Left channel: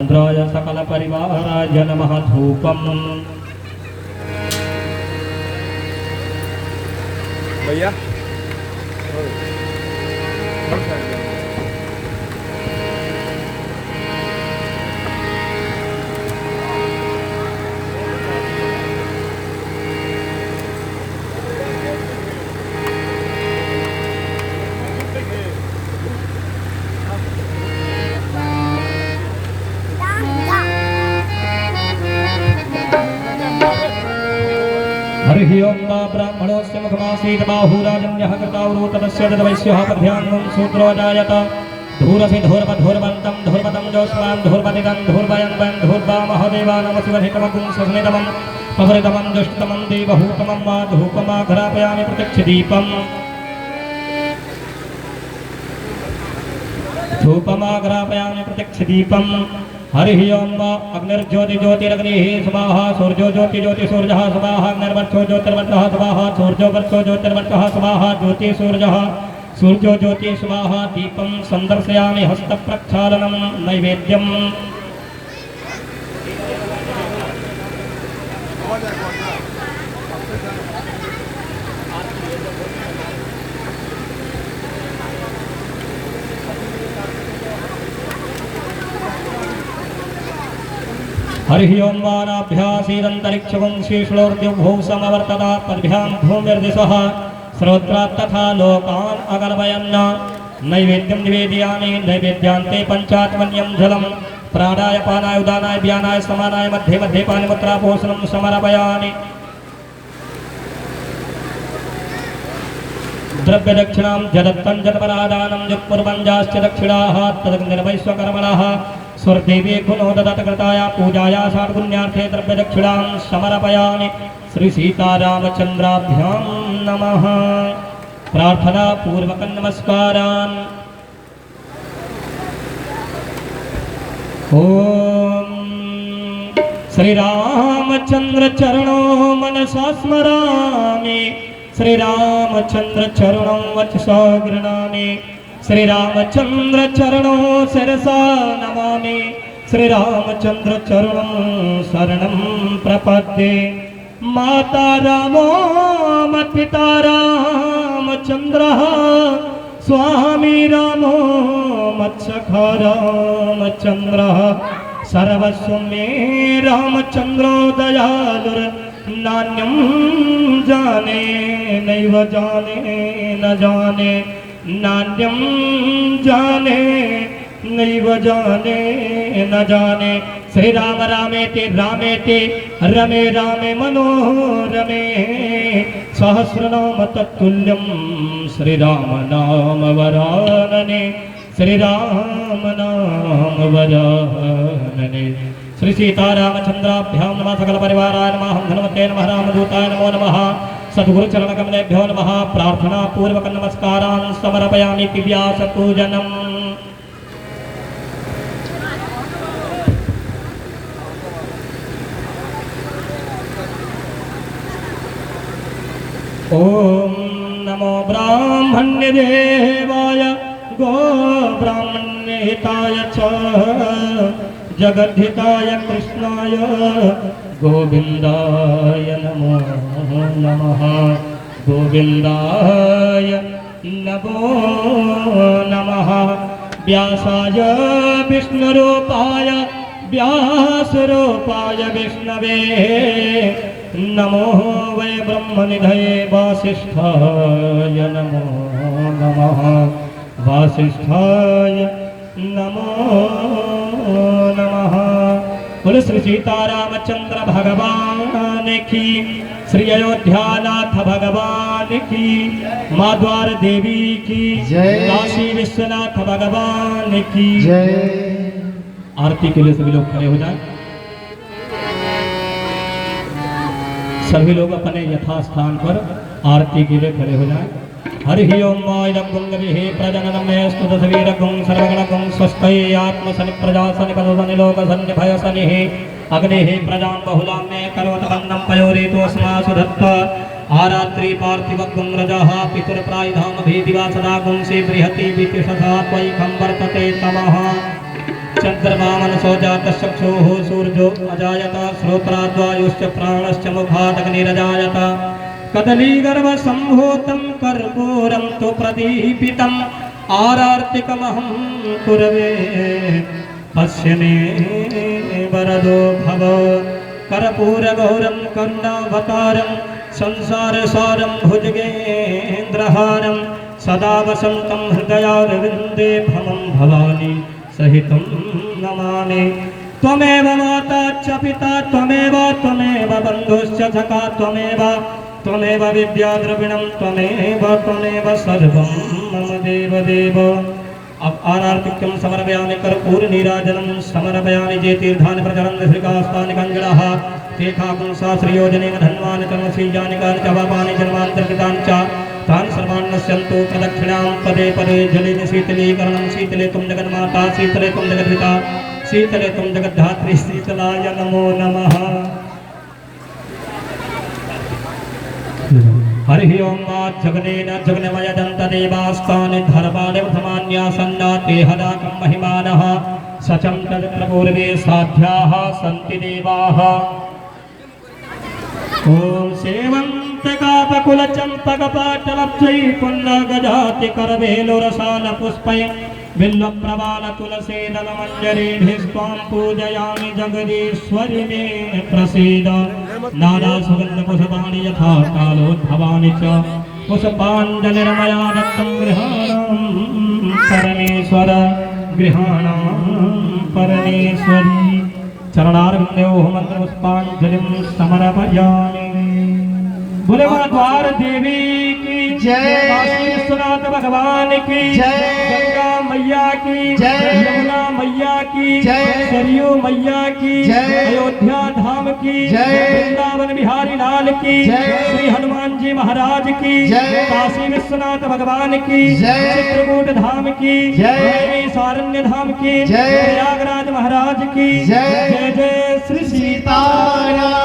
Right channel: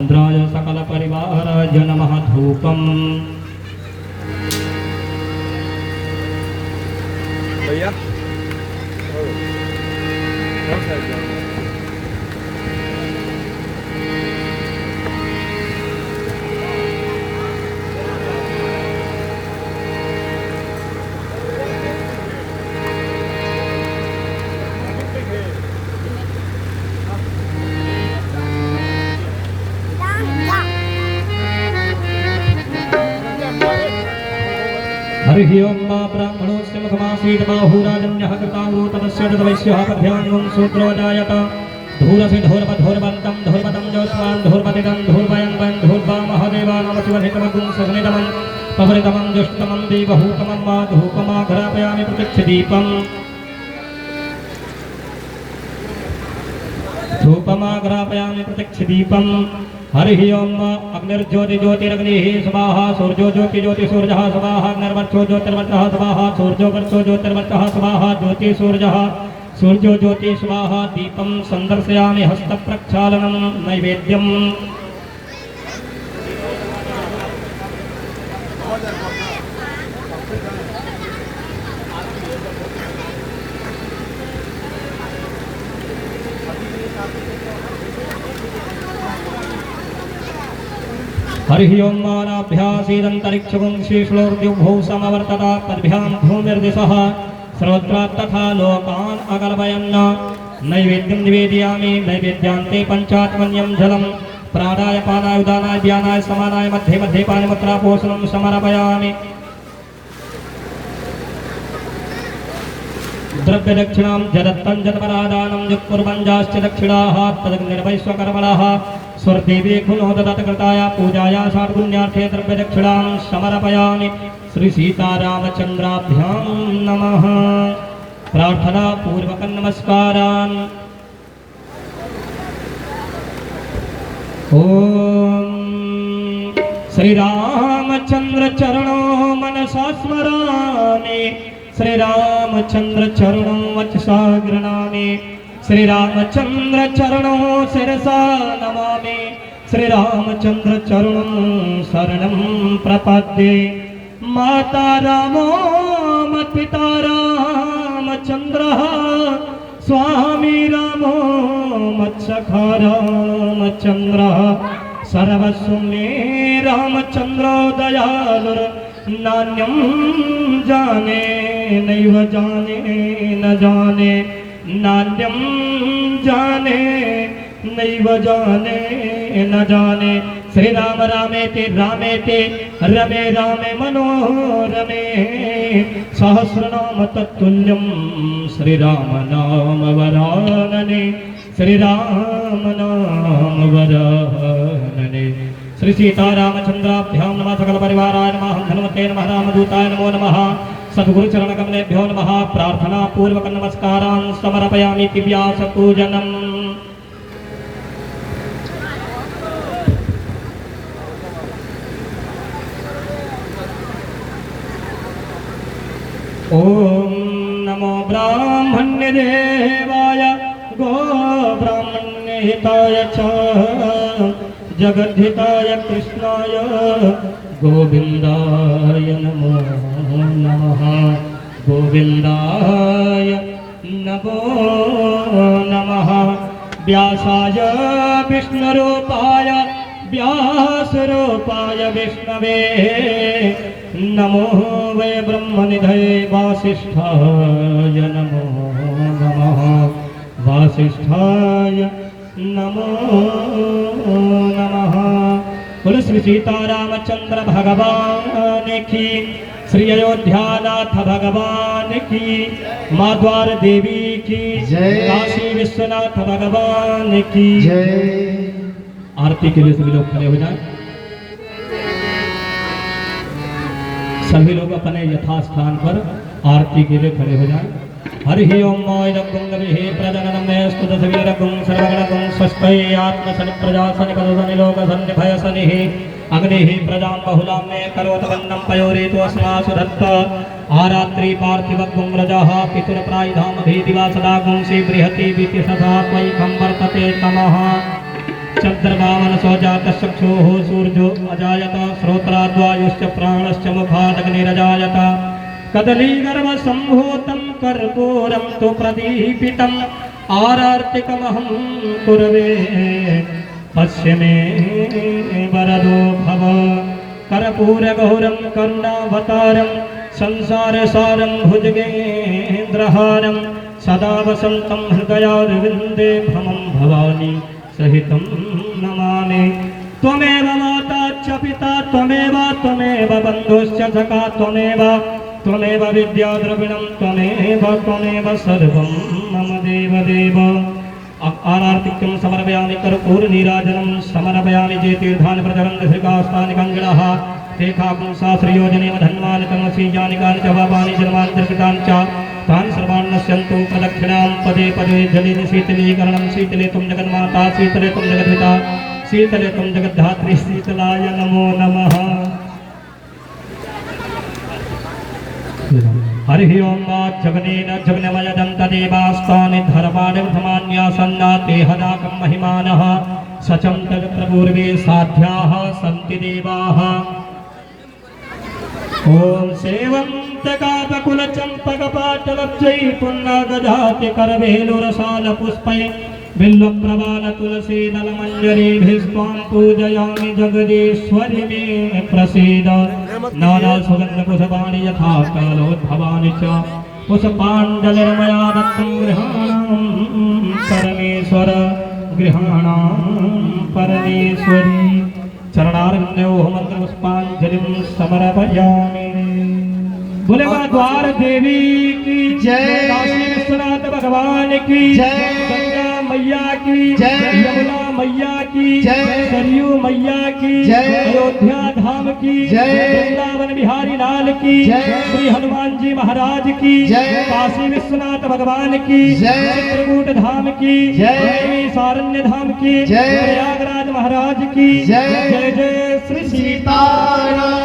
इंद्राय सकल परिवाराय नमः धूपम्। भैया हरिः ओं ब्राह्मणोऽस्य मुखमासीत् बाहुराजन्यः कृतावरोतनस्य तद्वैश्यः पद्भ्यां शूद्रो जायत धूरसि धूर्वधूर्वन्तं धूर्वतं जोष्मान् धूर्वतिदं धूर्वयन्वन् धूर्वामहदेवानामशिवहितमगुं सुस्नितमं पवरितमं दुष्टमं देवहूतमं वा धूपमाघ्रापयामि प्रत्यक्षदीपम् धूपमाघ्रापयामि प्रत्यक्षदीपम्। हरिः ओं अग्निर्ज्योति ज्योतिरग्निः स्वाहा सूर्यो ज्योति ज्योति सूर्यः स्वाहा अग्निर्वर्चो ज्योतिर्वर्चः स्वाहा सूर्यो वर्चो ज्योतिर्वर्चः स्वाहा ज्योति सूर्यः सूर्यो ज्योति स्वाहा दीपं संदर्शयामि हस्तप्रक्षालनं नैवेद्यम्। हरिः ओं वानाभ्यासीदन्तरिक्षगुं श्रीश्लोर्द्युभौ समवर्तता पद्भ्यां भूमिर्दिशः श्रोत्रात् तथा लोकान् अकल्पयन् नैवेद्यं निवेदयामि। नैवेद्यान्ते पञ्चात्मन्यं जलं प्राणाय पानाय उदानाय व्यानाय समानाय मध्ये मध्ये पानिमुद्रापोषणं समर्पयामि। द्रव्यदक्षिणां जदत्तं जदपरादानं यत्कुर्वञ्जाश्च दक्षिणाः तदग्निर्वैश्वकर्मणः स्वर्देवी गुणो दत्तकृताय पूजाया षड्गुण्यार्थे द्रव्यदक्षिणां समर्पयामि। श्री सीतारामचन्द्राभ्यां नमः। प्रार्थना पूर्वकं नमस्कारान्। ओम श्री रामचंद्र चरणो मनसा स्मरामि श्री रामचंद्र चरणो वचसा गृह्णामि श्री रामचंद्र चरणो शिरसा नमामि श्री रामचंद्र चरणं शरणं प्रपद्ये। माता रामो मत्पिता रामचंद्रः स्वामी रामो मत्सखा रामचंद्रः सर्वस्वं मे रामचंद्रो दयालुर्नान्यं जाने नैव जाने न जाने नान्यं जाने नैव जाने न जाने। श्री राम रामेति रामेति रमे रामे मनोरमे सहस्रनाम तत्तुल्यं श्री राम नाम वरानने श्री राम नाम वरानने। श्री सीतारामचन्द्राभ्यां नमः। सकल परिवाराय नमः। हनुमते नमः। रामदूताय नमो नमः। सद्गुरु चरण कमलेभ्यो नमः। प्रार्थना पूर्वक नमस्कारान् समर्पयामि दिव्यासपूजनम्। ओम नमो ब्राह्मण्य देवाय गो ब्राह्मण्य हिताय च जगद्धिताय कृष्णाय गोविंदाय नमो नमः। गोविंदाय नमो नमः। व्यासाय विष्णुरूपाय व्यासरूपाय विष्णवे नमो वै ब्रह्मनिधये वासिष्ठाय नमो नमः। वासिष्ठाय नमो नमः। बोलो श्री सीतारामचंद्र भगवान की, श्री अयोध्यानाथ भगवान की, माँ द्वार देवी की जय, काशी विश्वनाथ भगवान की जय। आरती के लिए सभी लोग खड़े हो जाएं। सभी लोग अपने यथास्थान पर आरती के लिए खड़े हो जाएं। हरिः ओं मायदगुंगविहे प्रदननमयस्तु तस्वीरगुं सर्वगणगुं स्वस्कै आत्मसनिप्रजासनिपदसनिलोकसन्निभयसनिः अग्निः प्रजां बहुलां मे करोतवन्नं पयोरेतोऽस्मासु धत्त आरात्रि पार्थिवगुं रजः पितुर्प्रायधामभिदिवा सदा गुं श्रीबृहति वितिशसा त्वयि खं वर्तते तमः। चंद्रमा मनसो जातः चक्षुः सूर्यो अजायत श्रोत्राद्वायुश्च प्राणश्च मुखादग्निरजायत कदलीगर्भसम्भूतं कर्पूरं तु प्रदीपितम् आरार्तिकमहं कुर्वे पश्य मे वरदो भव कर्पूरगौरं करुणावतारं संसारसारं भुजगेन्द्रहारं सदा वसन्तं हृदयारविन्दे भवं भवानी सहितं नमामि त्वमेव माता च पिता त्वमेव बन्धुश्च सखा त्वमेव विद्याद्रविणं त्वमेव सर्वं मम देवदेव आरार्तिक्यं समर्पयामि कर्पूरनीराजनं समर्पयामि जे तीर्थानि प्रचलन्धृकास्तानि कञ्जलः तेखाकुं सहस्रयोजनेन धन्वानि कर्मसीयानिकानि च पापानि जन्मान्तर्कृतानि च तानि सर्वाणि नश्यन्तु प्रदक्षिणां पदे पदे जलेन शीतलीकरणं शीतले त्वं जगन्माता शीतले त्वं जगद्पिता शीतले त्वं जगद्धात्री शीतलाय नमो नमः। हरिः ओं वाज्जगनेन जगन्मयदं तदेवास्तानि धर्माणि धमान्यासन्नाते हदाकं महिमानः सचं तत्र पूर्वे साध्याः सन्ति देवाः। ॐ सेवन्तकापकुलचम्पकपाटलब्जै पुन्नगजातिकरवेलुरसालपुष्पै बिल्वप्रवालतुलसीदलमञ्जरीभिस्त्वां पूजयामि जगदीश्वरि मे प्रसीद नानासुगन्धपुष्पाणि यथा कालोद्भवानि च पुष्पाञ्जलिर्मया दत्तं परमेश्वर गृहाणां परमेश्वरी चरणारविन्दे मंत्रपुष्पाञ्जलिं समर्पयामि। बोले द्वार देवी की जय, विश्वनाथ भगवान की जय, गंगा मैया की जय, यमुना मैया की जय, सरयू मैया की जय, अयोध्या धाम की जय, वृंदावन बिहारी लाल की जय, श्री हनुमान जी महाराज की जय, काशी विश्वनाथ भगवान की जय, चित्रकूट धाम की जय, सारण्य धाम की जय, प्रयागराज महाराज की जय, जय जय श्री सीताराम।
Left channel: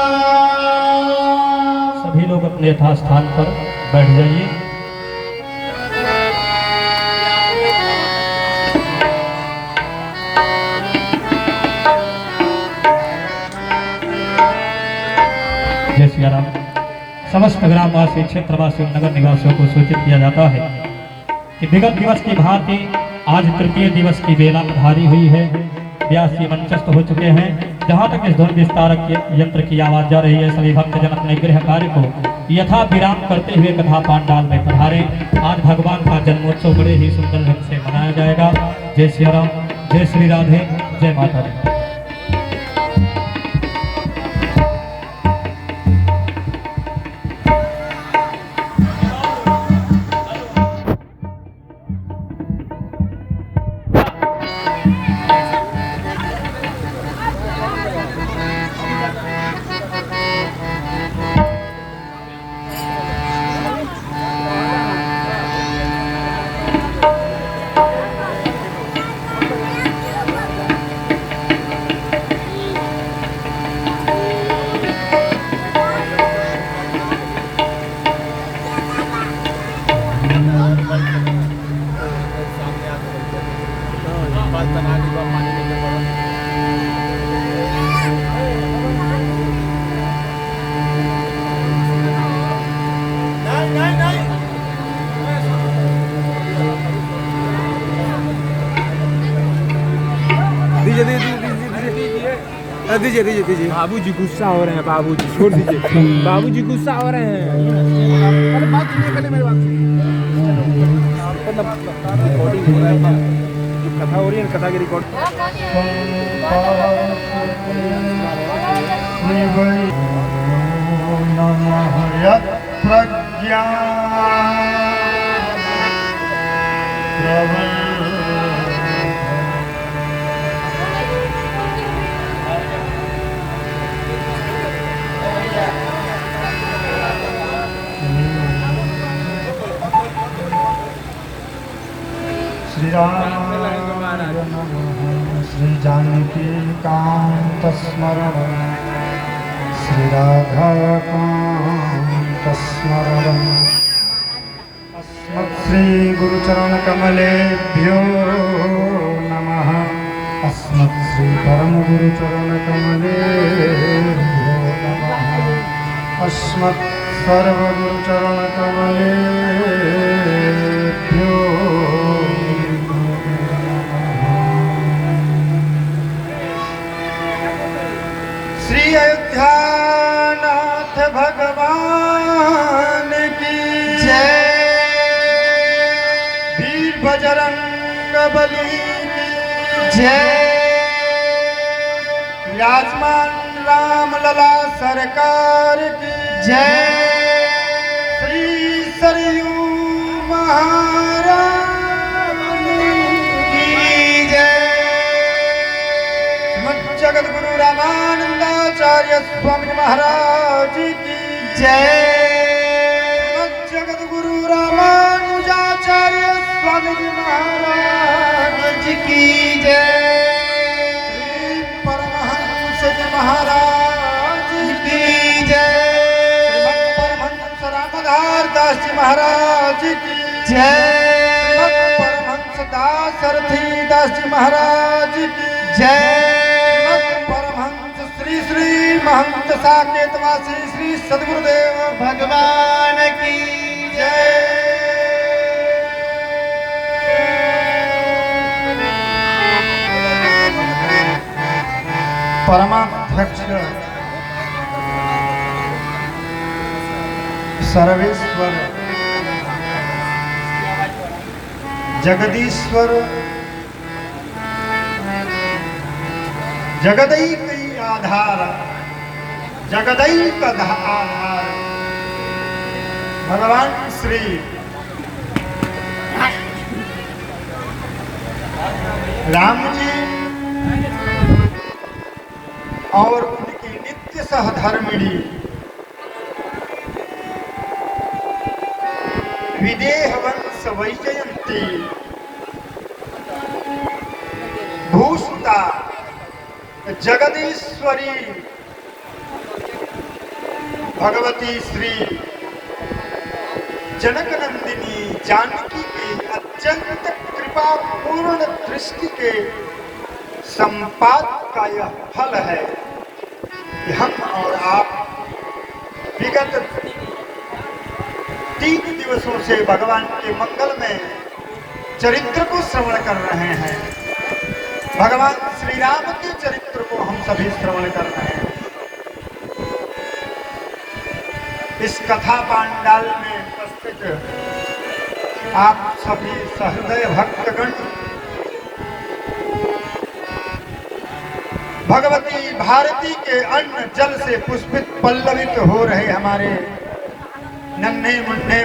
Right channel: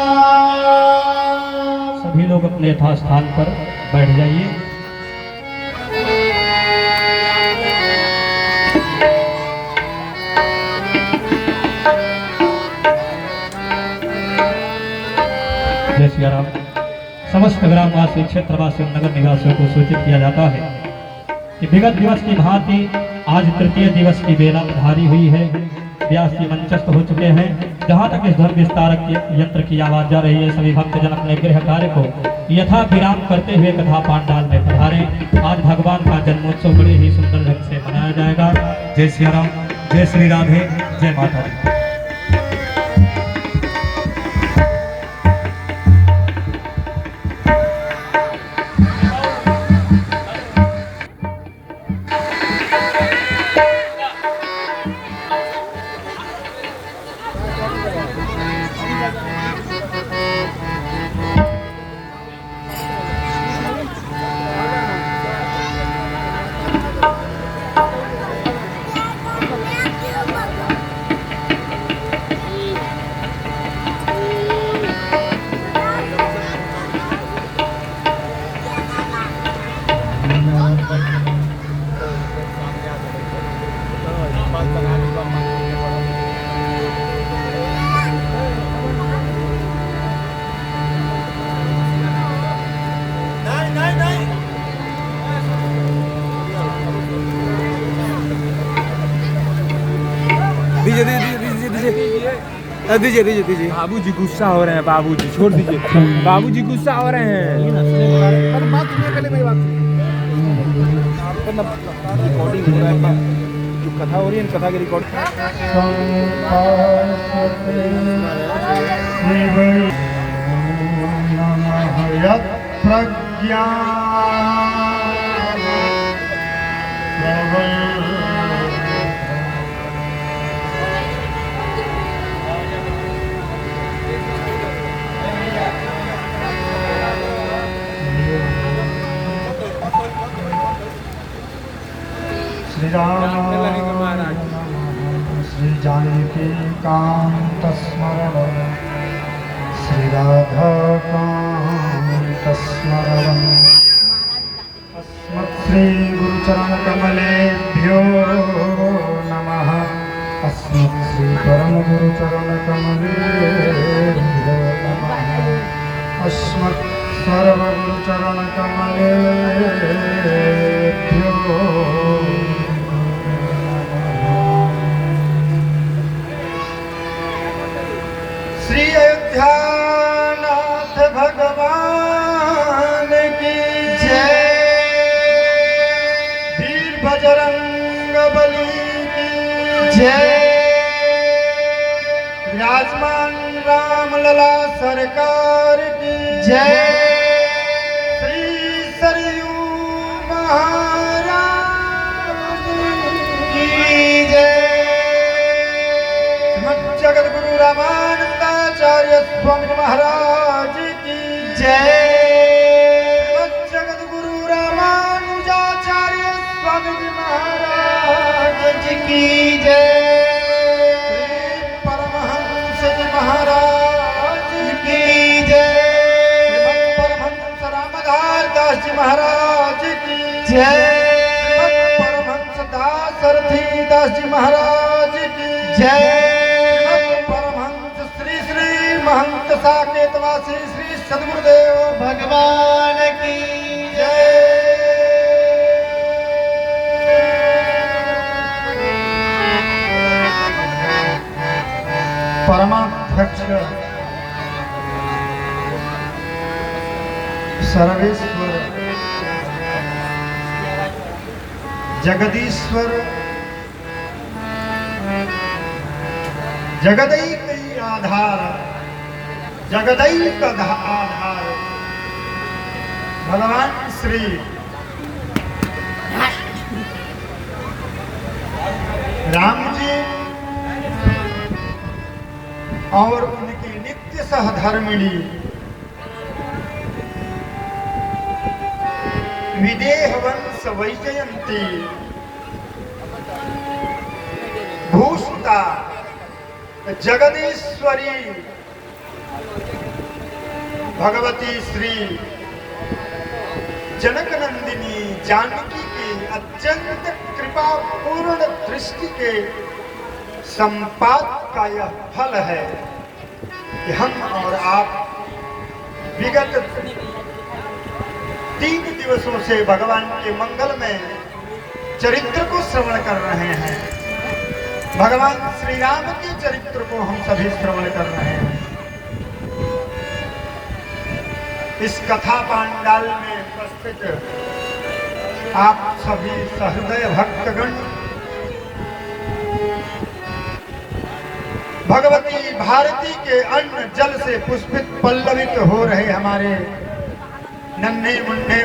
सभी लोग अपने यथास्थान पर बैठ जाइए। जय श्री राम। समस्त ग्रामवासी क्षेत्रवासियों नगर निवासियों को सूचित किया जाता है कि विगत दिवस की भांति आज तृतीय दिवस की बेला पधारी हुई है। व्यास जी मंचस्थ हो चुके हैं। जहाँ तक इस ध्वनि विस्तारक यंत्र की आवाज जा रही है, सभी भक्तजन अपने गृह कार्य को यथा विराम करते हुए कथा पांडाल में पधारे। आज भगवान का जन्मोत्सव बड़े ही सुंदर ढंग से मनाया जाएगा। जय श्री राम, जय श्री राधे, जय माता दी। दीजिए दीजिए दीजिए। बाबूजी गुस्सा हो रहे हैं, बाबूजी छोड़ दीजिए, बाबूजी गुस्सा हो रहे हैं। जो कथा हो रही है कथा की रिकॉर्ड प्रज्ञा श्री जानकी कांत स्मरणं श्री राधा कांत स्मरणं अस्मत् श्री गुरुचरण कमलेभ्यो नमः। अस्मत् परम गुरु चरण कमले अस्मत् सर्व गुरु चरण कमले श्री अयोध्यानाथ भगवान की जय। वीर बजरंग बली की जय। विराजमान रामलला सरकार की जय। श्री सरयू महारानी की जय। जगत गुरु रामानंदाचार्य स्वामी महाराज की जय। जगत गुरु रामानुजाचार्य स्वामी महाराज की जय। महाराज की जय। परमहंस रामदास दास जी महाराज की जय। परमहंस दासरथी दास जी महाराज की जय। परमहंस श्री श्री महंत साकेतवासी श्री सद्गुरुदेव भगवान की जय। परमाध्यक्ष सर्वेश्वर जगदीश्वर जगदैक आधार जगदैक आधार भगवान श्री राम जी और उनके नित्य सहधर्मिणी विदेह वंश वैजयंती भूसुता जगदीश्वरी भगवती श्री जनक नंदिनी जानकी के अत्यंत कृपापूर्ण दृष्टि के संपात का यह फल है कि हम और आप विगत 3 दिवसों से भगवान के मंगलमय चरित्र को श्रवण कर रहे हैं। भगवान श्री राम के चरित्र को हम सभी श्रवण कर रहे हैं। इस कथा पांडाल में उपस्थित आप सभी सहृदय भक्तगण भगवती भारती के अन्न जल से पुष्पित पल्लवित हो रहे हमारे नन्हे मुन्ने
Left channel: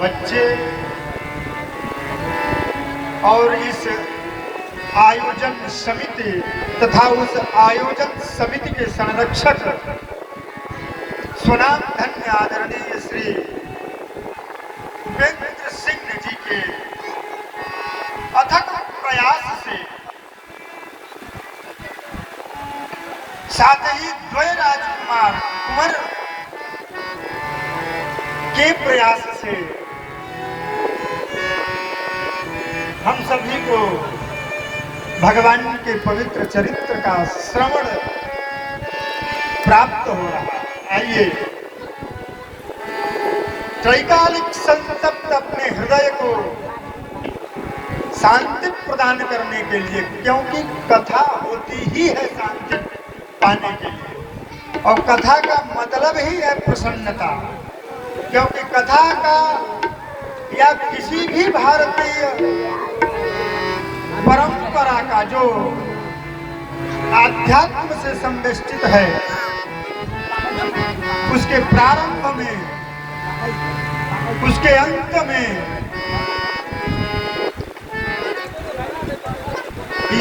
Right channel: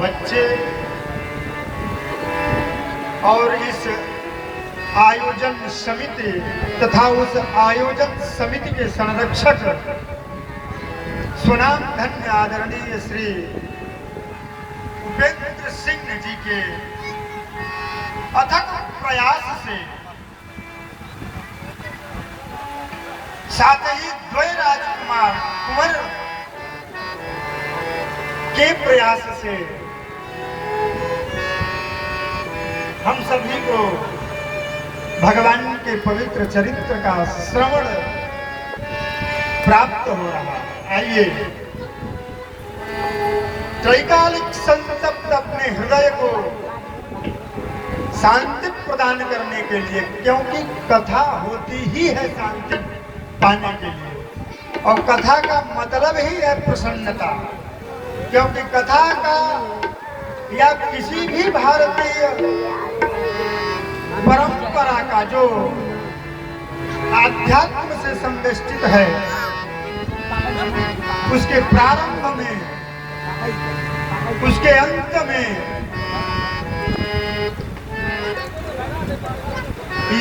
बच्चे और इस आयोजन समिति तथा उस आयोजन समिति के संरक्षक स्वनाम धन्य आदरणीय श्री उपेंद्र सिंह जी के अथक प्रयास से साथ ही द्वय राजकुमार कुंवर के प्रयास से हम सभी को भगवान के पवित्र चरित्र का श्रवण प्राप्त हो रहा है। आइए त्रैकालिक संतप्त अपने हृदय को शांति प्रदान करने के लिए, क्योंकि कथा होती ही है शांति पाने के लिए और कथा का मतलब ही है प्रसन्नता। क्योंकि कथा का या किसी भी भारतीय परंपरा का जो आध्यात्म से संवेष्टित है उसके प्रारंभ में उसके अंत में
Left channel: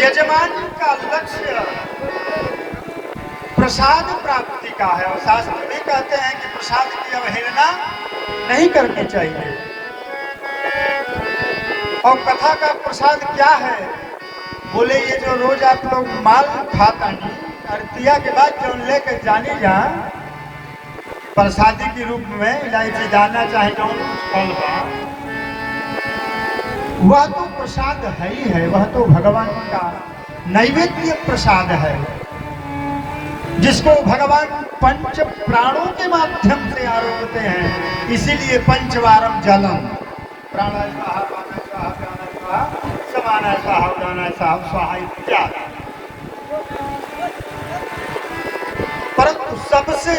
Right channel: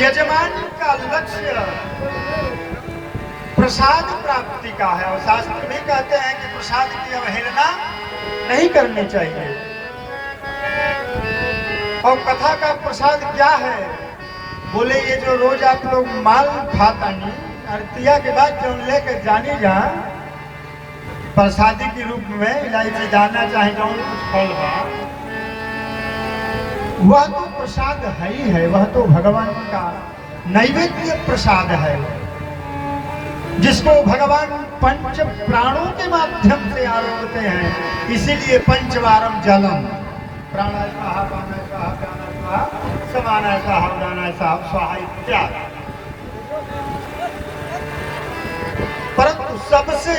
यजमान का लक्ष्य प्रसाद प्राप्ति का है और शास्त्र भी कहते हैं कि प्रसाद की अवहेलना नहीं करनी चाहिए। और कथा का प्रसाद क्या है? बोले ये जो रोज आप लोग माल खाता नहीं आरतिया के बाद जो लेके जानी जान प्रसादी के रूप में इलायची दाना चाहे जो फल है वह तो प्रसाद है ही है, वह तो भगवान का नैवेद्य प्रसाद है, जिसको भगवान पंच प्राणों के माध्यम से आरोपते हैं। इसीलिए पंचवारम जलम, प्राण स्वाहा, पान स्वाहा, प्राण स्वाहा, समान स्वाहा, उदान स्वाहा इत्यादि। परंतु सबसे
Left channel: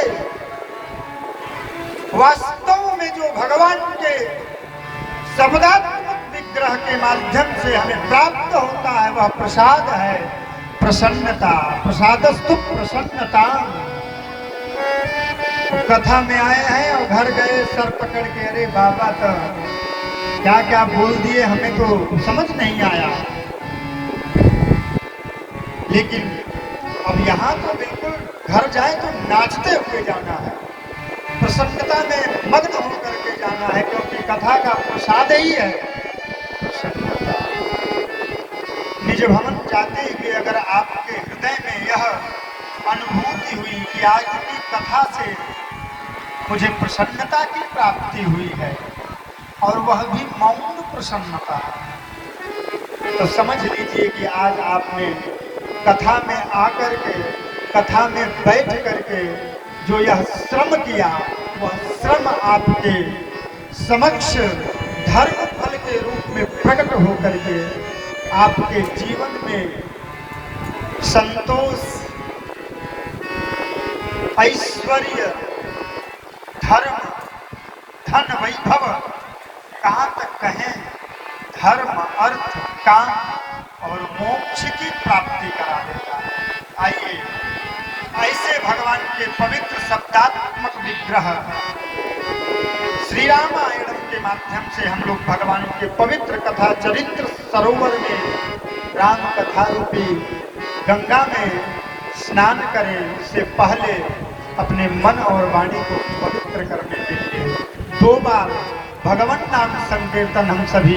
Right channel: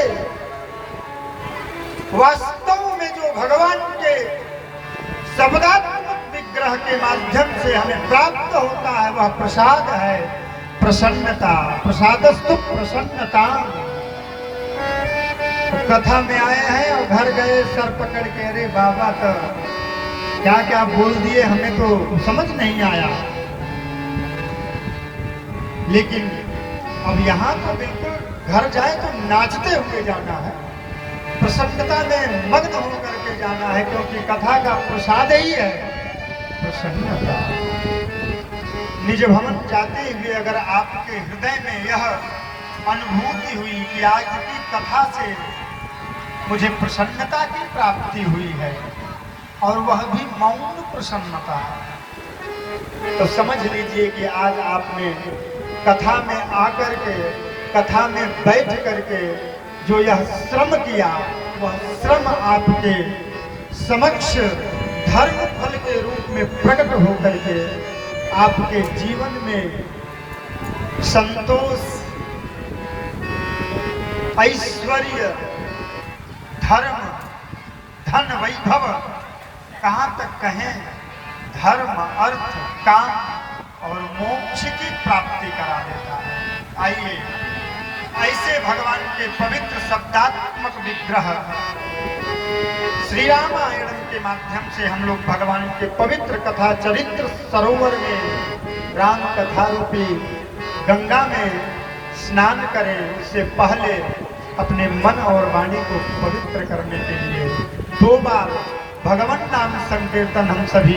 वास्तव में जो भगवान के शब्दात्मक विग्रह के माध्यम से हमें प्राप्त होता है वह प्रसाद है, प्रसन्नता। प्रसादस्तु प्रसन्नता। कथा में आए हैं और घर गए सर पकड़ के, अरे बाबा तो क्या क्या बोल दिए, हमें तो समझ नहीं आया। लेकिन अब यहाँ तो बिल्कुल घर जाए तो नाचते हुए जाना है, प्रसन्नता में मग्न होकर के जाना है, क्योंकि कथा का प्रसाद ही है प्रसन्नता। निज भवन जाते हुए अगर आपके हृदय में यह अनुभूति हुई कि आज की कथा से मुझे प्रसन्नता की प्राप्ति हुई है, और वह भी मौन प्रसन्नता, तो समझ लीजिए कि आज आपने कथा में आकर के, कथा में बैठ करके जो यह श्रम किया, वह श्रम आपके समक्ष धर्म फल के रूप में प्रकट होकर के आपके जीवन में संतोष, ऐश्वर्य, धर्म, धन, वैभव, कहाँ तक कहें, धर्म, अर्थ, काम और मोक्ष की प्राप्ति करा देता है। आइए ऐसे भगवान के पवित्र शब्दात्मक विग्रह श्री रामायणम के माध्यम से हम लोग भगवान के पवित्र कथा चरित्र सरोवर में, राम कथा रूपी गंगा में स्नान करें। इससे पहले अपने मन और वाणी को पवित्र करने के लिए 2 बार भगवान नाम संकीर्तन हम सभी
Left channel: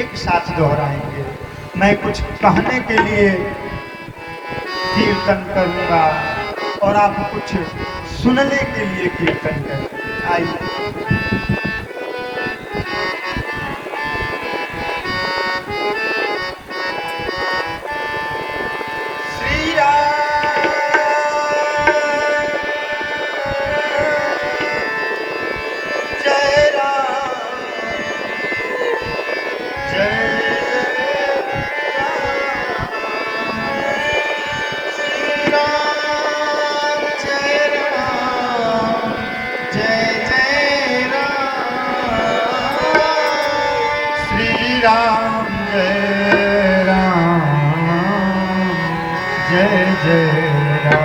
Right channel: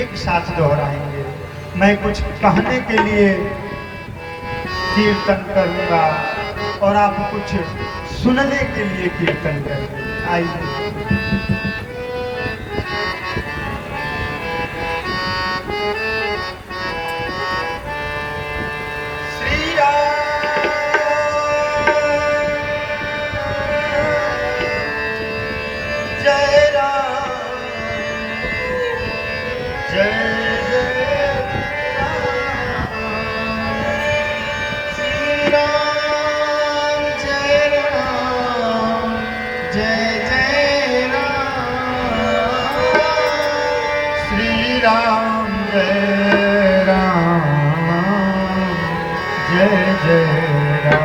एक साथ दोहराएंगे। मैं कुछ कहने के लिए कीर्तन करूंगा और आप कुछ सुनने के लिए कीर्तन करेंगे। आइए। श्री राम जय राम, जय जय जय राम। जय जय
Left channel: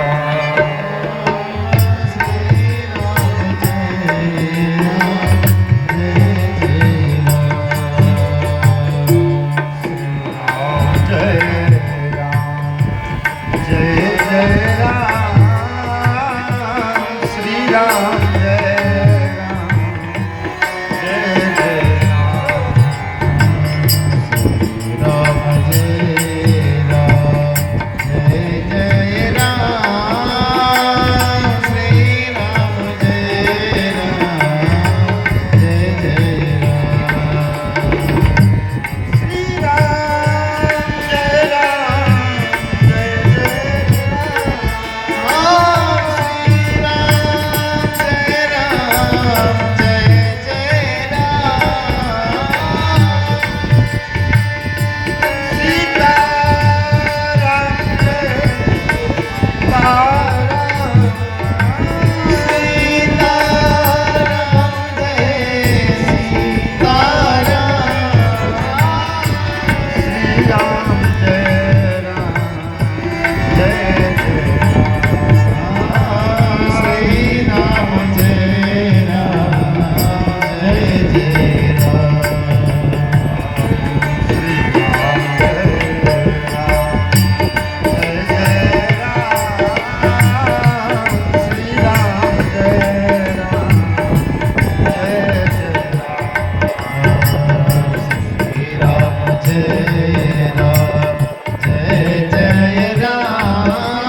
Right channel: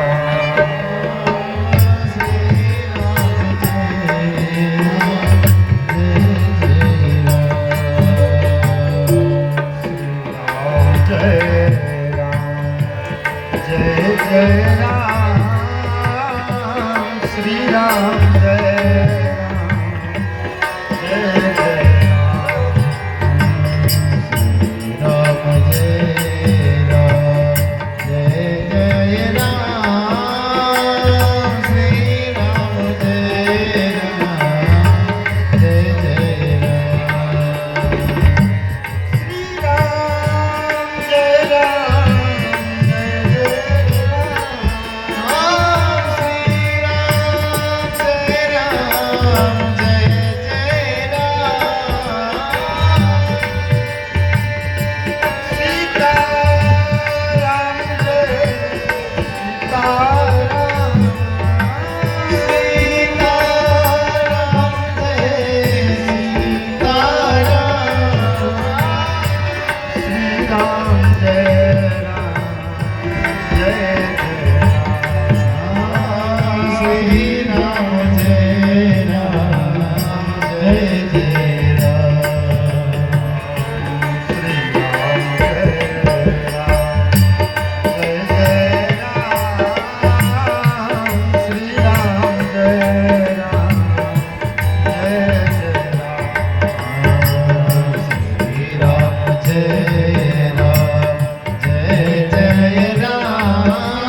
राम।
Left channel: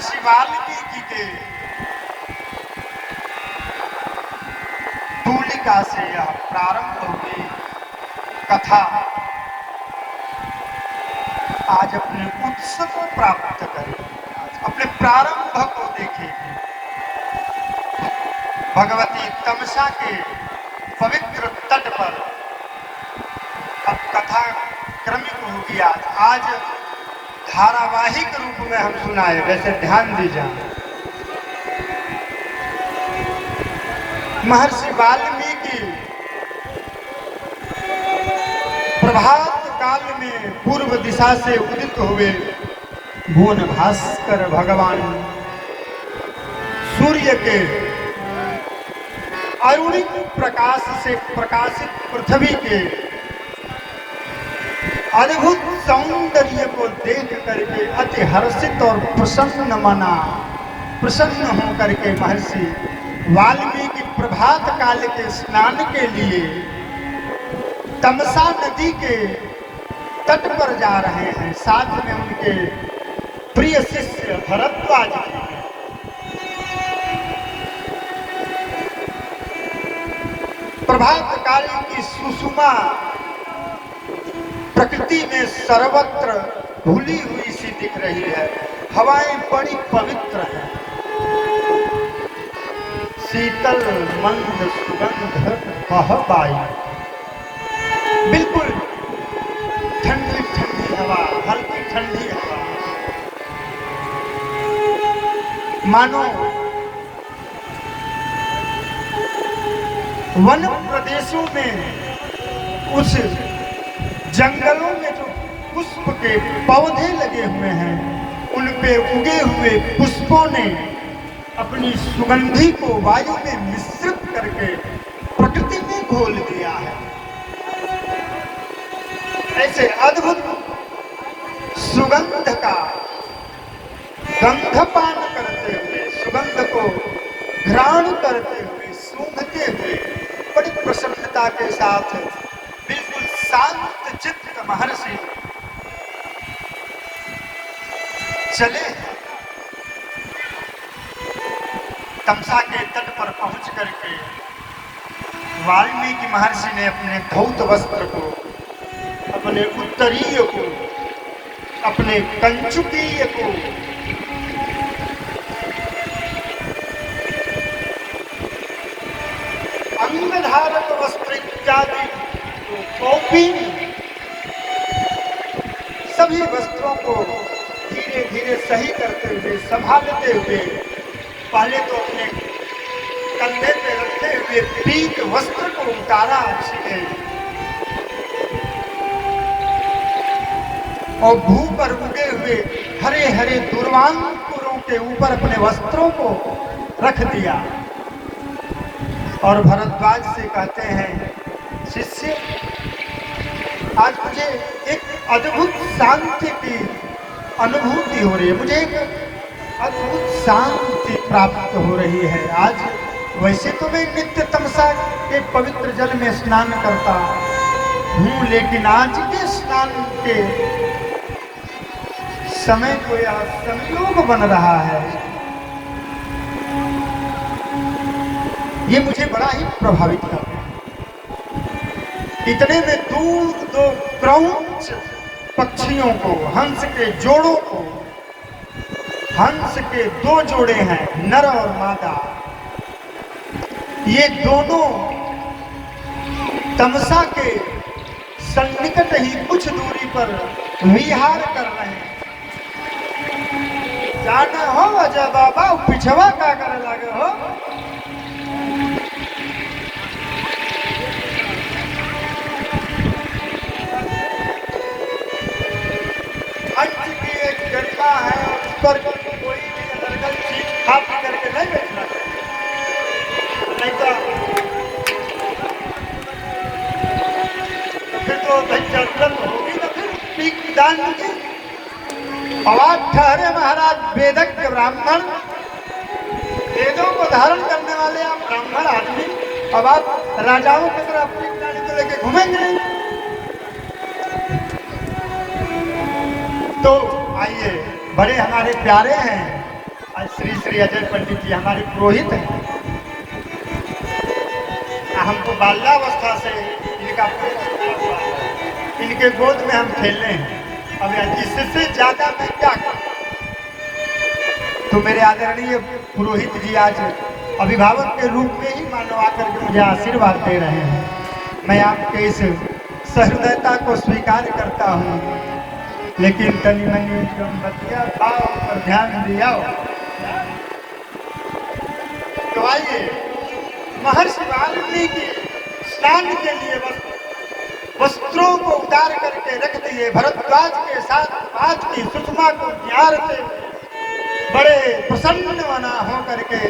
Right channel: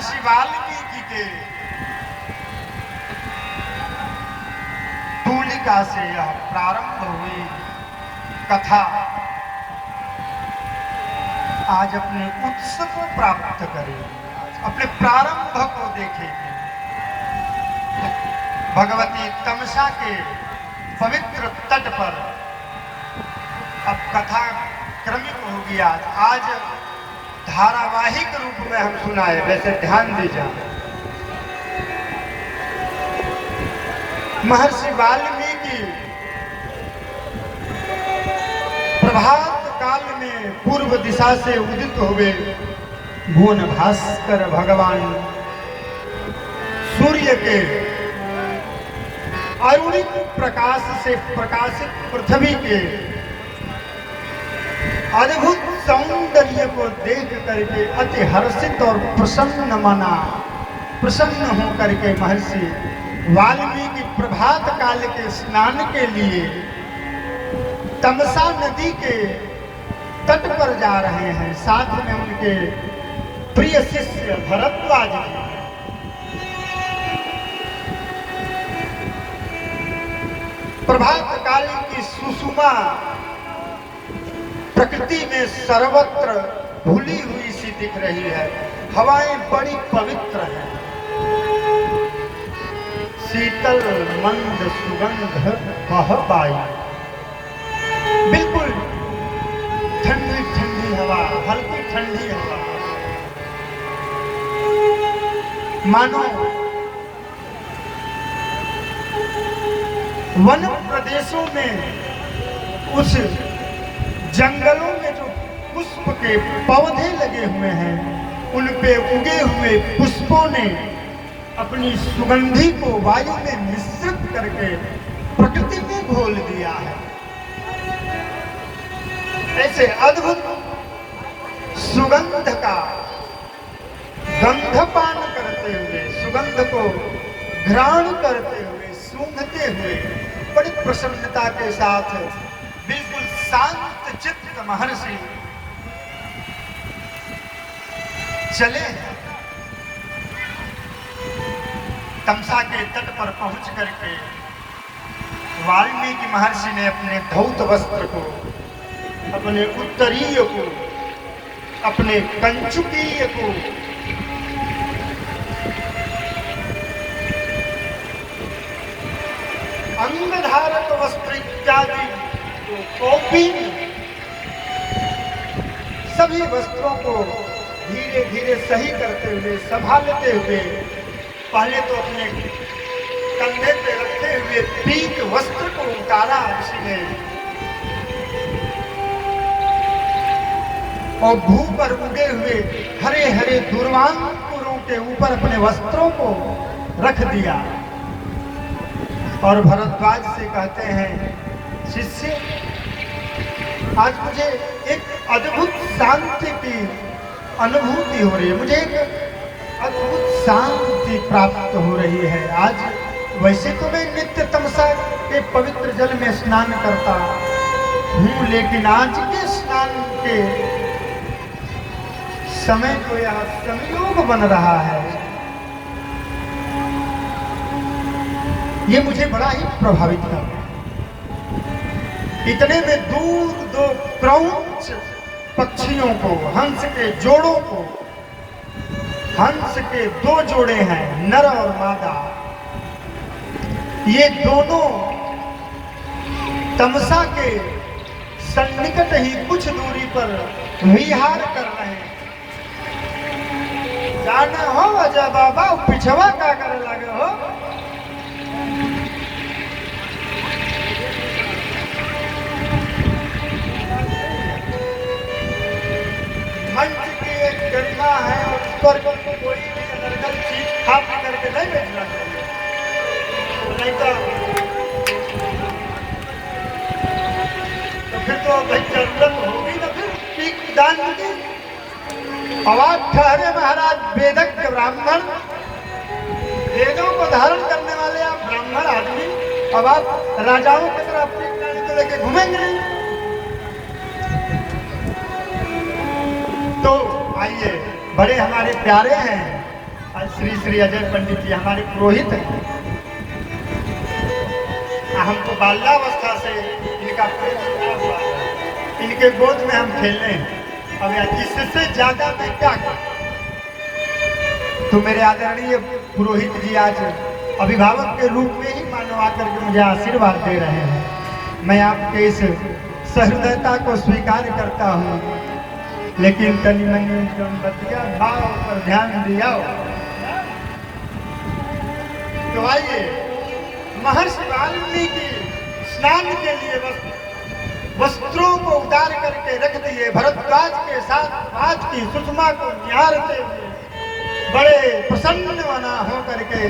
महर्षि वाल्मीकि के तूलिका से यह प्रारंभ हुई कथा आज अपने उत्स को प्राप्त करेगी, अपने प्रारंभ को देखेगी। भगवती तमसा के पवित्र तट पर अब कथा क्रमिक होगी। आज धारावाहिक रूप में हम सुनाए, वैसे ध्यान दीजिए। महर्षि वाल्मीकि प्रभात काल में पूर्व दिशा से उदित हुए भुवन भास्कर भगवान सूर्य के अरुणिक प्रकाश से प्रकाशित पृथ्वी के अद्भुत सौंदर्य को देख करके अति हर्षित और प्रसन्न होकर के महर्षि वाल्मीकि प्रभात काल के स्नान के लिए तमसा नदी के तट पर जा रहे हैं। साथ में उनके प्रिय शिष्य भरद्वाज जी। प्रभात काल की सुषुमा प्रकृति में सर्वत्र भूली हुई सी दिख रही है। हवाएं बड़ी पवित्र हैं, शीतल मंद सुगंध बह आई, बिल्कुल ठंडी ठंडी हवा, हल्की ठंडी हवा, मानो वन प्रदेशों में उस जंगलों में जो पुष्प के पौधे लगे हुए हैं, उन पे उगे हुए पुष्पों ने अपनी सुगंधि को वायु में मिश्रित करके प्रकृति में घोल दिया है। ऐसे अद्भुत सुगंध का गंधपान करते हुए, सुगंध को घ्राण करते हुए, सूंघते हुए बड़ी प्रसन्नता के साथ बिल्कुल शांत चित्त महर्षि चले। तमसा के तट पर पहुंच करके वाल्मीकि महर्षि ने अपने धौत वस्त्र को, अपने उत्तरीय को, अपने कंचुकीय को अंगधारक वस्त्र इत्यादि कौपीन सभी वस्त्रों को धीरे धीरे सही करते हुए, संभालते हुए, पहले तो अपने कंधे पे रखते हुए पीत वस्त्र को उतारा उसने और भू पर उगे हुए हरे हरे दुर्वांकुरों के ऊपर अपने वस्त्रों को रख दिया और भरद्वाज से कहते हैं, शिष्य आज मुझे एक अद्भुत शांति की अनुभूति हो रही है, मुझे एक अद्भुत शांति प्राप्त हो रही है। आज वैसे तो मैं नित्य तमसा के पवित्र जल में स्नान करता हूँ, लेकिन आज के स्नान के समय को यह संयोग बन रहा है, ये मुझे बड़ा ही प्रभावित कर। इतने में दूर दो क्रौंच पक्षियों को, हंस के जोड़ों को, हंस के दो जोड़े हैं, नर और मादा, ये दोनों तमसा के सन्निकट ही कुछ दूरी पर विहार कर रहे हैं। जाना हो अजय बाबा, पिछवा का करे लगे हो। गरिमा है और उस पर कोई भी अनर्गल चीज खा पी करके नहीं बेचना चाहिए, नहीं तो फिर तो भाई जरूरत होगी ना, फिर पीक दान की आवाज ठहरे महाराज। वेदक के ब्राह्मण, वेदों को धारण करने वाले आप ब्राह्मण आदमी, अब आप राजाओं की तरह पीक दान को लेके घूमेंगे नहीं। तो आइए, बड़े हमारे प्यारे हैं श्री अजय पंडित जी हमारे पुरोहित हैं। हमको बाल्यावस्था से इनका प्रेम जुड़ा हुआ है। इनके गोद में हम खेलने हैं। अब इससे ज्यादा मैं क्या करूं? तो मेरे आदरणीय पुरोहित जी आज अभिभावक के रूप में ही मानो आकर के मुझे आशीर्वाद दे रहे हैं। मैं आपके इस सहृदयता को स्वीकार करता हूँ, लेकिन तनी मनी बतिया भाव पर ध्यान दिया। तो आइए महर्षि वाल्मीकि स्नान के लिए वस्त्रों को उतार करके रख दिए। भरद्वाज के साथ आज की सुषमा को निहारते हुए बड़े प्रसन्न बना हो करके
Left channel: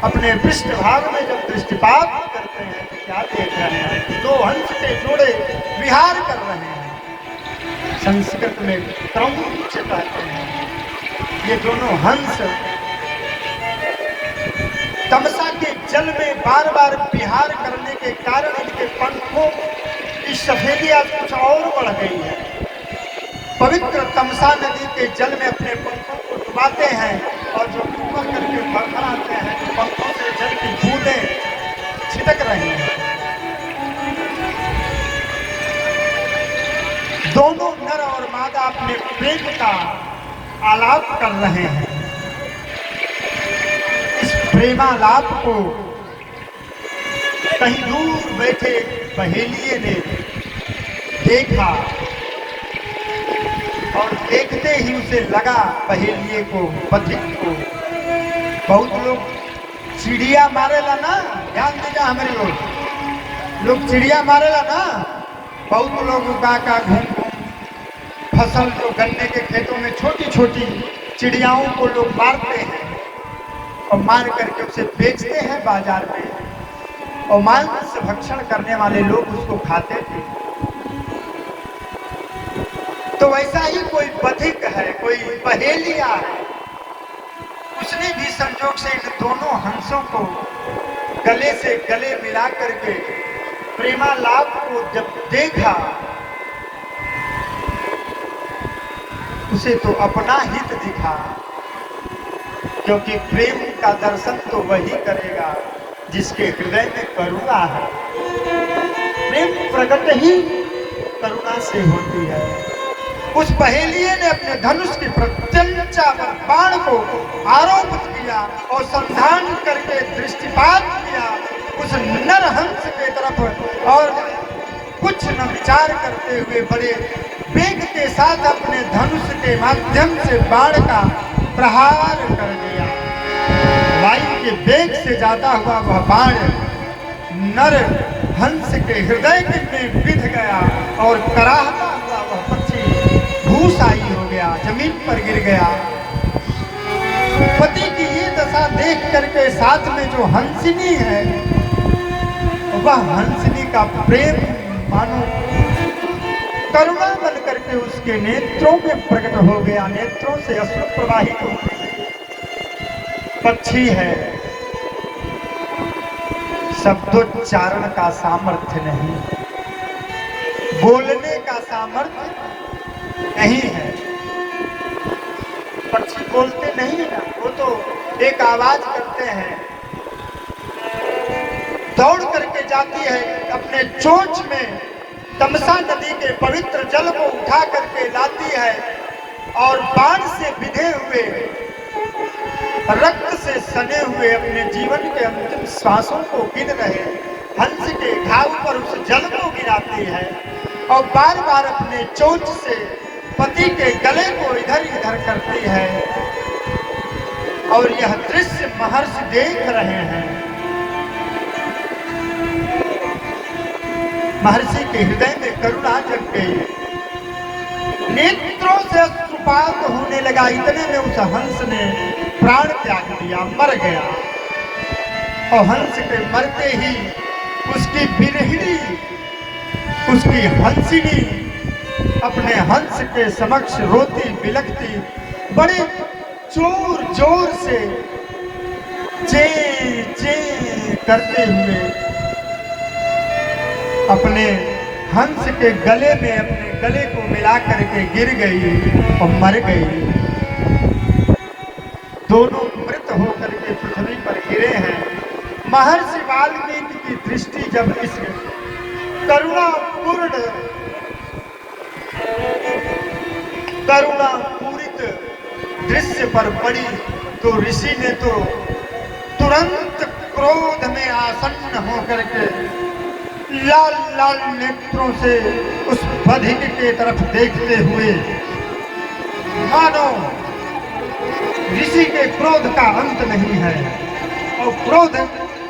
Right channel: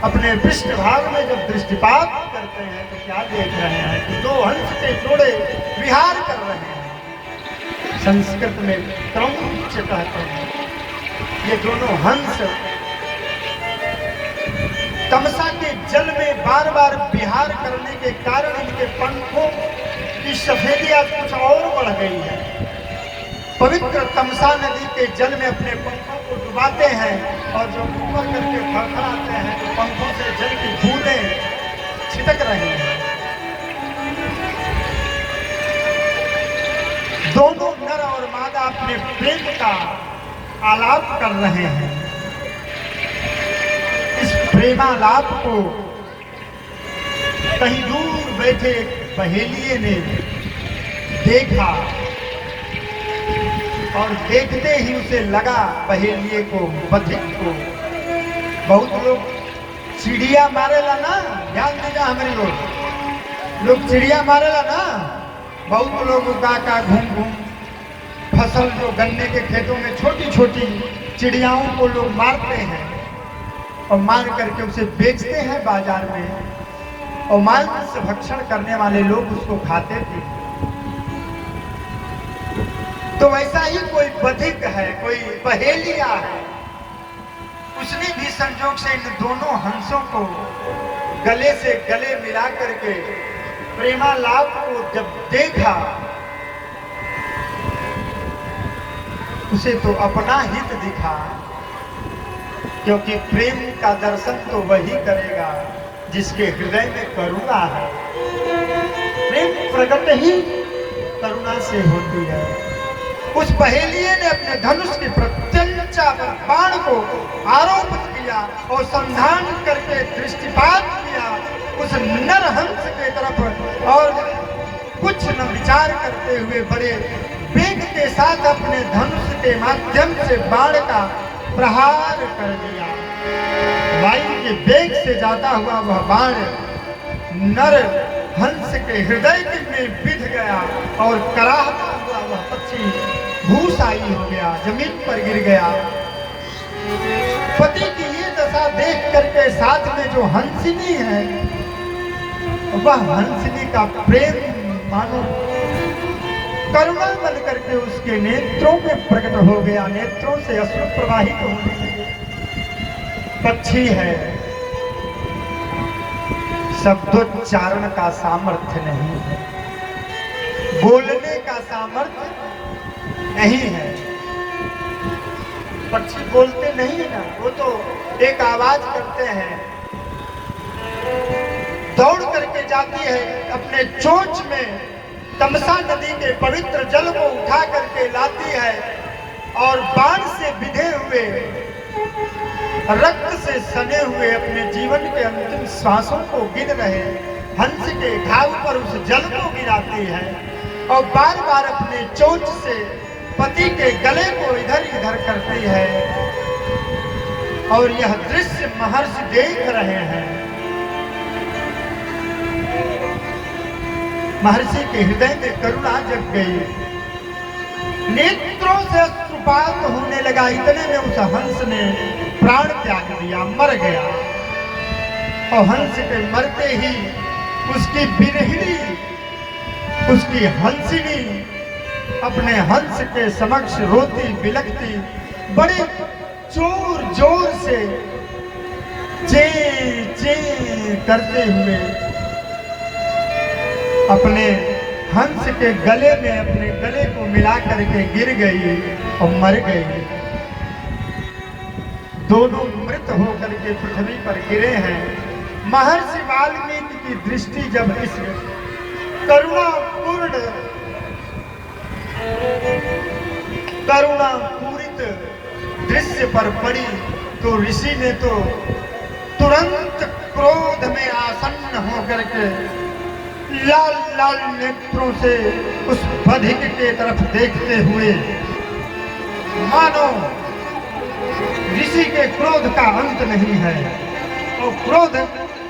अपने पृष्ठभाग में जब दृष्टिपात करते हैं तो क्या देख रहे हैं? तो दो हंस के जोड़े विहार कर रहे हैं। संस्कृत में क्रौंच कहते हैं। ये दोनों हंस तमसा के जल में बार बार विहार करने के कारण इनके पंखों की सफेदी आज कुछ और बढ़ गई है। पवित्र तमसा नदी के जल में अपने पंखों को डुबाते हैं और जो ऊपर करके फड़फड़ाते हैं तो पंखों से जल की बूंदें छिटक रही हैं। दोनों नर और मादा अपने प्रेम का आलाप कर रहे हैं। इस प्रेमालाप को कहीं दूर बैठे बहेलिए ने देखा और देखते ही उसे लगा, बहेलिए को, बधिक को। बहुत लोग चिड़िया मारेला ना, ध्यान देना हमारे लोग चिड़िया मारेला ना। बहुत लोग का घूम फसल जो गन्ने के खेतों में छोटी छोटी चिड़ियाओं को लोग मारते हैं और मार करके उसे बेचते हैं बाजार में, और मांस भक्षण करने वाले लोग उसको खाते थे। तो वैसा ही कोई बधिक है, कोई पहेलिया है। उसने भी संजोग से इन दोनों हंसों को गले से गले मिला करके प्रेमालाप को जब देखा, उसे तो अपना हित दिखा, क्योंकि प्रेम का दर्शन तो वही करेगा जिसके हृदय में करुणा है। प्रेम प्रकट ही करुणा से होती है। उस पहेलिये ने अपने धनुष की प्रत्यंचा पर बाण को आरोपित किया और संधान करके दृष्टिपात किया उस नर हंस के तरफ, और कुछ न विचार करते हुए बड़े वेग के साथ अपने धनुष के माध्यम से बाण का प्रहार कर दिया। वायु के वेग से जाता हुआ वह बाण नर हंस के हृदय में बिध गया और कराहता हुआ वह पक्षी भूसाई हो गया, जमीन पर गिर गया। पति की ये दशा देख करके साथ में जो हंसिनी है, वह हंसिनी का प्रेम मानो करुणा बन करके उसके नेत्रों में प्रकट हो गया। नेत्रों से अश्रु प्रवाहित हो गए। पक्षी है, शब्दोच्चारण का सामर्थ्य नहीं है, बोलने का सामर्थ्य नहीं है। पक्षी बोलते नहीं है, वो तो एक आवाज करते हैं। दौड़ करके जाती है अपने चोंच में, तमसा नदी के पवित्र जल को उठा करके लाती है और बाण से बिधे हुए, रक्त से सने हुए अपने जीवन के अंतिम सांसों को गिन रहे हंस के घाव पर उस जल को गिराती है और बार बार अपने चोंच से पति के गले को इधर उधर करती है। और यह दृश्य महर्षि देख रहे हैं। महर्षि के हृदय में करुणा जग गई, नेत्रों से अश्रुपात होने लगा। इतने में उस हंस ने प्राण त्याग दिया, मर गया। और हंस के मरते ही उसकी बिरहिणी, उसकी हंसिनी अपने हंस के समक्ष रोती बिलखती बड़े जोर जोर से चे चे करते हुए अपने हंस के गले में अपने गले को मिला करके गिर गई और मर गई। दोनों मृत होकर के पृथ्वी पर गिरे हैं। महर्षि वाल्मीकि की दृष्टि जब इस करुणापूरित दृश्य पर पड़ी तो ऋषि ने तो तुरंत क्रोध में आसन्न होकर के लाल लाल नेत्रों से उस बधिक के तरफ देखते हुए मानो ऋषि के क्रोध का अंत नहीं है और क्रोध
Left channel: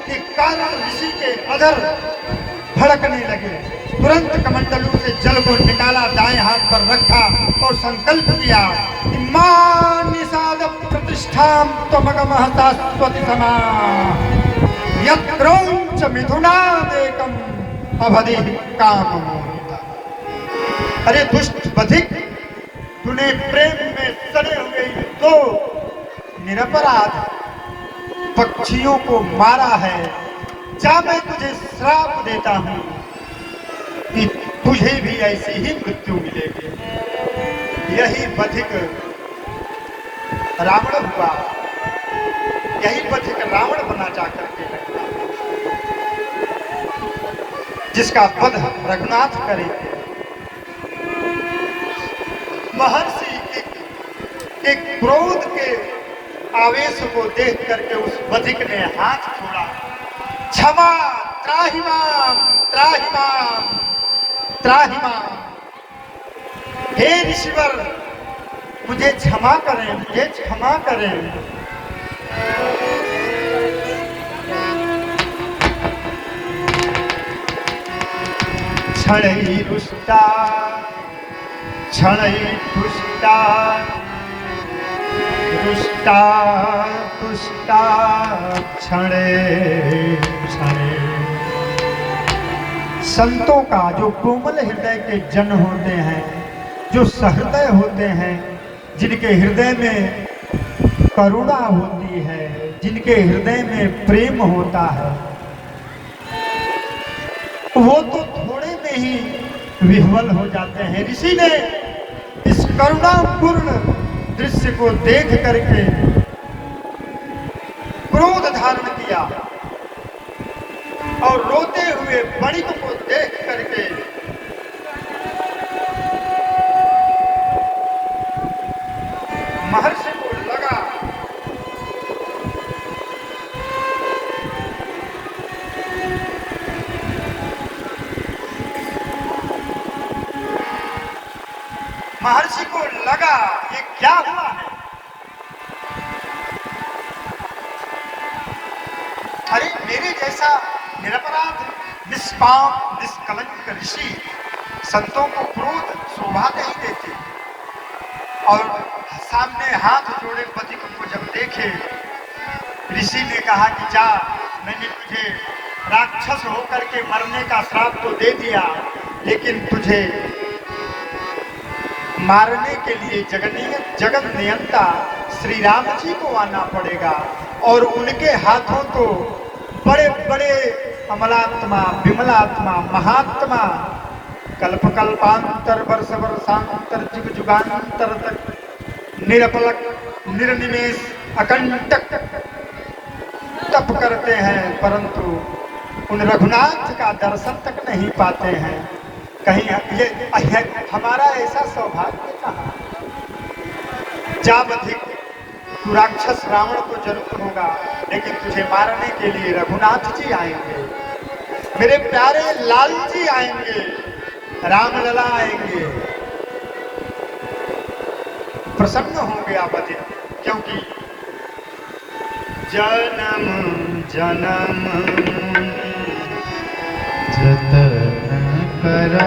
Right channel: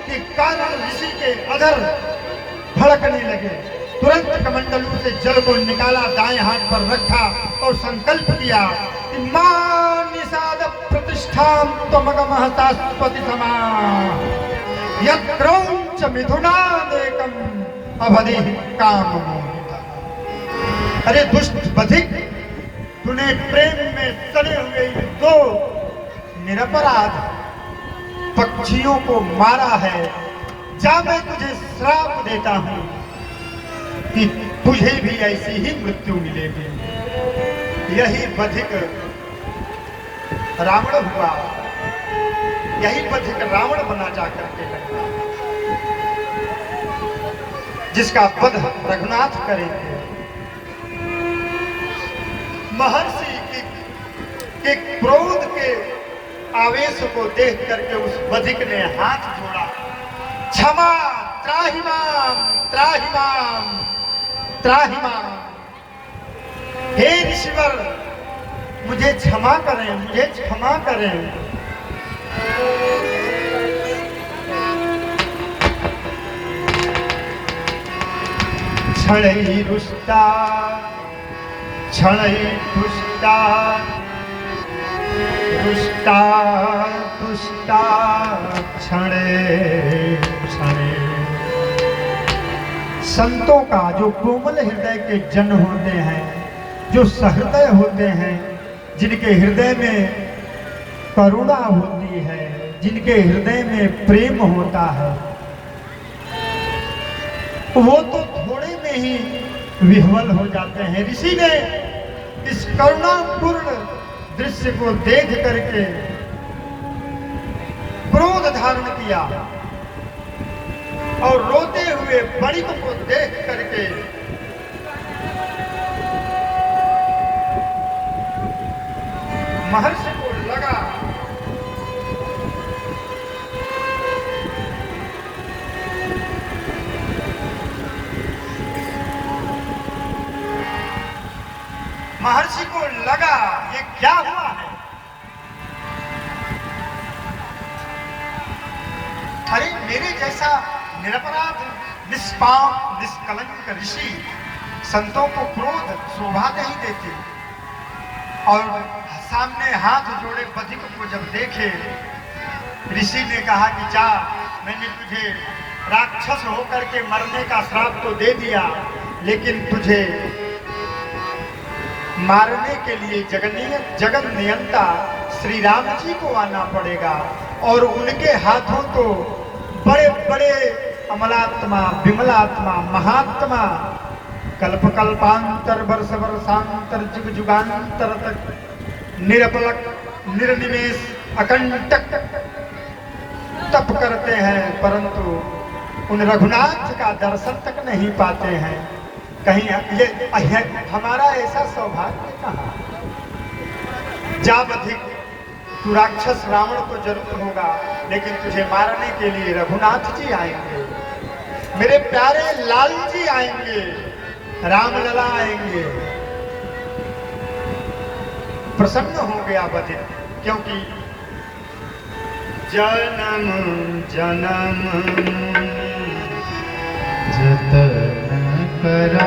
के कारण ऋषि के अधर भड़कने लगे। तुरंत कमंडलू से जल को निकाला, दाएं हाथ पर रखा और संकल्प किया कि मां निषाद प्रतिष्ठां त्वमगमः शाश्वती समा यत्रोंच मिथुनादेकम् अवधि काम। अरे दुष्ट बधिक, तूने प्रेम में सड़े हुए दो निरपराध पक्षियों को मारा है। जा, मैं तुझे श्राप देता हूं कि तुझे भी ऐसी ही मृत्यु मिलेगी। यही बधिक रावण हुआ, यही बधिक रावण बना जाकर के जिसका वध रघुनाथ करेंगे। महर्षि के क्रोध के आवेश को देख करके उस बधिक ने हाथ जोड़ा, क्षमा त्राहिमाम त्राहिमाम त्राहिमाम। हे ऋषिवर, मुझे क्षमा करें, मुझे क्षमा करें। क्षणै रुष्टा क्षणै पुष्टा रुष्टा तुष्टा क्षणे क्षणे। संतों का जो कोमल हृदय के जन होते हैं, जो सहृदय होते हैं, जिनके हृदय में करुणा होती है, जिनके हृदय में प्रेम होता है, वो तो थोड़े में ही विह्वल हो जाते हैं। ऋषि ने इस करुणापूर्ण दृश्य को देख करके क्रोध धारण किया और रोते हुए बणिक को देख करके महर्षि को लगा ये क्या हुआ है। अरे मेरे जैसा निरपराध निष्पाप निष्कलंक ऋषि संतों को क्रोध शोभा नहीं देते। और सामने हाथ जोड़े बधिक को जब देखे, ऋषि ने कहा कि जा, मैंने तुझे राक्षस होकर के मरने का श्राप तो दे दिया, लेकिन तुझे मारने के लिए जगन नियंता श्री राम जी को आना पड़ेगा और उनके हाथों तो बड़े बड़े अमलात्मा, विमलात्मा, महात्मा कल्प कल्पांतर वर्ष वर्षांतर जुग जुगांतर तक निरपलक निर्निमेष अकंटक तप करते हैं, परंतु उन रघुनाथ का दर्शन तक नहीं पाते हैं। कहीं ये हमारा ऐसा सौभाग्य कहाँ। जा बधिक, तू राक्षस रावण तो जरूर होगा, लेकिन तुझे मारने के लिए रघुनाथ जी आएंगे, मेरे प्यारे लाल जी आएंगे, रामलला आएंगे। प्रसन्न हो गया बधिक, क्योंकि जन्म जन्म जतन करा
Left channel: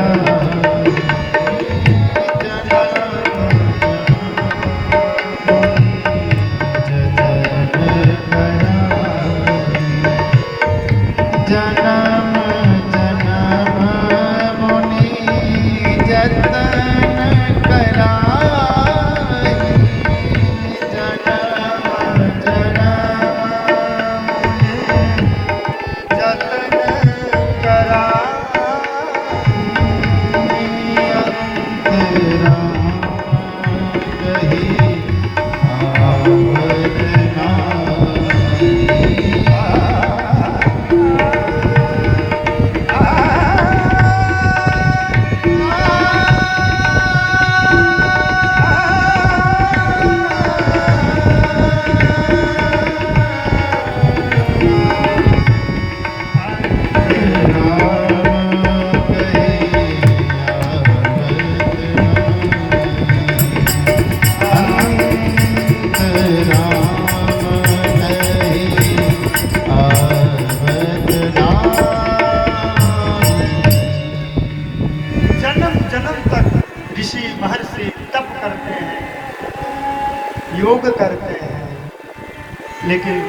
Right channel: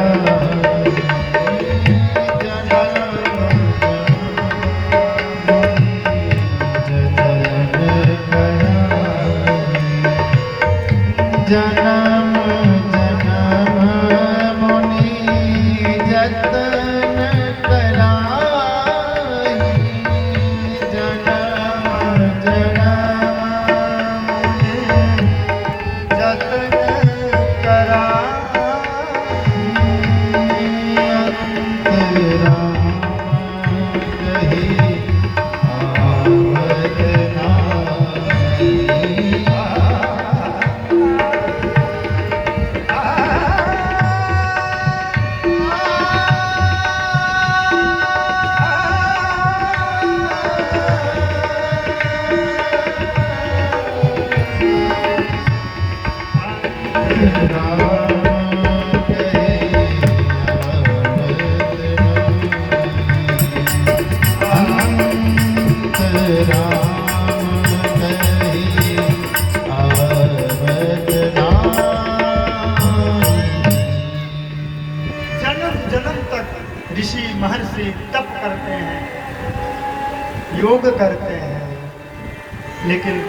लेकिन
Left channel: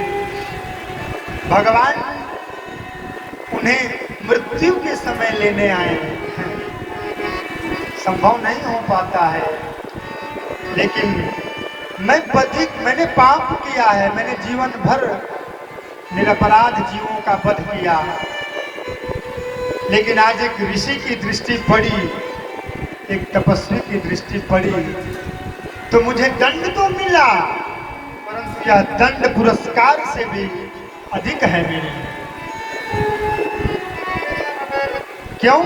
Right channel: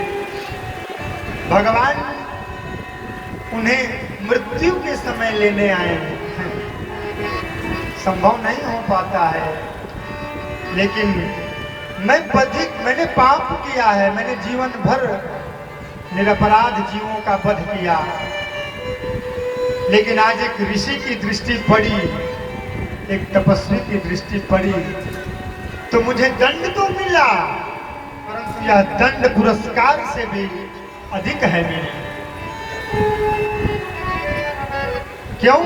भगवान उन्हें मृत्यु के समय लेने आए। संभव नहीं हो पाता है, लेकिन मैंने पाप किया है, मैंने जीवन भर निरपराध जीवों का वध किया, लेकिन आज एक ऋषि की दृष्टि पड़ी, एक तपस्वी की दृष्टि पड़ी, तो मुझे दंड तो मिला, परंतु यह दंड पुरस्कार से भी अधिक है मेरे लिए। क्यों?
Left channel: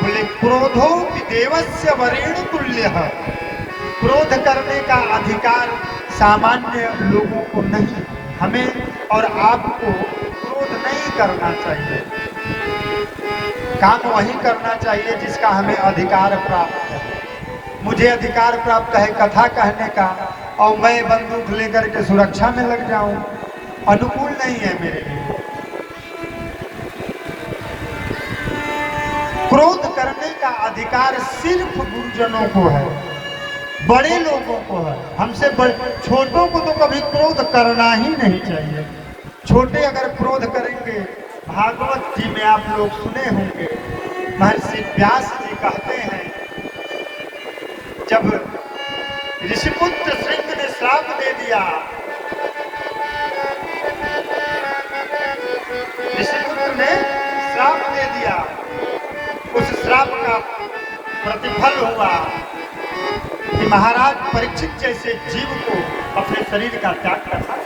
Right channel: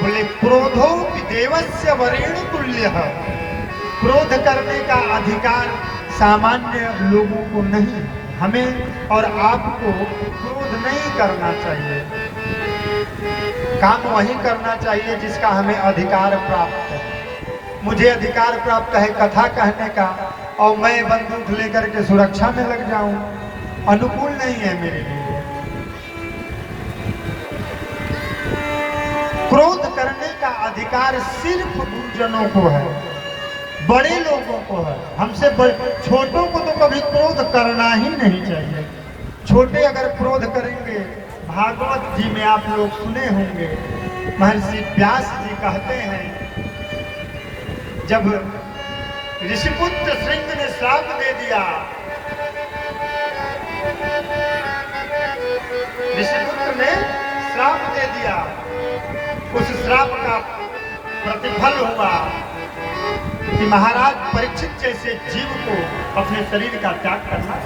बोले क्रोधो देवस्य वरेण तुल्य। क्रोध करने का अधिकार सामान्य लोगों को नहीं, हमें और आपको क्रोध नहीं करना चाहिए। काम वही करना चाहिए जिसका हमें अधिकार प्राप्त है। मुझे अधिकार प्राप्त है कथा कहने का, और मैं बंदूक लेकर के सुरक्षा में लग जाऊं, अनुकूल नहीं है मेरे लिए। क्रोध करने का अधिकार सिर्फ गुरुजनों को है, बड़े लोगों को है। हमसे छोटों को तो कभी क्रोध करना ही नहीं चाहिए। छोटे अगर क्रोध करेंगे, भागवत जी में आप लोग सुने होंगे, महर्षि व्यास जी कहते हैं, जब ऋषिपुत्र श्रृंग ने श्राप दे दिया, ऋषिपुत्र ने श्राप दे दिया, उस श्राप का प्रतिफल हुआ कि महाराज परीक्षित जैसे जीव को अपने शरीर का त्याग करना।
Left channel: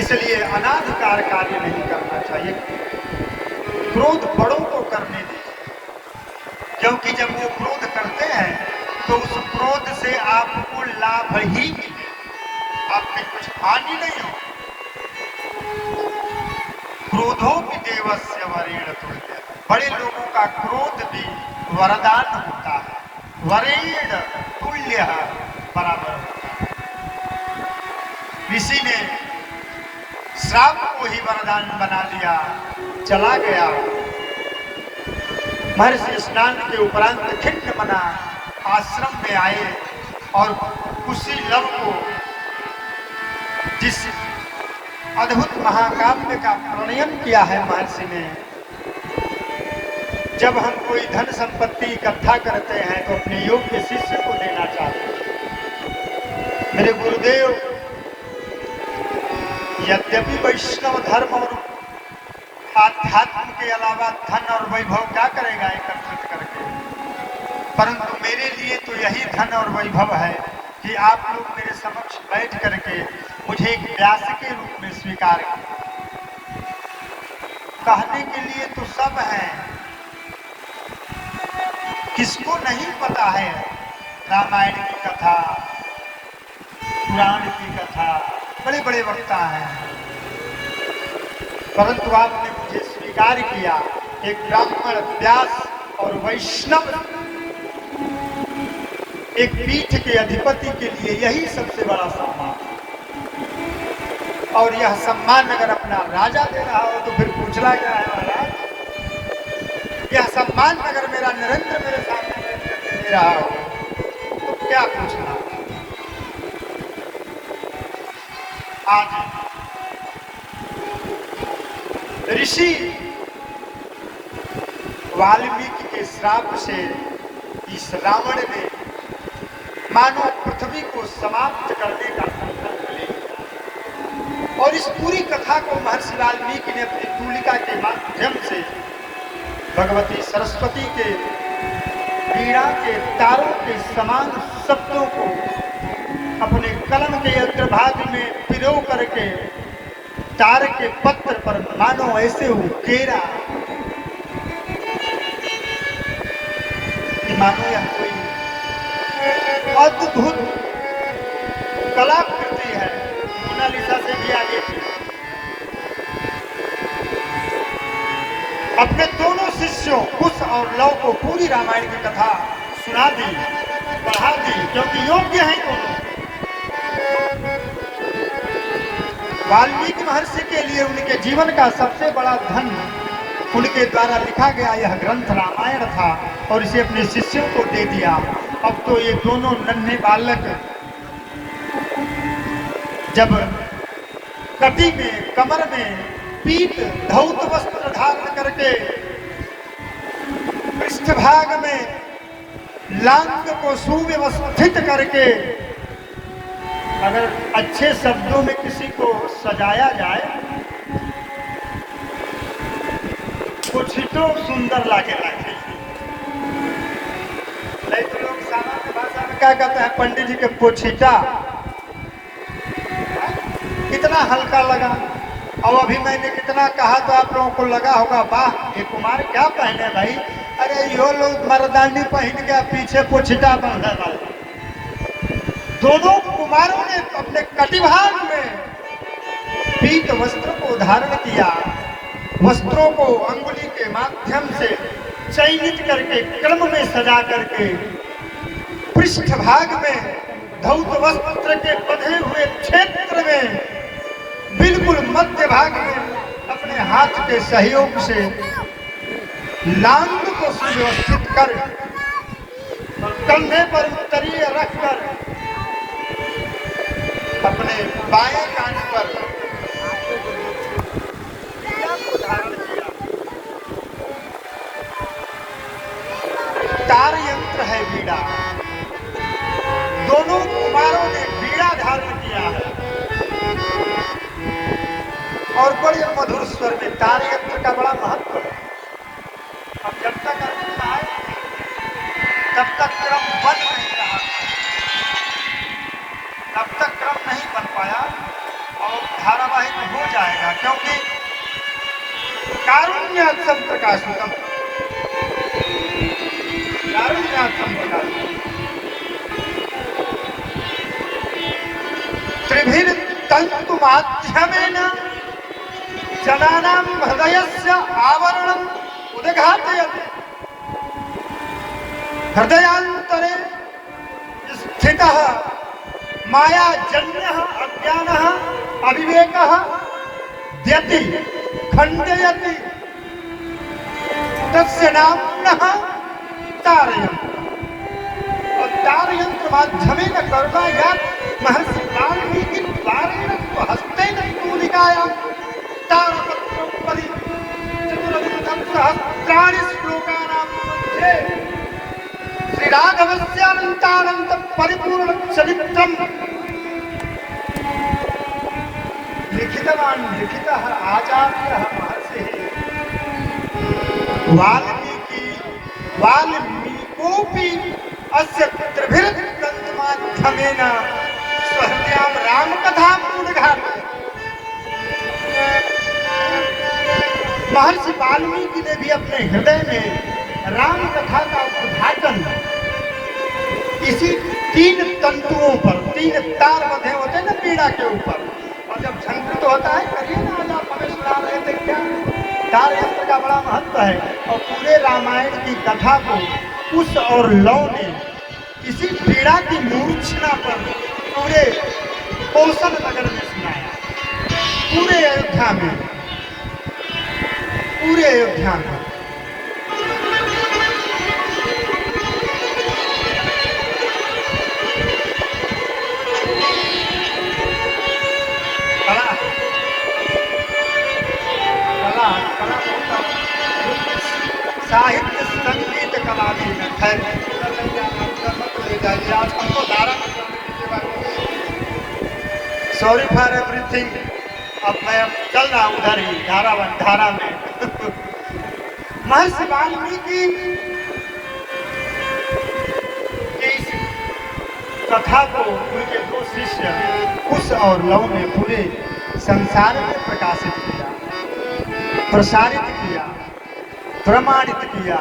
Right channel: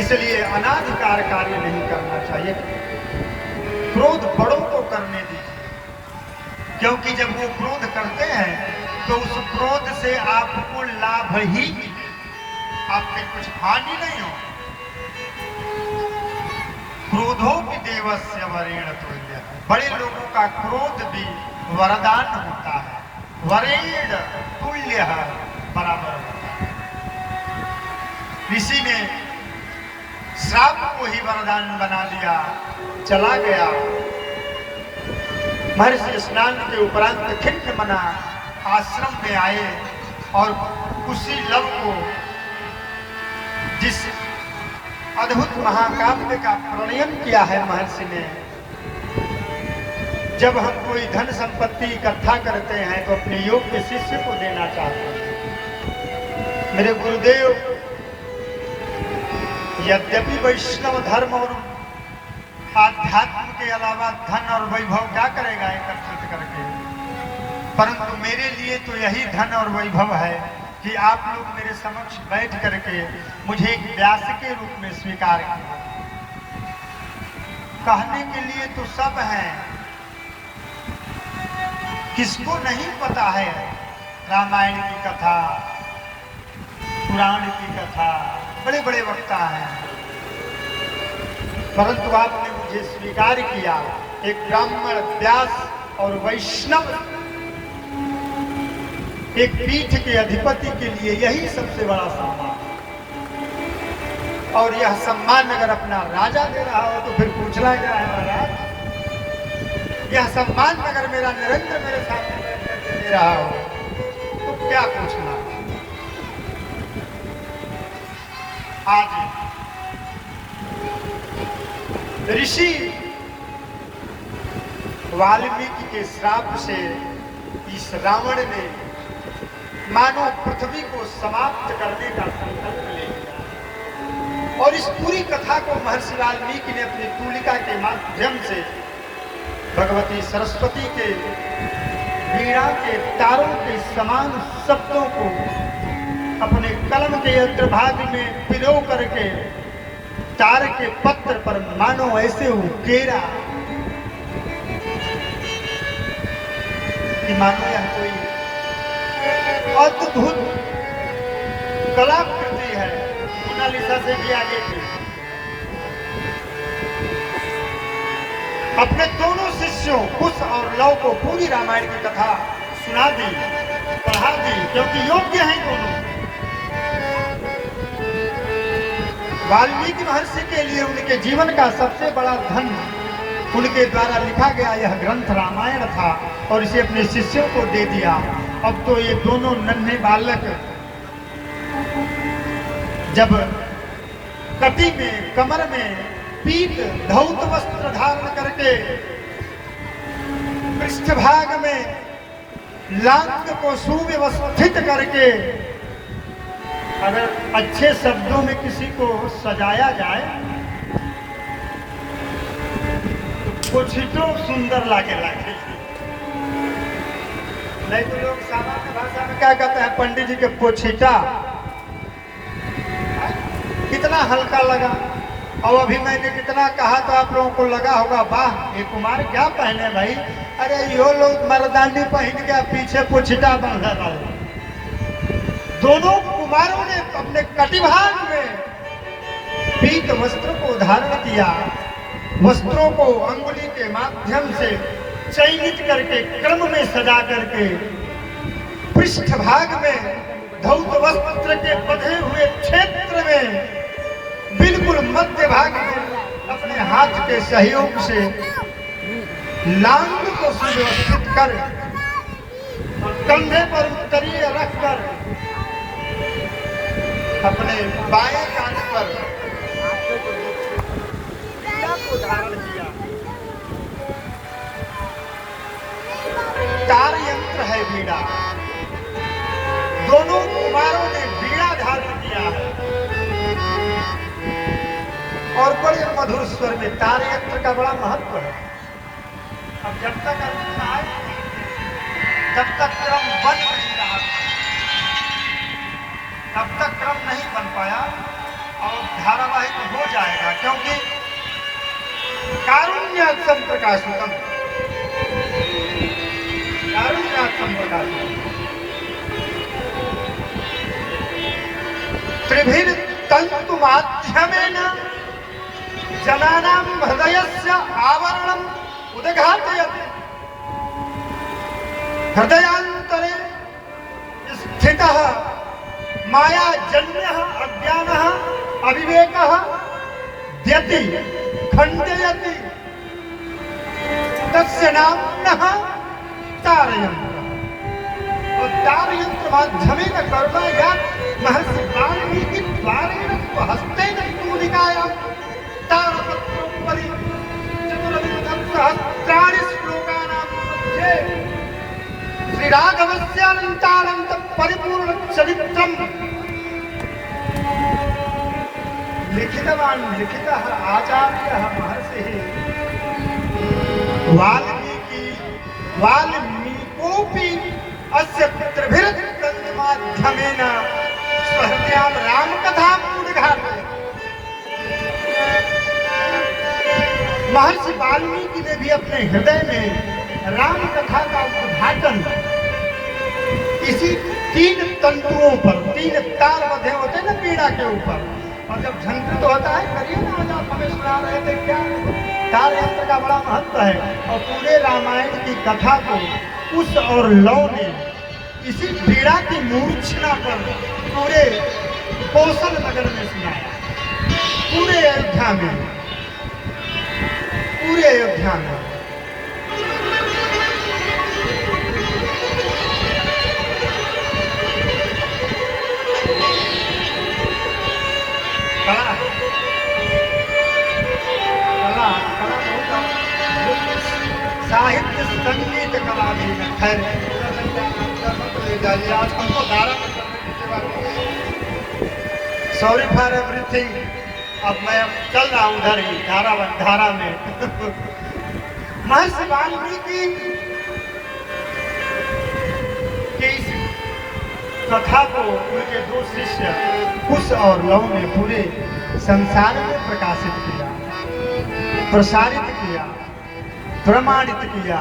इसलिए अनाधिकार कार्य नहीं करना चाहिए। क्रोध बड़ों को करने दीजिए, क्योंकि जब वो क्रोध करते हैं तो उस क्रोध से आपको लाभ ही मिले, आपके कुछ हानि नहीं हो। क्रोधो भी देवस्य वरेण तुल्य। बड़े लोगों का क्रोध भी वरदान होता है, वरेण तुल्य बराबर। ऋषि ने श्राप को ही वरदान बना दिया, चला गया। महर्षि स्नान के उपरांत खिन्न मना आश्रम में आए और उसी लव को, जिस अद्भुत महाकाव्य का प्रणयन किया है महर्षि ने, जब हम कोई धन संपत्ति इकट्ठा करते हैं तो अपने योग्य शिष्य को देना चाहते हैं। मेरे गुरुदेव यद्यपि वैष्णव धर्म और आध्यात्म के अलावा धन और वैभव क्या करेगा एकत्रित करके, परंतु मेरे लिए तो यही धन और वैभव है कि आप लोग मेरे समक्ष बैठ करके मुझे एक व्यास के रूप में स्वीकार किया। कहने के लिए तो सब हैं, किसको नहीं पता है रामायण की कथा, पुराण की कथा, बड़े बड़े वक्ता हैं, परंतु आपने मुझे स्वीकार किया। एक ब्राह्मण, व्यास और वैष्णव एक पीठ के अधिपति के लिए यही सबसे बड़ा सम्मान। और यह सम्मान अगर अपना राजा दे रहा हो तो फिर पूछना क्या है महाराज? यह सम्मान अगर मेरा नरेंद्र मेरे सामने बैठ करके दे रहा हो तो क्या पूछना? आज ऋषि वाल्मीकि के श्राप से इस रावण ने मानव पृथ्वी को समाप्त करने का संकल्प ले लिया, और इस पूरी कथा को महर्षि वाल्मीकि ने अपनी तूलिका के माध्यम से भगवती सरस्वती के वीणा के तारों के समान शब्दों को अपने कलम के अग्रभाग में पिरो करके तार के पत्र पर मानो ऐसे उकेरा कि मानो यह कोई अद्भुत कलाकृति है, मोनालिसा से भी आगे की। अपने दोनों शिष्यों कुश और लव को पूरी रामायण की कथा सुना दी, पढ़ा दी, क्योंकि योग्य हैं दोनों। वाल्मीकि महर्षि के लिए उनके जीवन का सबसे बड़ा धन उनके द्वारा लिखा गया यह ग्रंथ रामायण था, और इसे अपने शिष्यों को दे दिया। अब तो ये दोनों नन्हे बालक जब कटी में, कमर में पीत धौत वस्त्र धारण करके पृष्ठभाग में लांग को सुव्यवस्थित करके अगर अच्छे शब्दों में किसी को सजाया जाए कुछ तो सुंदर लागे लागे। नहीं तो लोग सामान्य भाषा में क्या कहते हैं, पंडित जी के पोछीटा कितना हल्का लगा। और अभी मैंने कितना कहा तो आप लोगों को लगा होगा वाह ये कुमार क्या पहने भाई, अरे यो लोग मर्दानी पहन के पीछे पोछीटा बंधा वाला। दोनों कुमारों ने अपने कटिभाग में पीत वस्त्र को धारण किया, वस्त्रों को अंगुली के माध्यम से चयनित करके क्रम में सजा करके पृष्ठभाग में धौत वस्त्र के बंधे हुए क्षेत्र में बिल्कुल मध्य भाग में अपने हाथ के सहयोग से लांग को सुव्यवस्थित कर कंधे पर उत्तरीय रखकर अपने बाएं कान पर बीड़ा को धारण किया। तार यंत्र है बीड़ा। दोनों कुमारों ने बीड़ा धारण किया है और बड़े मधुर स्वर में तार यंत्र का बड़ा महत्व है। अब जब तक अर्जुन आए तब तक क्रम बन नहीं रहा, तब तक क्रम नहीं बन पाया और धारावाहिक हो जाएगा क्योंकि कारुण्यात्म प्रकाशितम, कारुण्यात्म प्रकाशितम त्रिभिर तंतु माध्यमेन जनानां हृदयस्य आवरणम् उद्घाटयति। हृदयांतरे स्थितः मायाजन्यः अज्ञानः अविवेकः द्यति खण्डयति, तस्य नाम्नः तारयन्त्र। और तारयंत्र माध्यमेन करुणायात् महर्षि वाल्मीकि द्वारेण स्वहस्तेन तूलिकायां तारपत्रोपरि चतुर्विंशं सहस्राणि श्लोकानां मध्ये श्रीराघवस्यानन्तानन्त परिपूर्ण चरित्रम् लिखितवान् लिखितः आचार्यः महर्षिः वाल्मीकोऽपि अस्य त्रिभिर्तन्माध्यमेन स्वहृदयां रामकथाम् उद्घाटयत्। महर्षि वाल्मीकि ने भी अपने हृदय में राम कथा का उद्घाटन इसी 3 तंतुओं पर, 3 तार बंधे होते हैं ना पीड़ा के ऊपर, और जब झंकृत होता है करिए ना, आज आप हमें सुना रहे थे क्या, तार यंत्र का बड़ा महत्व है। और पूरे रामायण की कथा को कुश और लव ने इसी पीड़ा की मूर्छना पर पूरे कौशल नगर में सुनाया, पूरे अयोध्या में, पूरे अयोध्या में। साहित्य संगीत कला भी है, हमको धारा में सॉरी फॉर एवरीथिंग। अब मैं चल रहा हूँ उधर ही धारा में। महर्षि वाल्मीकि की इस कथा को उनके 2 शिष्य कुश और लव ने पूरे संसार में प्रकाशित किया, प्रसारित किया, प्रमाणित किया,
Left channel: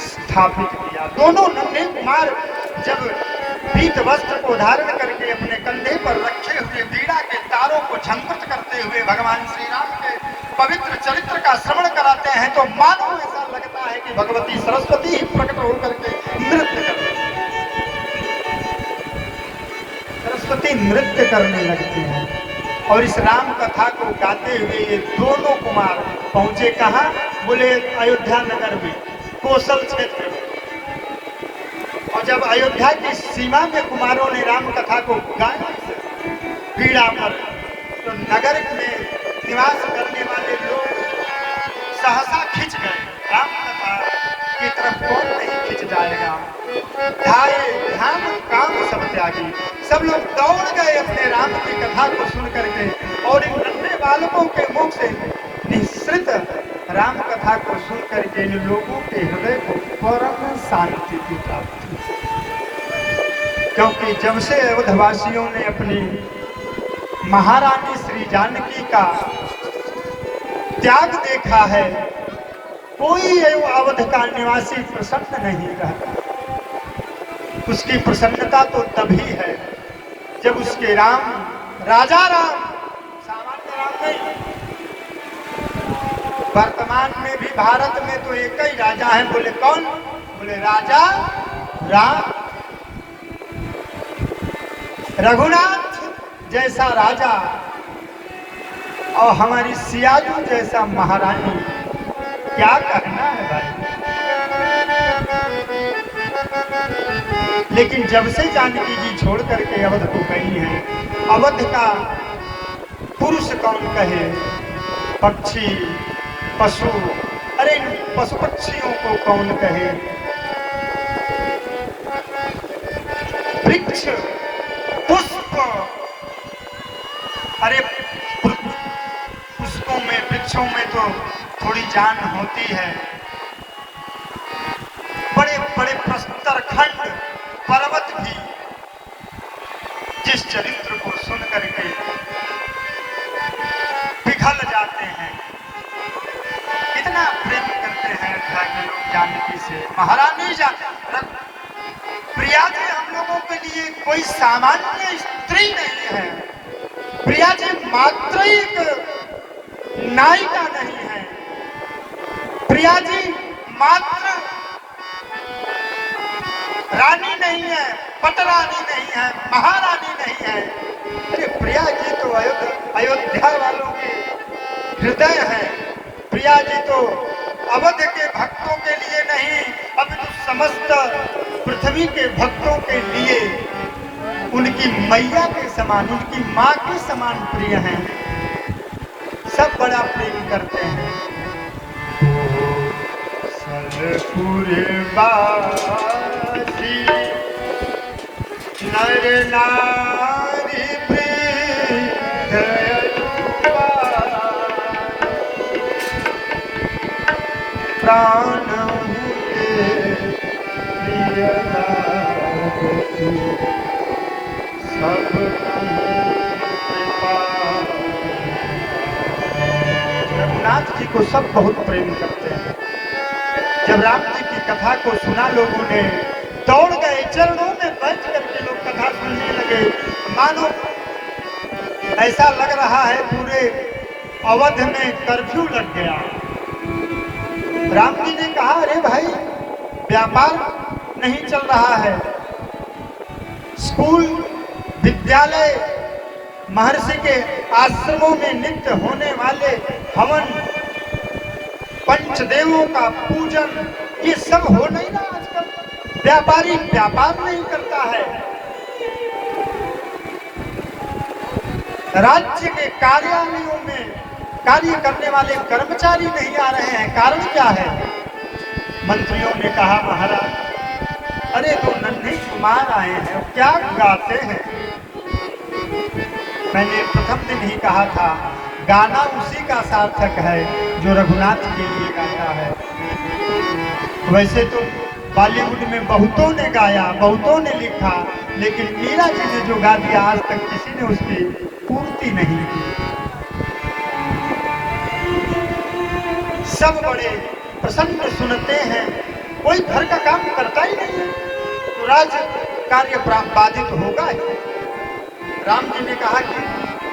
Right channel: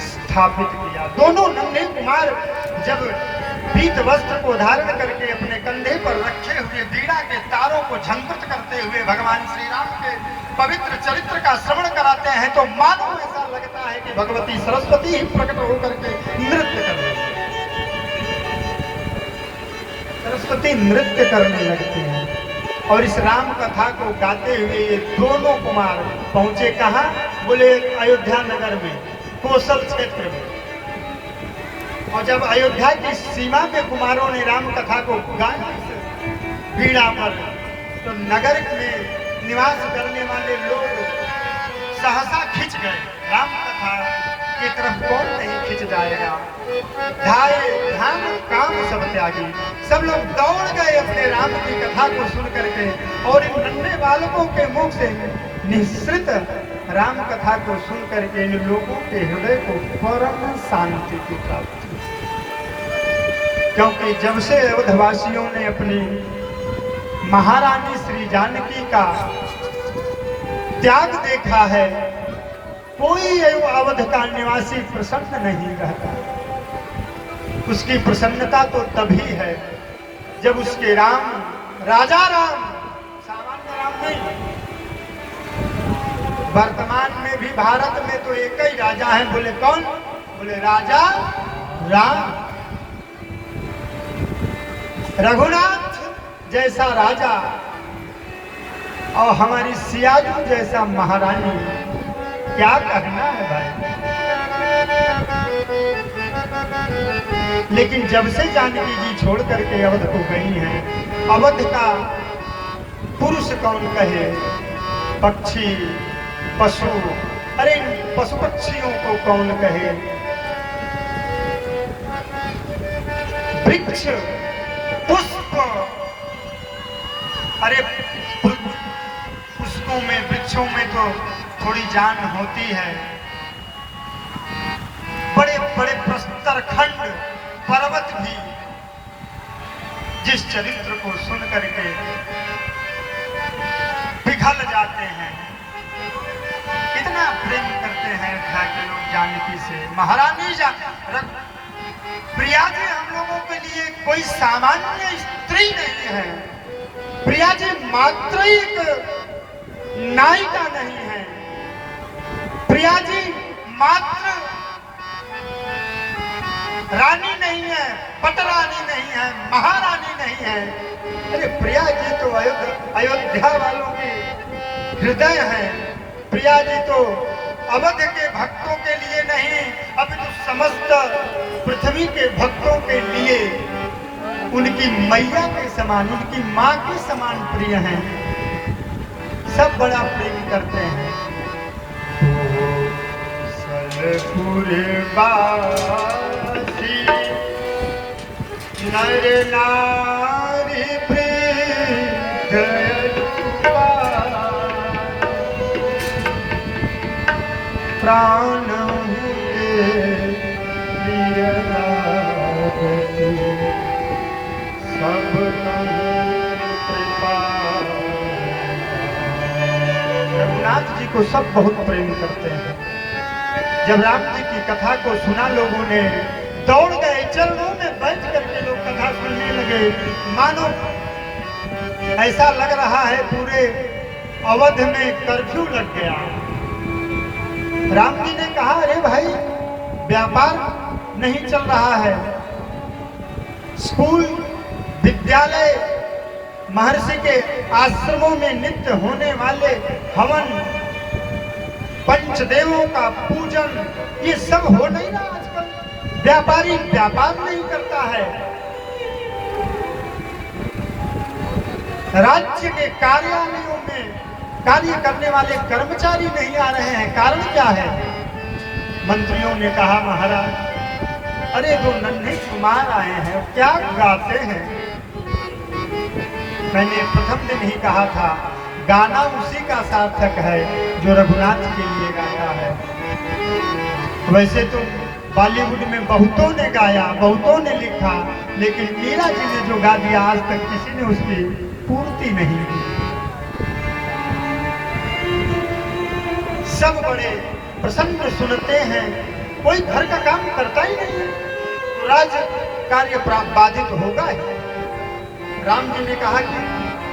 स्थापित किया। दोनों नन्हे कुमार जब पीत वस्त्र को धारण करके अपने कंधे पर रखे हुए बीड़ा के तारों को झंकृत करते हुए भगवान श्री राम के पवित्र चरित्र का श्रवण कराते हैं तो मानो ऐसा लगता है कि भगवती सरस्वती ही प्रकट होकर के नृत्य कर रही है। सरस्वती नृत्य करने लगती है। और इस राम कथा को गाते हुए ये दोनों कुमार पहुंचे कहाँ? बोले अयोध्या नगर में, कौशल क्षेत्र में। और जब अयोध्या की सीमा के कुमारों ने राम कथा को गाया बीड़ा पर, नगर में निवास करने वाले लोग सहसा खिंच गए। राम कथा की तरफ कौन नहीं खिंच जाएगा। धाये धाम काम सब त्यागी, सब लोग दौड़ गए अपने राम की कथा को सुन करके, और इन नन्हे बालकों के मुख से निःसृत राम कथा को सुन करके इन लोगों के हृदय को परम शांति की प्राप्ति। क्योंकि जब से अवधवासियों ने अपनी महारानी श्री जानकी का त्याग देखा है, कोई अवध का निवासी प्रसन्न नहीं रहता। उसकी प्रसन्नता तो तभी है जब उसके राम, राजा राम, सामान्य राम नहीं। वर्तमान में भी भारत में तो एक ही राजा है, बोले कौन? बोले राजा राम। रघुनाथ जैसा राजा और हमारी सियाजू जैसा महारानी, क्या कहना है भाई। लेकिन जब से जानकी जी छोड़ करके अवध को गई हैं, अवध का पुरुष कौन कहे, पक्षी पशु, अरे पशु पक्षियों को कौन कहे, वृक्ष पुष्प, अरे पुष्पों में वृक्षों में तो थोड़ी जान होती है। बड़े बड़े प्रस्तर खंड पर्वत भी जिस चरित्र को सुन करके पिघल जाते हैं, कितना प्रेम करते हैं अयोध्या के लोग जानकी से। महारानी प्रिया जी हम लोगों के लिए कोई सामान्य स्त्री नहीं है। प्रिया जी मात्र एक नायिका नहीं है। प्रिया जी मात्र रानी नहीं है, पटरानी नहीं है, महारानी नहीं है। अरे प्रिया जी तो अयोध्या वालों के हृदय है। प्रिया जी तो अवध के भक्तों के लिए नहीं, अब तो समस्त पृथ्वी के भक्तों के लिए उनकी मैया के समान, उनकी माँ के समान प्रिय हैं। सब बड़ा प्रेम करते हैं। सरपुर बासी नर नारी प्राण सब रघुनाथ जी को सब बहुत प्रेम करते हैं। जब राम जी की कथा को सुना, लोगों ने दौड़ गए, चरणों में बैठ करके लोग कथा सुनने लगे। मानो ऐसा लग रहा है पूरे अवध में कर्फ्यू लग गया। राम जी ने कहा, अरे भाई व्यापार नहीं चल रहा है, स्कूल विद्यालय महर्षि के आश्रमों में नित्य होने वाले हवन, पंचदेवों का पूजन, ये सब हो नहीं रहा आजकल। व्यापारी व्यापार नहीं करता है। राज्य के कार्यालयों में कार्य करने वाले कर्मचारी नहीं आ रहे हैं। कारण क्या है? मंत्रियों ने कहा, महाराज अरे तो नन्हे कुमार आए हैं, क्या गाते हैं। मैंने प्रथम दिन ही कहा था, गाना उसी का सार्थक है जो रघुनाथ के लिए गाया है। वैसे तो बॉलीवुड में बहुतों ने गाया, बहुतों ने लिखा, लेकिन मीरा जी ने जो गा दिया आज तक किसी ने उसकी पूर्ति नहीं की। सब बड़े प्रसन्न सुनते हैं, कोई घर का काम करता ही नहीं है, तो राज कार्य बाधित होगा ही। राम जी ने कहा कि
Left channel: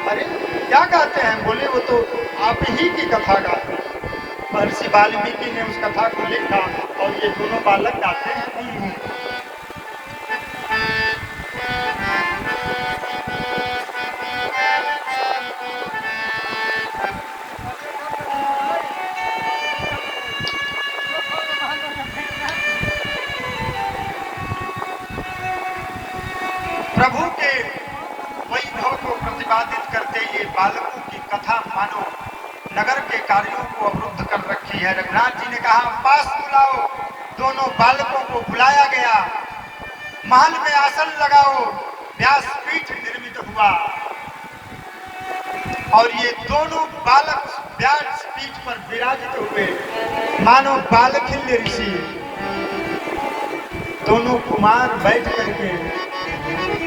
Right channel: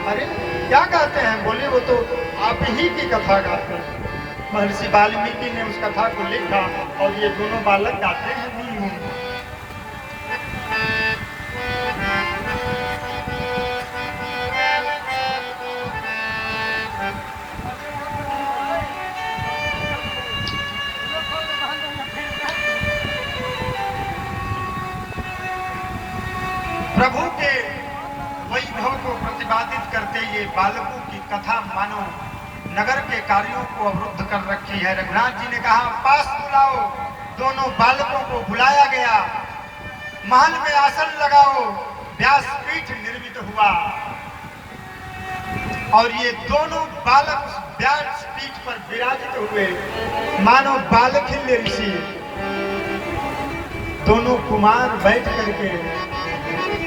अरे क्या गाते हैं? बोले वो तो आप ही की कथा गाते हैं। महर्षि वाल्मीकि ने उस कथा को लिखा और ये दोनों बालक गाते हैं। प्रभु के वैभव को प्रतिपादित करते ये बालकों की की है। रघुनाथ जी ने कहा पास बुलाओ, दोनों बालकों को बुलाया गया। महल में आसन लगाओ, व्यासपीठ निर्मित हुआ और ये दोनों बालक उस व्यासपीठ पर विराजित हुए मानो बालखिल्य ऋषि। दोनों कुमार बैठ करके,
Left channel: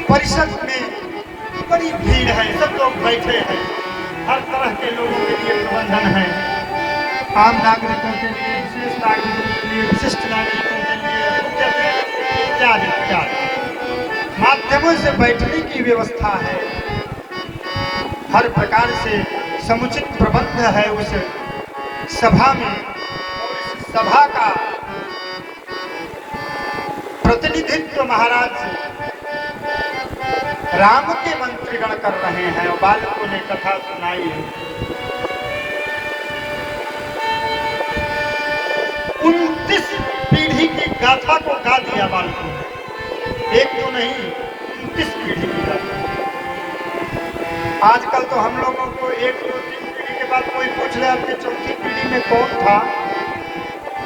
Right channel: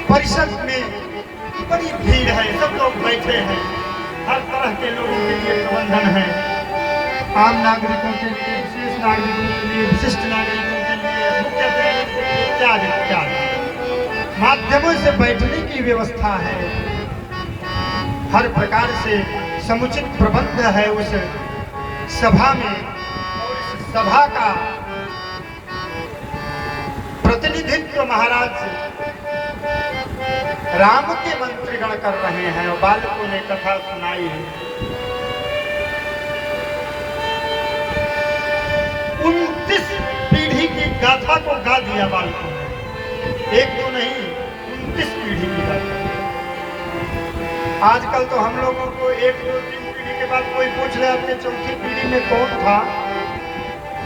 परिषद में बड़ी भीड़ है, सब लोग बैठे हैं, हर तरह के लोगों के लिए प्रबंधन है, आम नागरिकों के लिए, विशेष नागरिकों के लिए, विशिष्ट नागरिकों के लिए, इत्यादि इत्यादि माध्यमों से बैठने की व्यवस्था है। हर प्रकार से समुचित प्रबंध है उस सभा में। और इस सभा का प्रतिनिधित्व महाराज राम के मंत्रीगण कर रहे हैं। बालकों ने कथा सुनाई है। 29 पीढ़ी की गाथा को गा दिया बालकों ने, एक तो नहीं 29 पीढ़ी की गाथा। आजकल तो हम लोगों को 1, 2, 3 पीढ़ी के बाद कोई पूछ ले आपके चौथी पीढ़ी में कौन था,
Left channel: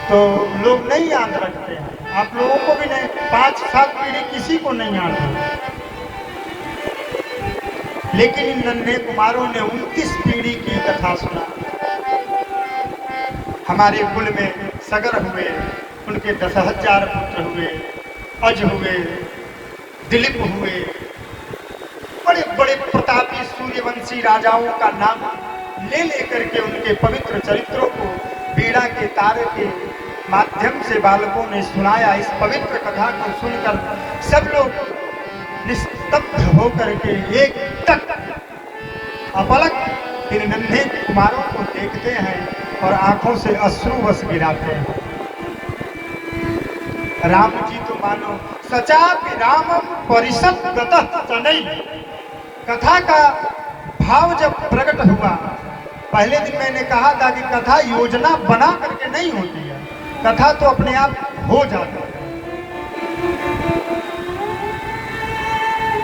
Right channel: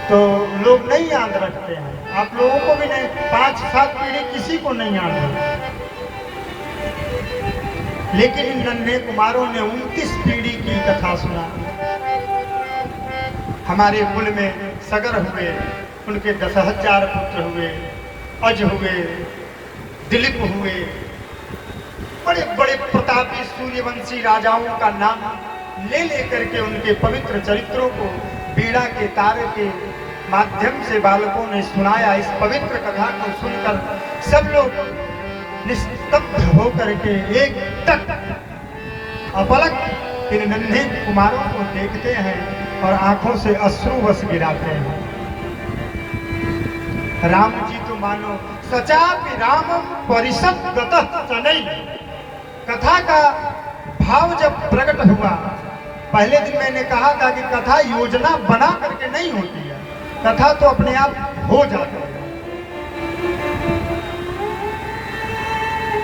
तो लोग नहीं याद रखते हैं। आप लोगों को भी नहीं, 5, 7 पीढ़ी किसी को नहीं याद है। लेकिन इन नन्हे कुमारों ने 29 पीढ़ी की कथा सुना। हमारे कुल में सगर हुए, उनके 10,000 पुत्र हुए, अज हुए, दिलीप हुए, बड़े बड़े प्रतापी सूर्यवंशी राजाओं का नाम ले लेकर के उनके पवित्र चरित्रों को बीड़ा के तारे के माध्यम से बालकों ने सुनाया। इस पवित्र कथा को सुनकर सब लोग निस्तब्ध होकर के एक तक अपलक इन नन्हे कुमारों को देखते हैं और आंखों से अश्रुवश गिराते हैं। राम जी तो मानो सचापि रामम परिषद गतः सनई। कथा का भाव जब प्रकट हुआ, पहले दिन मैंने कहा था कि कथा योजना बना करके नहीं होती है, कथा तो अपने आप हो जाती है।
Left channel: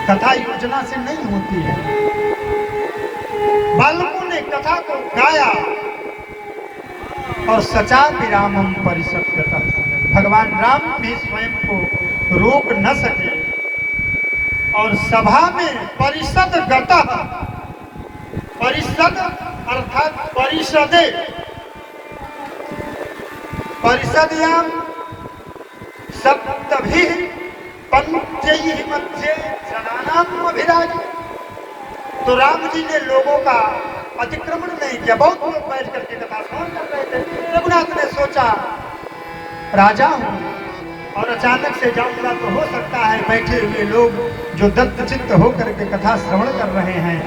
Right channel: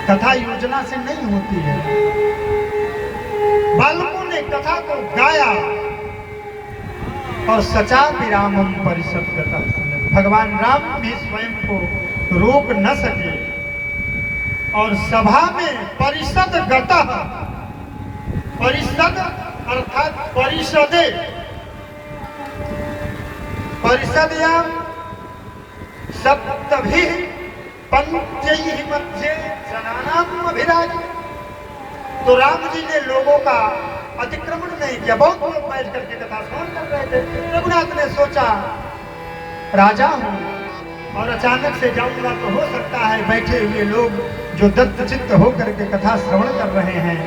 कथा योजना से नहीं होती है। बालकों ने कथा को गाया और सचापि रामम परिषद गतः सनई। भगवान राम भी स्वयं को रोक न सके और सभा में परिषद गतः, परिषद अर्थात परिषदे, परिषदयां सप्तभिः पंचैः मध्ये जनानाम् अभिराजित। तो राम जी ने लोगों का अतिक्रमण नहीं किया। बहुत लोग बैठ करके कथा श्रवण कर रहे थे। रघुनाथ ने सोचा राजा हूं और अचानक से जाऊंगा तो हो सकता है बैठे हुए लोग जो दत्तचित्त होकर के कथा श्रवण कर रहे हैं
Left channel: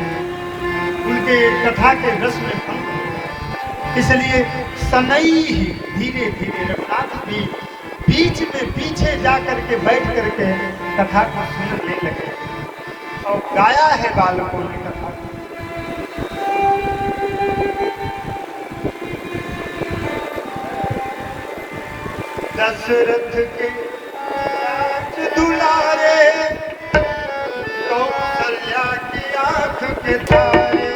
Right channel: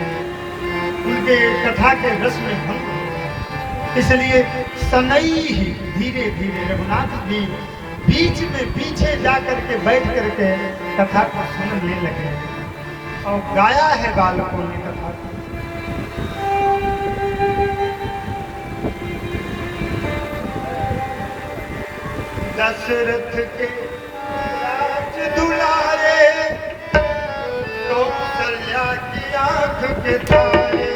उनके कथा के रस में भंग हो। इसलिए सनई ही धीरे धीरे रघुनाथ जी बीच में पीछे जाकर के बैठ करके कथा को सुनने लगे और गाया है बालकों ने कथा। दशरथ के राज दुलारे, कौशल्या की आंख के तारे।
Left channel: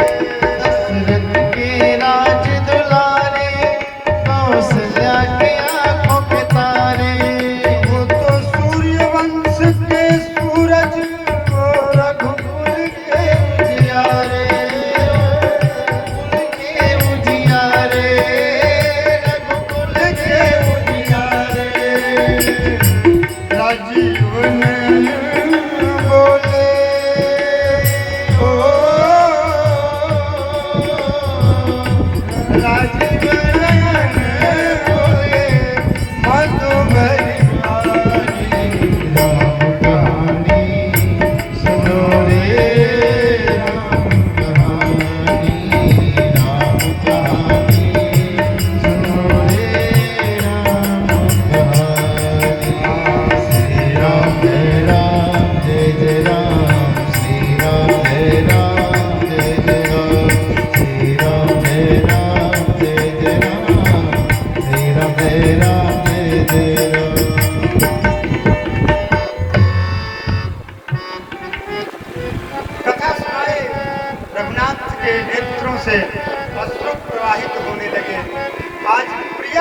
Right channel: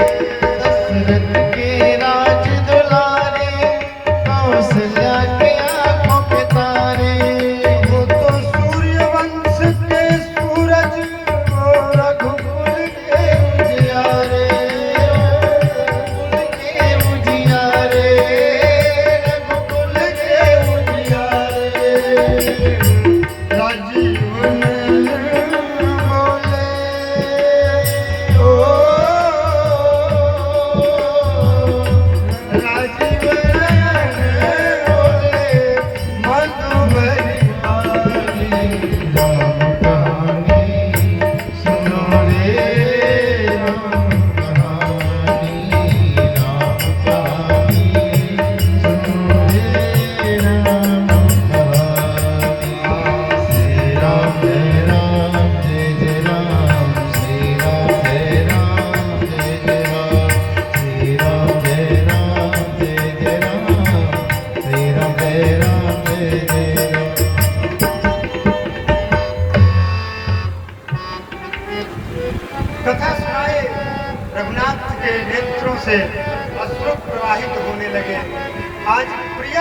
दशरथ के राज दुलारे, कौशल्या की आंखों के तारे। वो तो सूर्यवंश के सूरज, वो रघुकुल के उजियारे, रघुकुल के उजियारे, रघुकुल के उजियारे। राजीव नयन बोले, ओ राजीव नयन बोले, मधुबरी राम कहानी सुनो रे, राम कहानी, राम कहानी सुनो रे, राम कहानी। श्री राम जय राम, जय जय राम, श्री राम जय राम, जय जय राम, श्री राम जय राम, जय जय राम, श्री राम जय राम, जय जय राम। कथा सुनाए। रघुनाथ के नेत्रों से अश्रु प्रवाहित होने लगे। आज प्रिय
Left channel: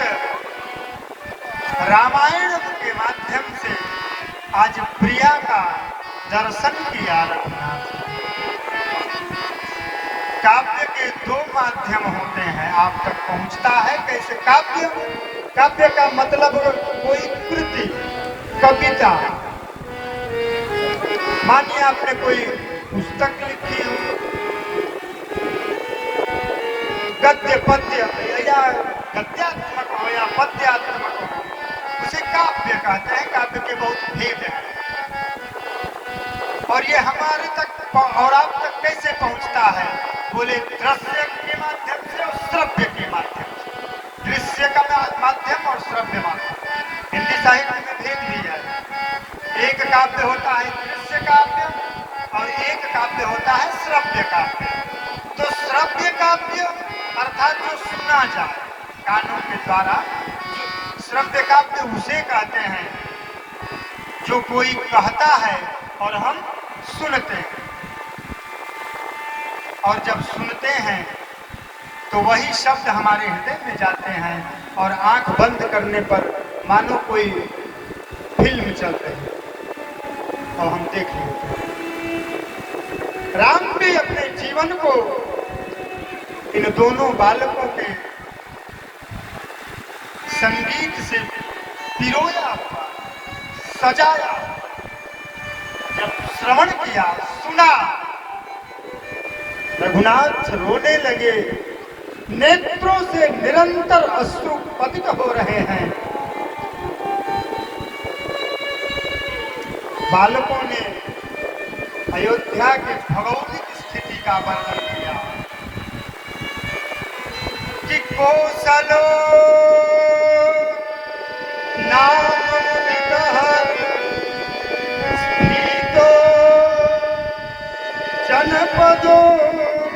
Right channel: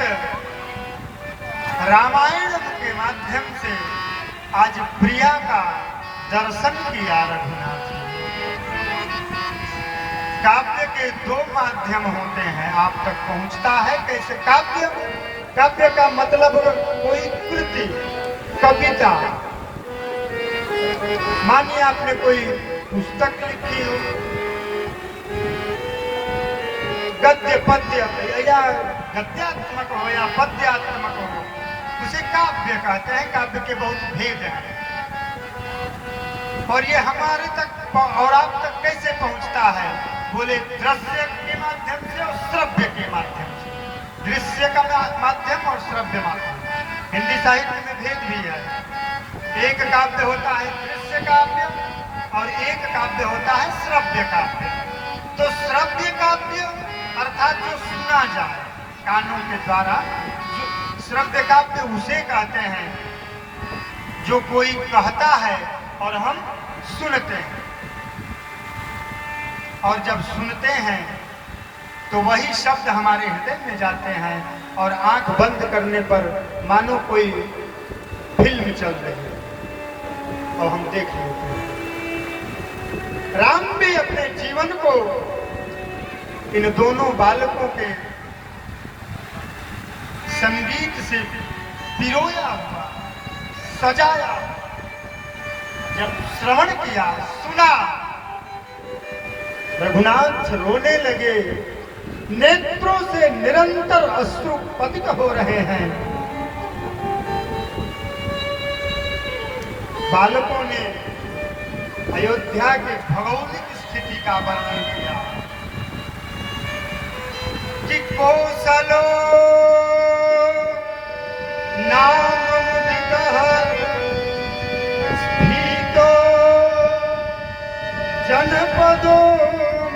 रचित रामायण के माध्यम से आज प्रिया का दर्शन किया रघुनाथ। काव्य के दो माध्यम होते हैं, आप तक पहुंचता है कैसे काव्य? काव्य का मतलब कोई कृति, कविता। मानिए आपने कोई पुस्तक लिखी हो, गद्य पद्य या गद्यात्मक हो या पद्यात्मक हो, उसे काव्य कहते हैं। काव्य के बहुत भेद हैं और ये हमारे तक और आप तक कैसे पहुंचता है? बोले दृश्य के माध्यम से और श्रव्य के माध्यम से। दृश्य का माध्यम और श्रव्य माध्यम। हिंदी साहित्य में भेद भी है। एक काव्य होता है दृश्य काव्य और एक काव्य होता है श्रव्य काव्य। तो श्रव्य काव्य अर्थात जो सुना जाए कानों के द्वारा, श्रव्य काव्य उसे कहते हैं जो कोई कहता है और हम सुनते हैं। और जब सुनते हैं तो वही शब्द हमारे हृदय में जाते हैं और आंख बंद करने पर मानो कोई फिल्म चल रही है और हम देख लेते हैं। राम भी अपने जीवन को इन दोनों बालकों के संगीत से पिरोया हुआ, सजाया। जब श्रवण किया, सुना, रघुनाथ रोने लगे, नेत्रों से निरंतर अश्रु पतित हो रहे हैं। बालकों ने अयोध्या की भौगोलिक स्थिति का वर्णन किया कि कौशलो नाम मुदितः स्थितो जनपदो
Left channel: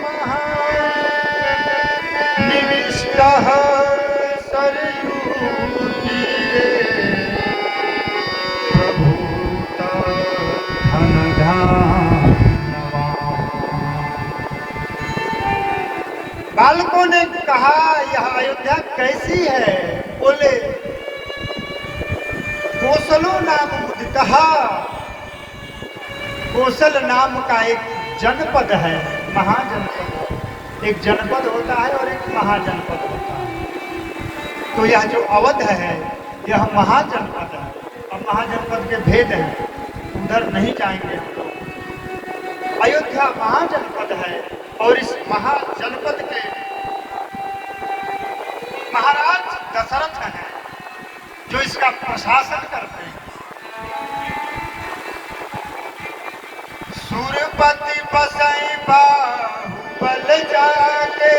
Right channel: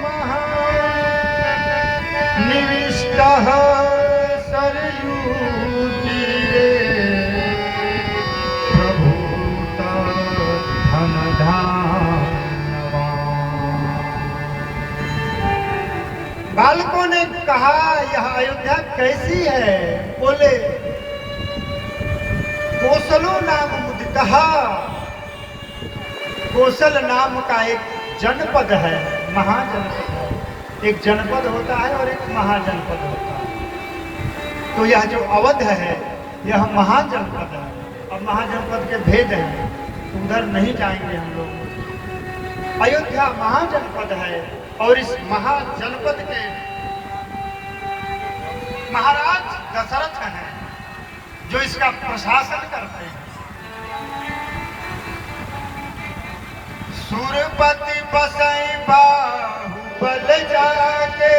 महान् निविष्टः सरयूतीरे प्रभूत धनधान्यवान्। बालकों ने कहा यह अयोध्या कैसी है? बोले कौशलो नाम मुदितः। कौशल नाम का एक जनपद है, महाजनपद है। एक जनपद होता है और एक महाजनपद होता है। तो यह जो अवध है यह महाजनपद है और महाजनपद के भेद हैं, उधर नहीं जाएंगे हम लोग। अयोध्या महाजनपद है और इस महाजनपद के महाराज दशरथ हैं जो इसका प्रशासन करते हैं। सूरपति बसई बाहुबल जाके,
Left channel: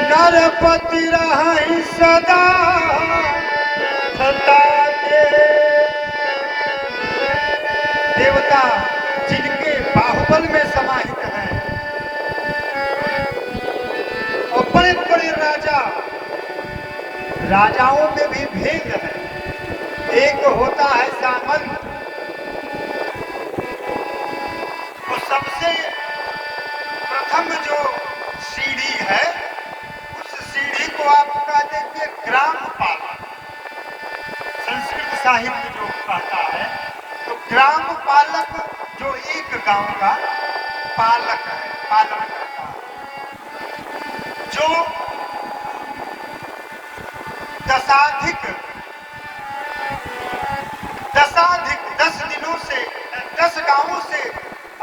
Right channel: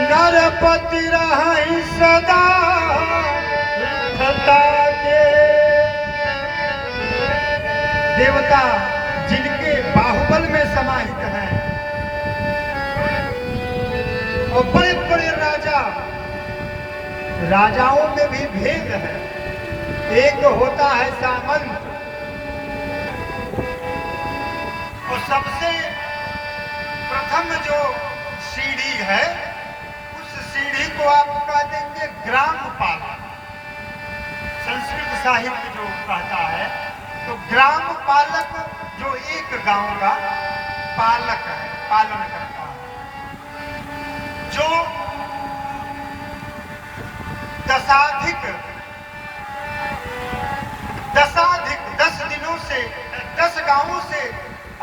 नरपति रहि सदा सदा के। देवता जिनके बाहुबल में समाहित हैं और बड़े बड़े राजा, राजाओं में भी भेद है। एक होता है सामंत और सबसे प्रथम जो सीढ़ी है उस सीढ़ी को आप कह देंगे ग्रामपाल। संस्कृत साहित्य जो कहता है तो ग्राम पालक जो एक गांव का पालक है, पालन करता है, जो दशाधिक 10 दिनों से 10 गांवों से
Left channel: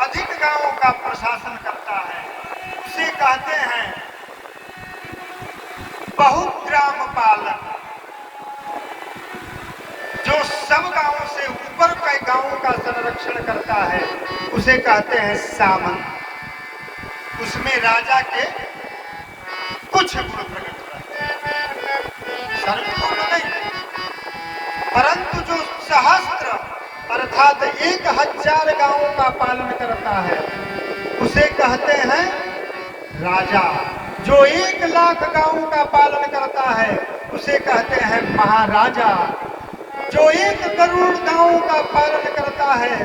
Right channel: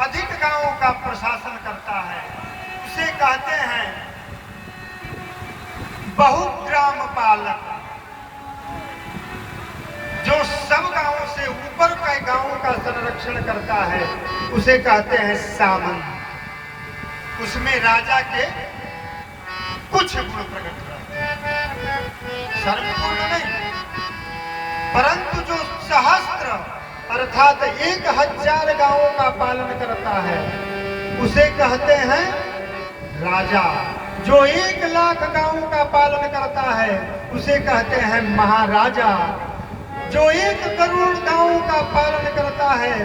अधिक गांवों का प्रशासन करता है, उसे कहते हैं बहुग्राम पालक। जो सब गांवों से ऊपर के गांवों का संरक्षण करता है उसे कहते हैं सामंत। उसमें राजा के कुछ गुण प्रकट करते हैं, सर्वगुण नहीं, परंतु जो सहस्त्र अर्थात 1000 गांवों का पालन करता है उसे कहते हैं राजा। जो 1,00,000 गांवों का पालन करता है उसे कहते हैं महाराजा। जो 1 करोड़ गांवों का पालन करता है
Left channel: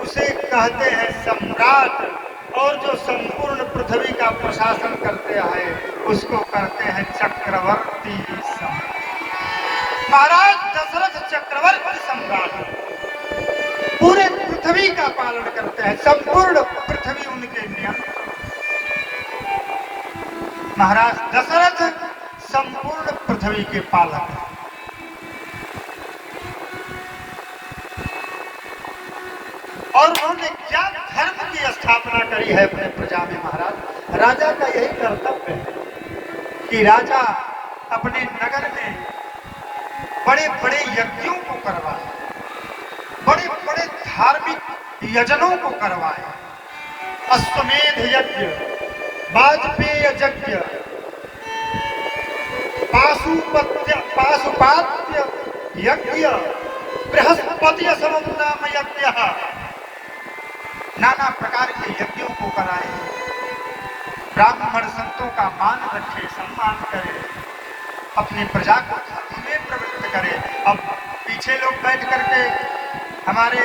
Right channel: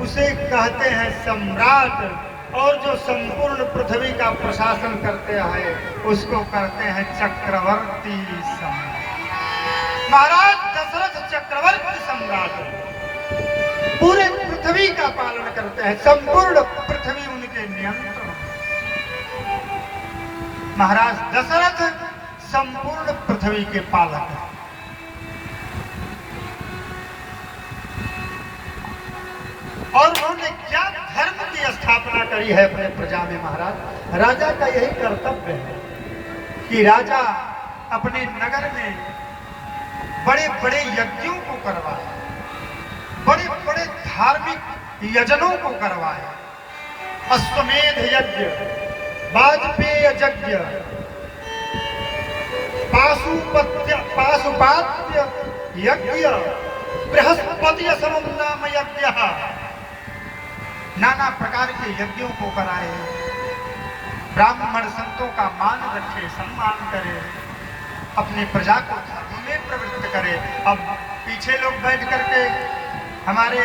उसे कहते हैं सम्राट। और जो संपूर्ण पृथ्वी का प्रशासन करते आए उसको कहते हैं चक्रवर्ती सम्राट। महाराज दशरथ चक्रवर्ती सम्राट पूरे पृथ्वी का पालन करते हैं, संपूर्ण पृथ्वी उनके नियंत्रण। महाराज दशरथ संपूर्ण पृथ्वी के पालक हैं। और उन्होंने क्या धर्म की स्थापना करी है अपने प्रजा में। महाराज राजा का यही कर्तव्य है कि राजा अपने नगर में बड़े बड़े यज्ञों को करवाए, बड़े बड़े धार्मिक यजनों को करवाए। अश्वमेध यज्ञ, वाजपेय यज्ञ, पाशुपात्य यज्ञ, बृहस्पति समम नाम यज्ञ, नाना प्रकार के यज्ञों को कराए। ब्राह्मण संतों का मान रखे, सम्मान करे, अपनी प्रजा को धर्म में प्रवृत्त करे। अब पीछे लोग बैठ करके हमारे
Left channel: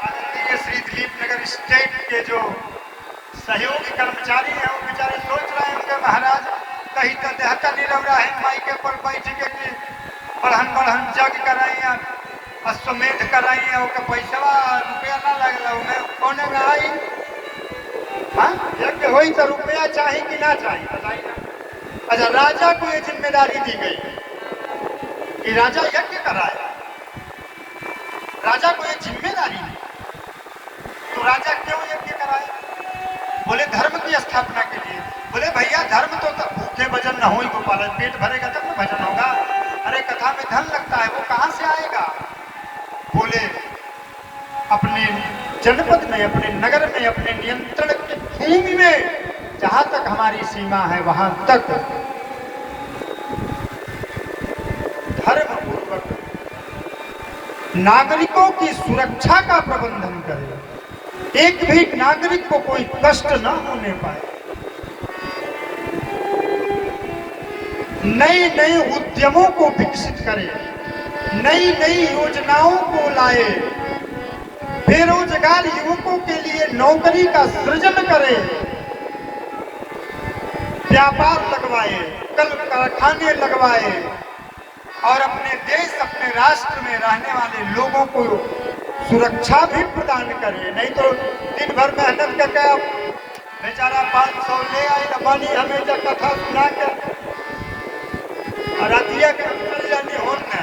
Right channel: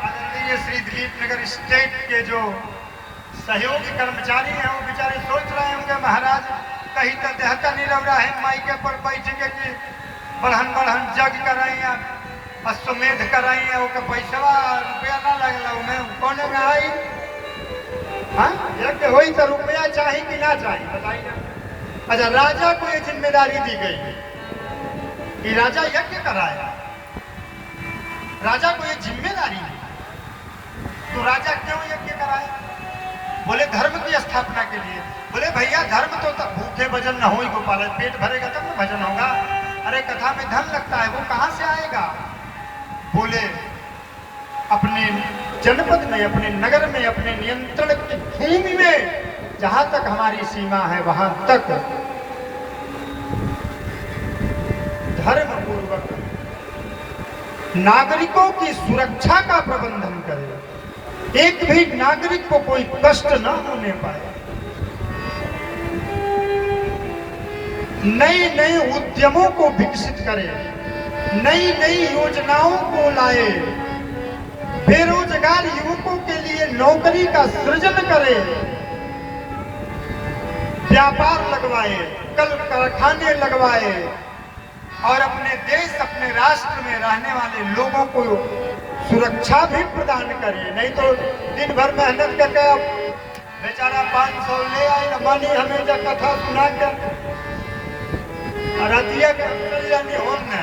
आदरणीय श्री दिलीप नगर स्टेट के जो सहयोगी कर्मचारी हैं वो बेचारे सोच रहे होंगे महाराज कहीं तो देहता नहीं लग रहा है माई के पर बैठ के कि बढ़न बढ़न जग कराइए, अश्वमेध कराइए, ओके पैसा रुपया ना लगला उन्हें कोने में आई। हाँ यज्ञ होई तो रुपया चाहिए कि ना चाहिए बताइए। अच्छा राजा को ये जिम्मेदारी दी गई है कि राजा यज्ञ कराए, राजा को ये जिम्मेदारी है। तो राजा क्यों यज्ञ कराए? बोले धर्म की स्थापना के लिए। बोले भैया धर्म तो भूखे भजन न हो तो पाले, पेट भरेगा तब भजन होगा। अरे कथा में धन लगता है, वो कहां से आएगा? बोले अपने जनपद में, अपने नगर में, अपने नियंत्रण की भूमि में जहां तक हमारी सीमा है वहां तक धर्म पूर्वक नागरिकों की सुरक्षा का प्रबंधन करे, एक भी नागरिक को कोई कष्ट न होने पाए। नई नई उद्यमों को विकसित करे, नई नई योजनाओं को लाए, बेरोजगार युवकों के लिए नौकरी का सृजन करे, व्यापार लगवाए, कल कारखाने लगवाए और अपने देश, अपने राष्ट्र में रहने वाले लोगों को सुरक्षा भी प्रदान करे। नहीं तो दिन भर मेहनत करके बेचारा 500 ले आए बनी हमें जब कथा सुना के रतिया के चल जानी होने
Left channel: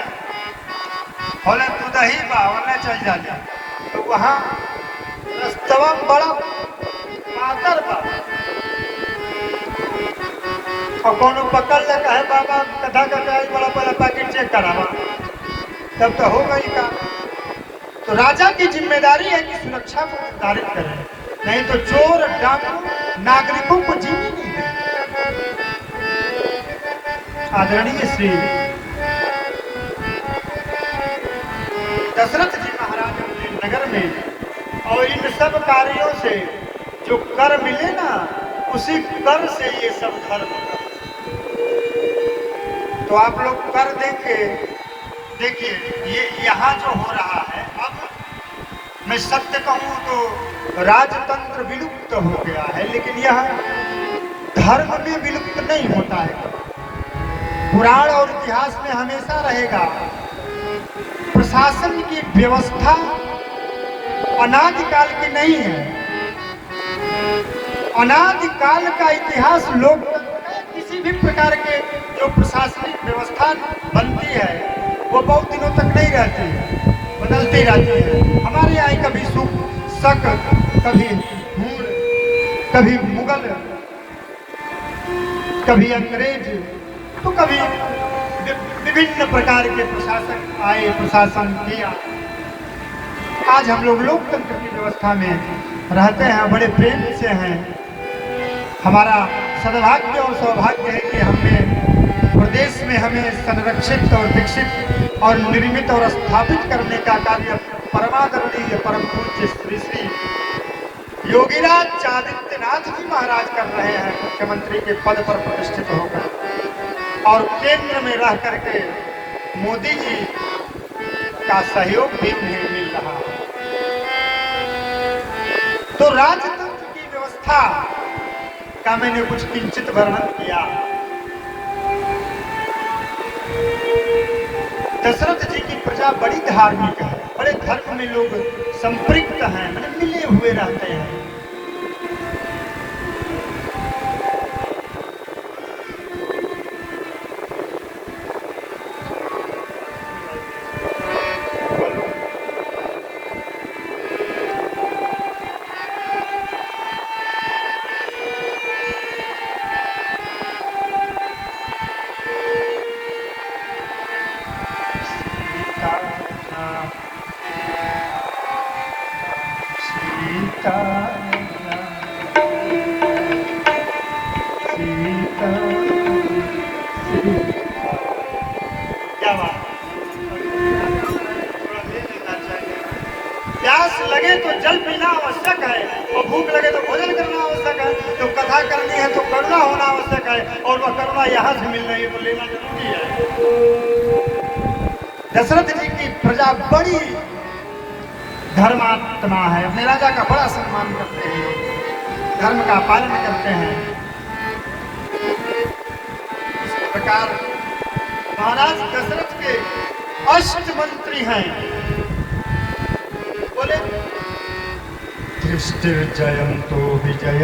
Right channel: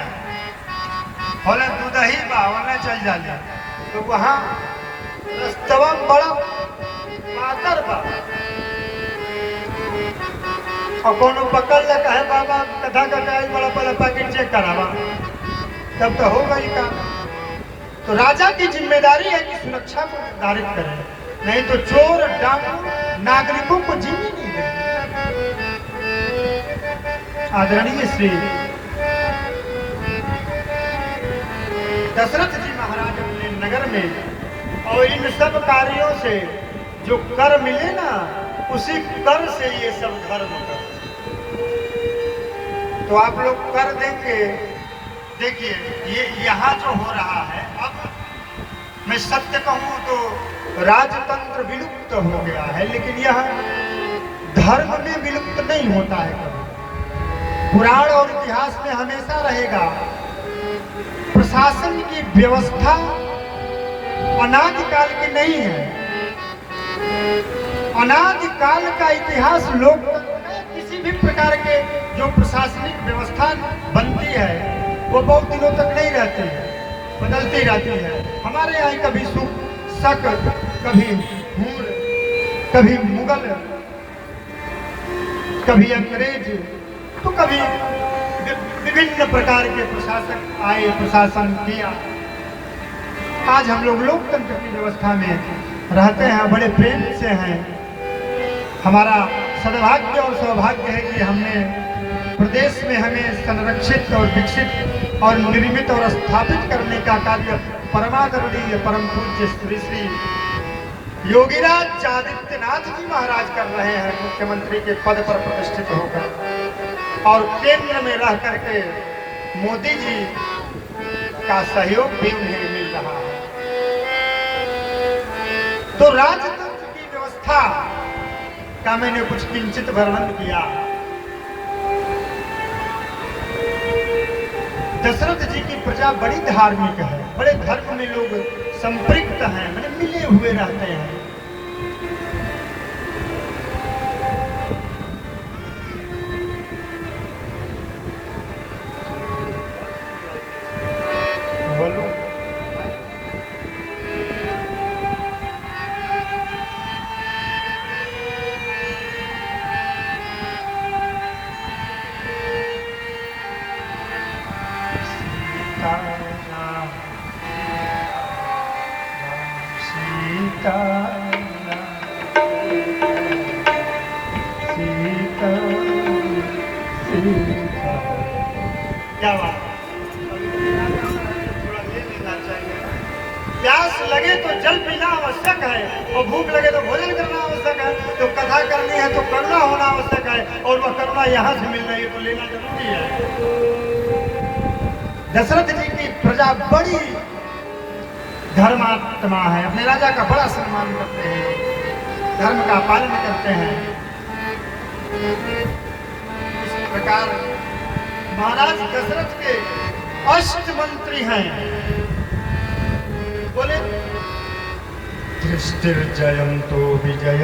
होने दूधही बा होने चल जाने तो वहाँ रस्तवा बड़ा पातर बा और कोनो पकड़ ले कहे बाबा कथा करके बड़ा बड़ा पैकेट चेक करावा तब तो हो गई का। तो राजा की जिम्मेदारी है कि सुरक्षा को निर्धारित करें, नहीं तो चोर डाकू नागरिकों को जीने नहीं देंगे। आदरणीय श्री दशरथ जी महाराज अपने नगर में और इन सब कार्यों से जो कर मिले ना उसी कर से ये सब धर्म। तो आप लोग कर देंगे, देखिए ये यहाँ जो हो रहा है, अब मैं सत्य कहूँ तो राजतंत्र विलुप्त हो गया है, लेकिन यह धर्म में विलुप्त नहीं होता है। पुराण और इतिहास में हमेशा रहेगा। प्रशासन की व्यवस्था अनादिकाल की नहीं है। अनादिकाल का इतिहास लोग किसी भी प्रकार के जो प्रशासनिक व्यवस्था बनती है वो बहुत दिनों तक नहीं रहती है, बदलती रहती है। हमारे यहाँ कभी शक, कभी हूण, कभी मुगल, कभी अंग्रेज, तो कभी विभिन्न प्रकार के प्रशासक आए, प्रशासन किया। आज हम लोग लोकतंत्र की व्यवस्था में रहते हैं, बड़े प्रेम से हैं। हमारा सद्भाग्य और सौभाग्य है कि हमें प्रदेश में हमें संरक्षित और विकसित और निर्मित और स्थापित करने का कार्य परमादरणीय परम पूज्य श्री श्री योगीराज आदित्यनाथ जी महाराज कर रहे हैं, मुख्यमंत्री के पद पर प्रतिष्ठित होकर, और केंद्र में रह करके मोदी जी का सहयोग भी उन्हें मिल रहा है। तो राजतंत्र की व्यवस्था का मैंने कुछ किंचित वर्णन किया। दशरथ जी की प्रजा बड़ी धार्मिक है, बड़े धर्म में लोग संपृक्त हैं, मैंने मिले हुए रहते हैं। क्या बात, थोड़ा ले लेना चाहिए। प्यास लगे तो जल पीना आवश्यक है, और भूख लगे तो भोजन करना आवश्यक है। तो कथा करनी है तो करुणा होना आवश्यक है, और वह करुणा यहाँ से मिल रही है तो लेना जरूरी है। दशरथ जी की प्रजा बड़ी धर्मात्मा है, अपने राजा का बड़ा सम्मान करते हैं, धर्म का पालन करते हैं। इस प्रकार महाराज दशरथ के अष्ट मंत्री हैं। बोले दृष्टिर्जयंतो विजय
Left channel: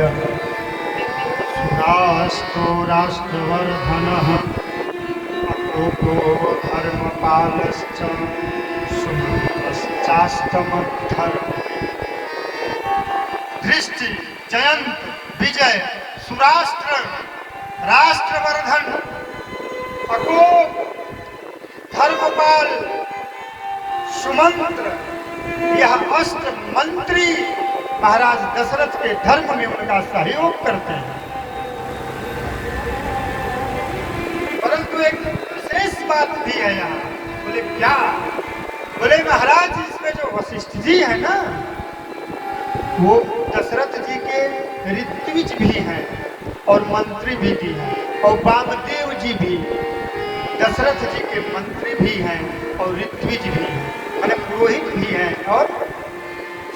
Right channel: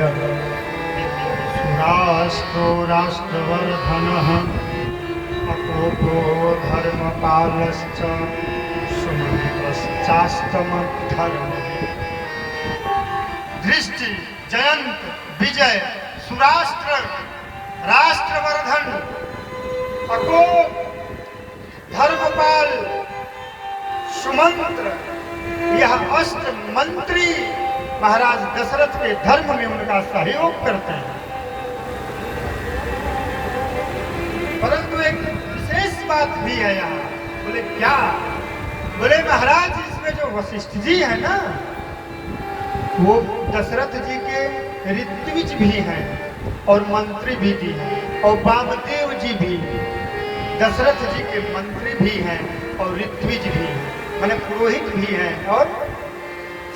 सुराष्ट्रो राष्ट्रवर्धनः अकोपो धर्मपालश्च सुमंतश्चाष्टमद्धर्म। दृष्टि, जयंत, विजय, सुराष्ट्र, राष्ट्रवर्धन, अकोप, धर्मपाल, सुमंत्र, यह अष्ट मंत्री महाराज दशरथ के धर्म में उनका सहयोग करते हैं। परंतु एक विशेष बात भी है यहाँ। बोले क्या? बोले महाराज इसमें जो वशिष्ठ जी है ना, वो दशरथ जी के ऋत्विज भी हैं और मंत्री भी हैं, और वामदेव जी भी दशरथ जी के मंत्री भी हैं और ऋत्विज भी हैं, माने पुरोहित भी हैं। और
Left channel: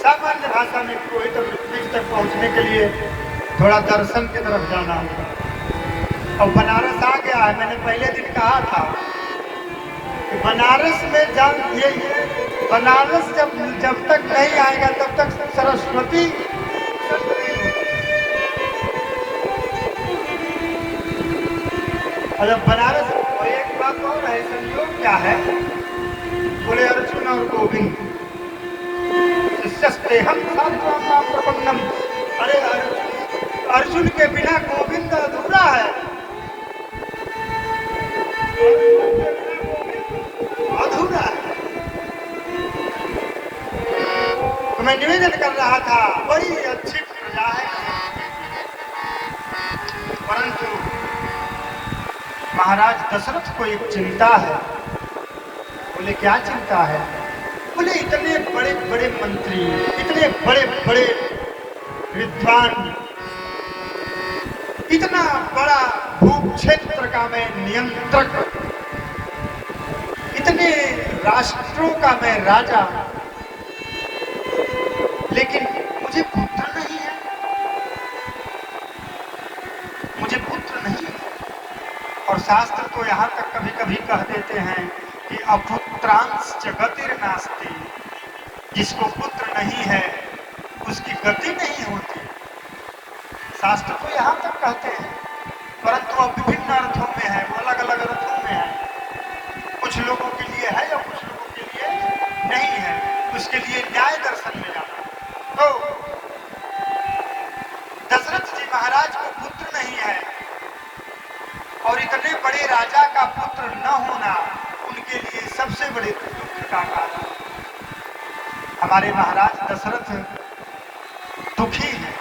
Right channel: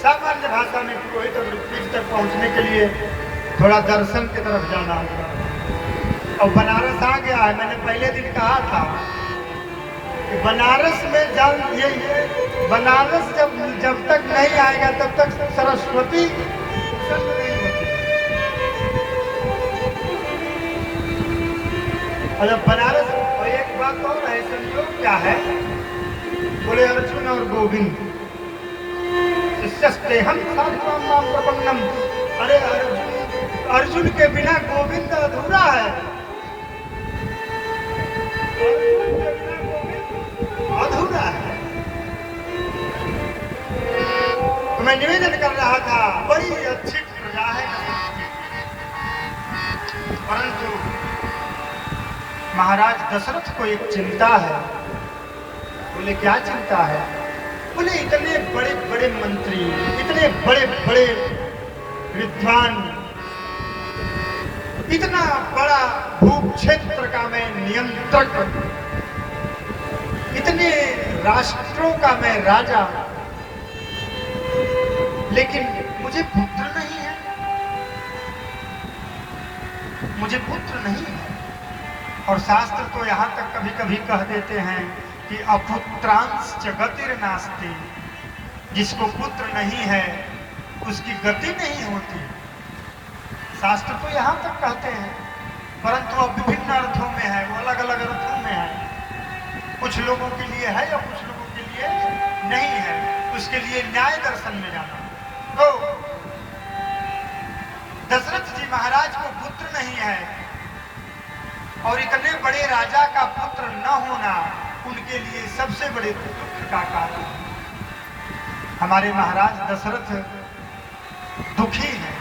सामान्य भाषा में पुरोहित और ऋत्विज तक पहुंचने के लिए थोड़ा दर्शन की तरफ जाना होगा। और बनारस आ गया है, मैंने पहले दिन कहा था कि बनारस में जब ये बनारस जब तक नहीं आएगा तब तक सरस्वती नहीं होती। और जब बनारस, और एक बात और है, संयोग क्या है? बोले अर्जुन और गोविंद हम प्रपन्नम। अरे अर्जुन के बिना गोविंद अधूरा है, अधूरा है। तो मैं निवेदन कर रहा था, बड़ी अच्छी प्रजा है, परंतु महाराज दशरथ को एक चिंता है। बोले क्या चिंता है? बोले इतने बड़े बड़े मंत्री, इतने बड़े बड़े विद्वान, इतना बड़ा भूक्षेत्र का मैं नियंत्रक, इतने राष्ट्रों का मैं राजा, लेकिन मुझे पुत्र नहीं है, मुझे पुत्र नहीं है। और शास्त्र तो यहाँ तक कभी कभी कह देते हैं कि अपुत्रांश गतिर्नास्ति, जिसको पुत्र नहीं है उसकी गति नहीं होती। शास्त्र तो यहाँ तक कहते हैं, परंतु अब विभिन्न अर्थों में है, अलग अलग अर्थों में है। कुछ लोगों के लिए है और कुछ लोगों के लिए नहीं है, उसके लिए न्याय दर्शन में जाना। तो दशरथ जी महाराज को पुत्र नहीं है, और इतने बड़े राजा का पुत्र न होना उनके लिए सबसे बड़े दुख का कारण है। हमारे महाराज दशरथ दुखी हैं।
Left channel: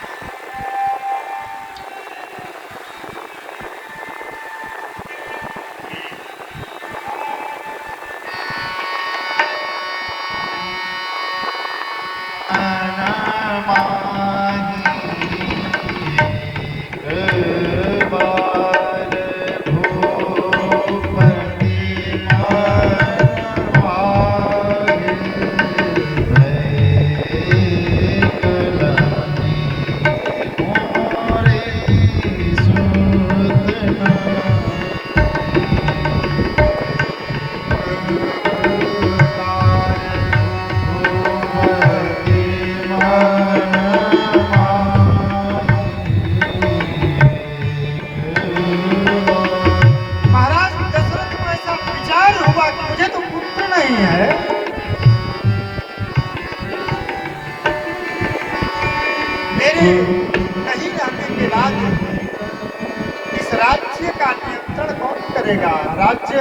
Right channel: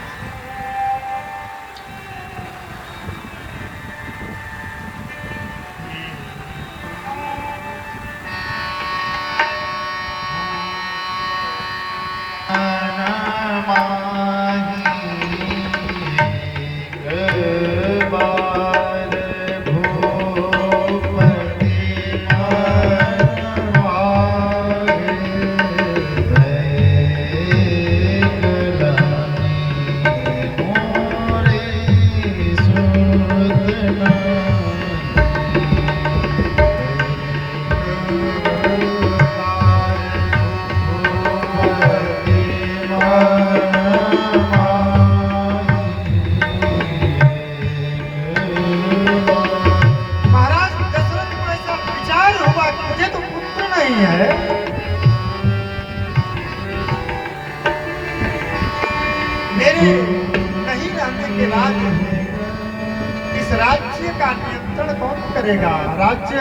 इस राज्य का नियंत्रण कौन करेगा, राज्य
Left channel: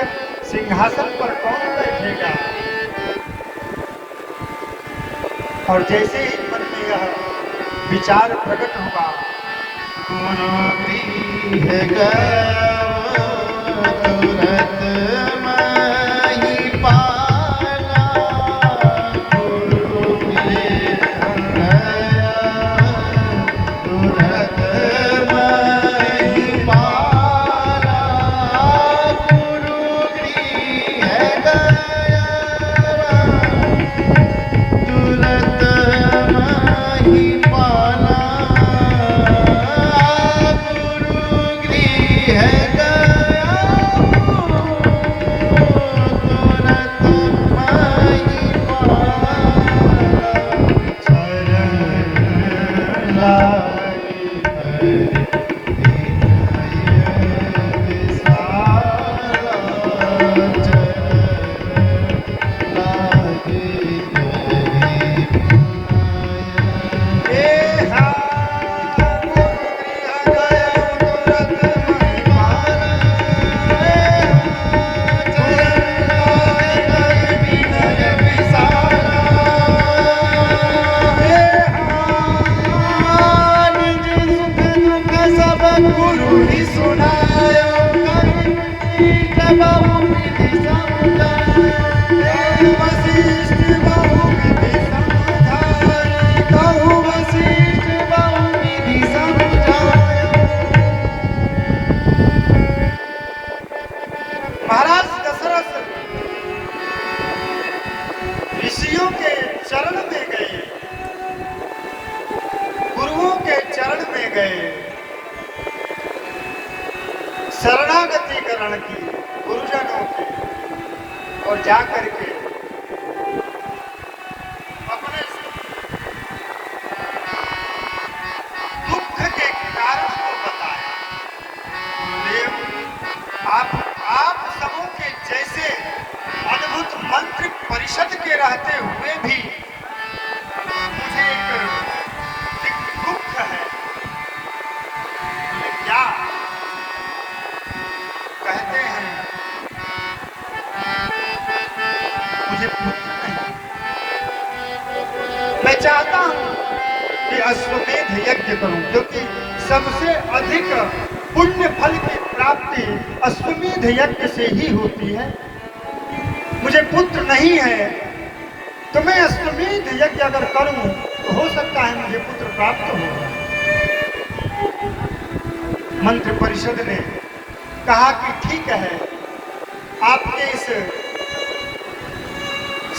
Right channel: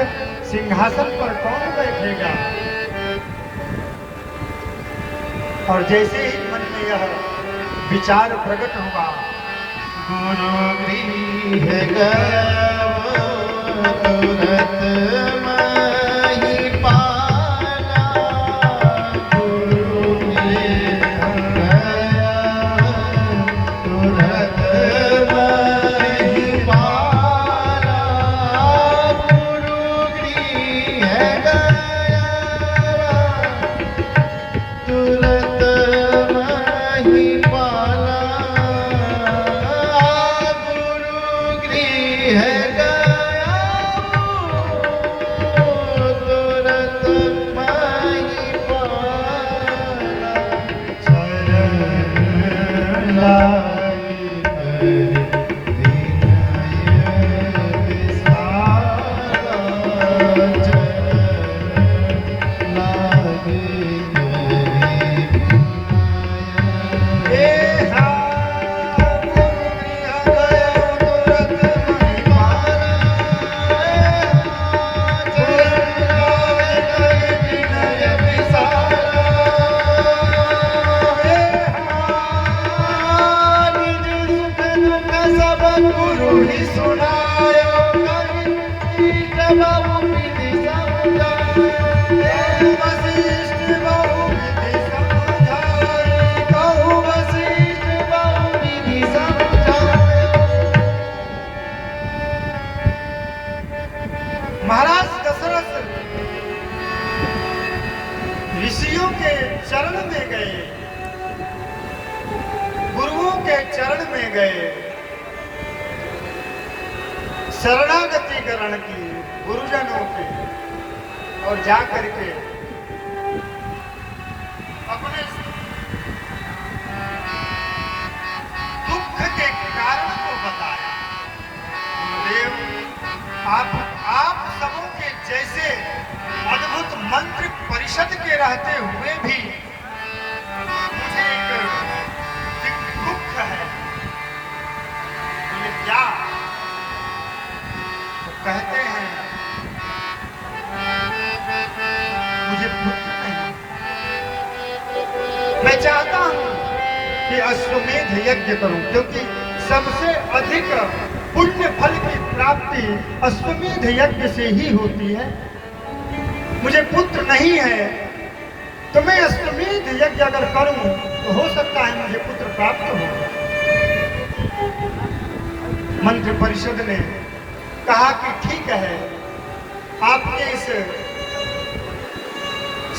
सिंहासन पर कौन बैठेगा। और जैसे ही मन में यह विचार प्रकट हुआ, गुरु गृह गयो तुरत मही पाला, गुरु गृह गयो तुरत मही पाला, गुरु गृह गयो तुरत मही पाला, गुरु गृह गयो तुरत मही पाला, शरण लागे हे हाँ, गुरु गृह गयो तुरत मही पाला, चरण लागे विनय विसारा। हे हाँ, निज सुख दुख सब गुरु ही सुनायो, कहि बहु विधि समझायो, हे वशिष्ठ बहु विधि समझाई, कहु वशिष्ठ बहु विधि समझायो। महाराज दशरथ ऋषियों के चरण में गए, गुरुओं के चरण में गए, शरणागति करण की गुरुजनों की, और जाकर के अपने दुख के कारण को बताया। गुरुदेव, आप सबों के जैसे अद्भुत मंत्र परिषद के रहते हुए भी मुझे एक दुख है। बोले क्या? कहते हैं मुझे पुत्र नहीं। मैं चाहता हूं कि अश्वमेध यज्ञ करूं, क्योंकि सबसे अधिक पुण्य फल की प्राप्ति अश्वमेध यज्ञ से ही होती है। मुझे पुत्र नहीं है, तो मैं अश्वमेध यज्ञ अगर करूं तो हो सकता है मुझे पुत्र प्राप्त हो। मंत्र परिषद ने कहा कि ठीक है, आपके इस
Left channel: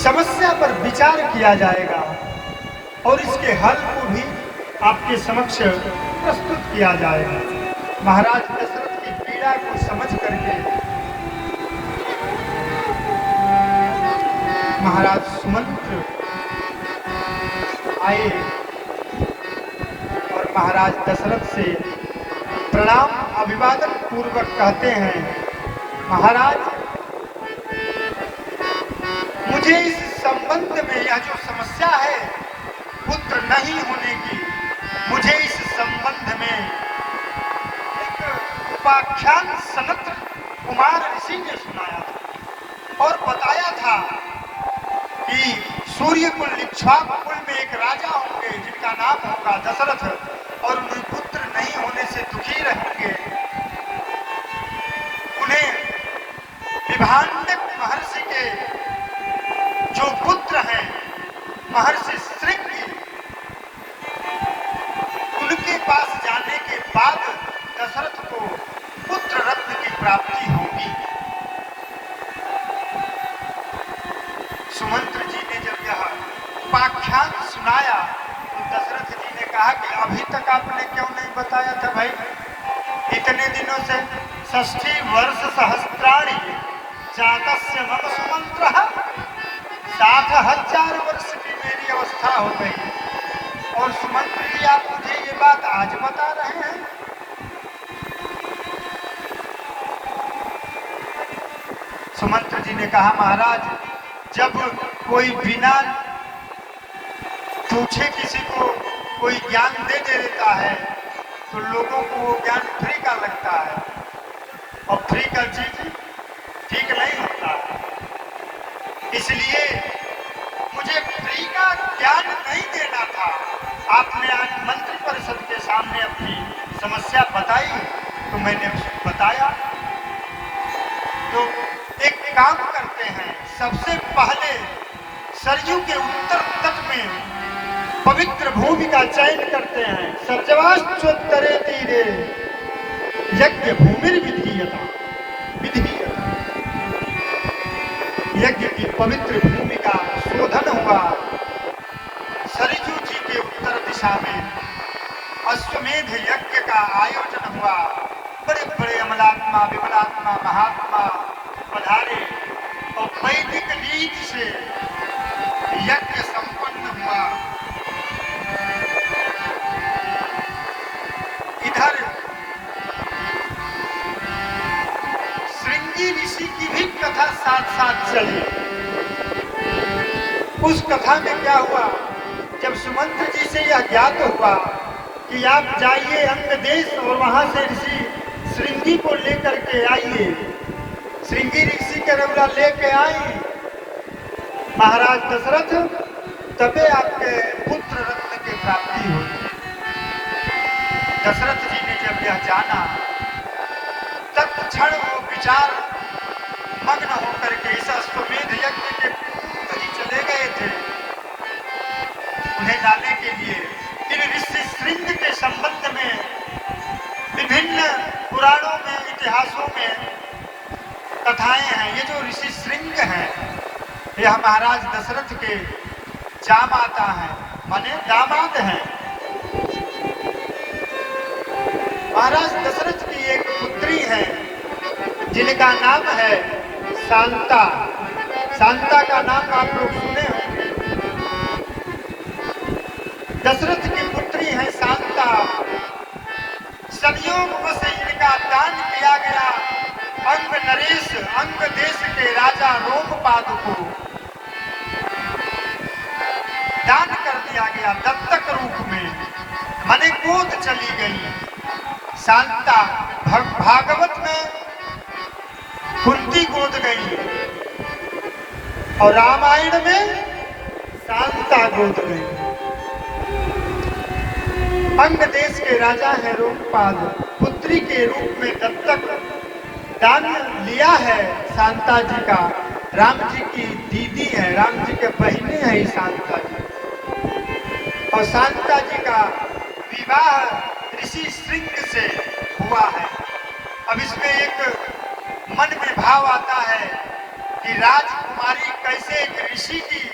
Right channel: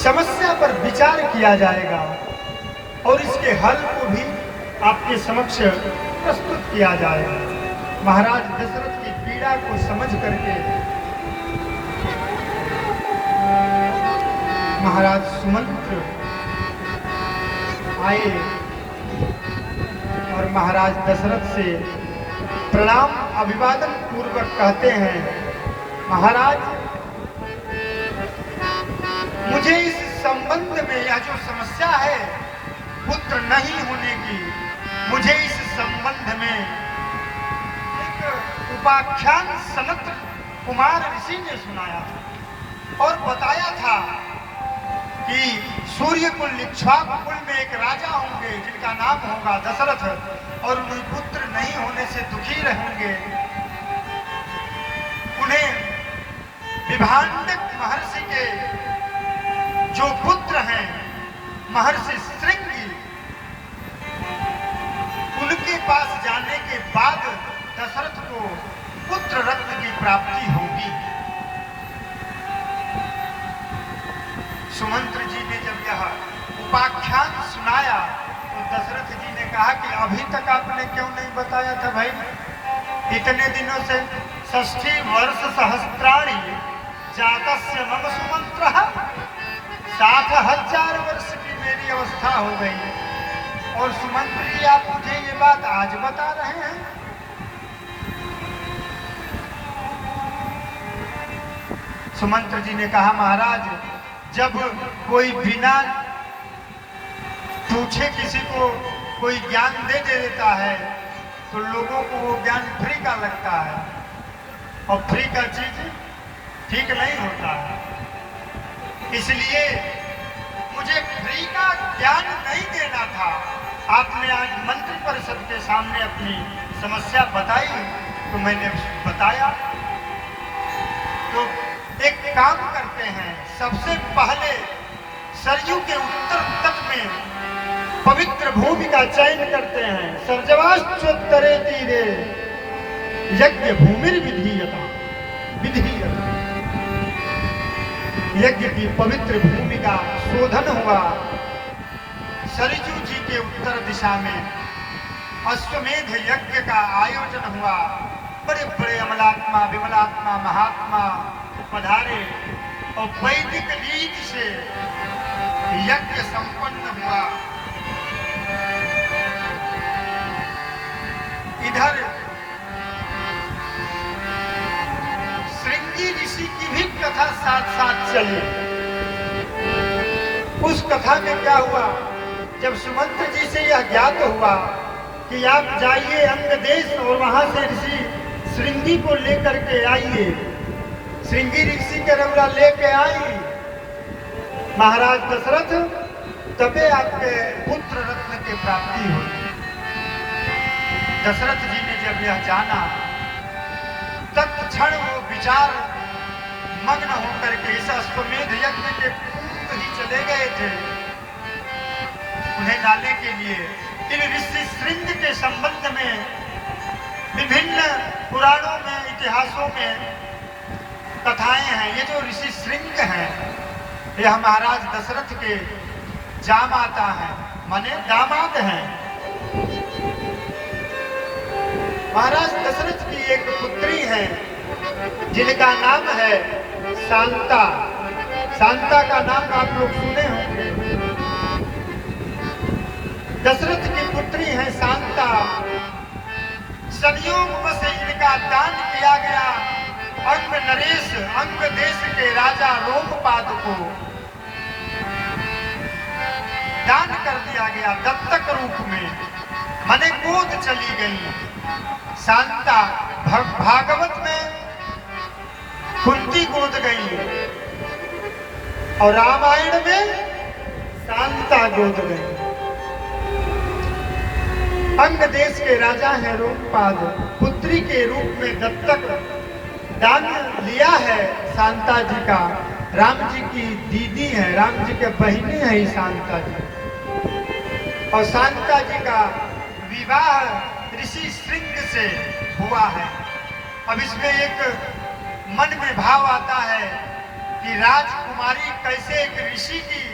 समस्या पर विचार किया जाएगा और इसके हल को भी आपके समक्ष प्रस्तुत किया जाएगा। महाराज दशरथ की पीड़ा को समझ करके महाराज सुमंत्र आए और महाराज दशरथ से प्रणाम अभिवादन पूर्वक कहते हैं, महाराज, मुझे इस संबंध में यह जो समस्या है पुत्र नहीं होने की, मुझे इस संबंध में एक उपाख्यान सनत कुमार ऋषि ने सुनाया था और बताया था कि सूर्य कुल इक्ष्वाकु कुल में एक राजा होंगे जिनका नाम होगा दशरथ, और उन्हें पुत्र नहीं होने से दुखी रहेंगे। उन्हें विभांडित महर्षि के जो पुत्र हैं महर्षि श्रृंगी, उनके पास जाने के बाद दशरथ को पुत्र रत्न की प्राप्ति होगी। सुमंत्र जी ने जब यह उपाख्यान सुनाया तो दशरथ जी ने कहा कि अभी तक आपने क्यों नहीं बताया था भाई? इतने दिनों से 60 वर्ष सहस्त्राणी जातस्य मम सुमंत्रः, 60,000 वर्ष की मेरी अवस्था हो गई और सुमंत्र जी आप मुझे ये बात आज बता रहे हैं। सुमंत्र जी ने कहा, महाराज, जब कोई बिना पूछे किसी को कोई ज्ञान दे देता है तो लोगों को वो ज्ञान फ्री का लगता है, और फ्री का चीज ठीक नहीं होता है। इसलिए मुझे फ्री का ज्ञान नहीं देना था। आपने आज मंत्री परिषद के सामने अपनी समस्या बताई तो मैंने बताया। तो एक काम करते हैं, सबसे पहले सरयू के उत्तर तट में पवित्र भूमि का चयन करते हैं। सर्जवाश्चोत्तरे तीरे यज्ञ भूमि विधीयता विधीयता, यज्ञ की पवित्र भूमि का शोधन हुआ। सरयू जी के उत्तर दिशा में अश्वमेध यज्ञ का आयोजन हुआ। बड़े बड़े अमलात्मा विमलात्मा महात्मा पधारे और वैदिक रीति से यज्ञ संपन्न हुआ। इधर श्रृंगी ऋषि की भी कथा साथ साथ चली। उस कथा में क्या हुआ, जब सुमंत्र जी से यह ज्ञात हुआ कि आप जाइए अंग देश और वहां से ऋषि श्रृंगी को लेकर के आइए, श्रृंगी ऋषि के रमला लेके आई, महाराज दशरथ तबे आपके पुत्र रत्न की प्राप्ति होगी। दशरथ जी ने जब यह जाना तत्क्षण वो विचार मग्न होकर के इस अश्वमेध यज्ञ के कहीं चले गए थे उन्हें लाने के लिए। इन ऋषि श्रृंग के संबंध में विभिन्न पुराणों में इतिहासों में कथाएं हैं। ये जो ऋषि श्रृंग हैं यह महाराज दशरथ के जामाता हैं, माने दामाद हैं। महाराज दशरथ की एक पुत्री है जिनका नाम है शांता। शांता का नाम आप लोग सुने होंगे। दशरथ की पुत्री है शांता। सदियों से इनका दान किया गया अंग नरेश, अंग देश के राजा रोमपाद को दान कर दिया गया दत्तक रूप में, माने गोद चली गई। शांता भागवत में कुंती गोद गई और रामायण में शांता गोद गई। अंग देश के राजा है रोमपाद, पुत्री के रूप में दत्तक दान लिया है शांता जी का। राम जी की दीदी है, राम जी के बहिनी है ही शांता जी। और शांता जी का विवाह ऋषि श्रृंग से हुआ है। अब इसमें एक मन में भाव आता है कि राजकुमारी कैसे एक ऋषि की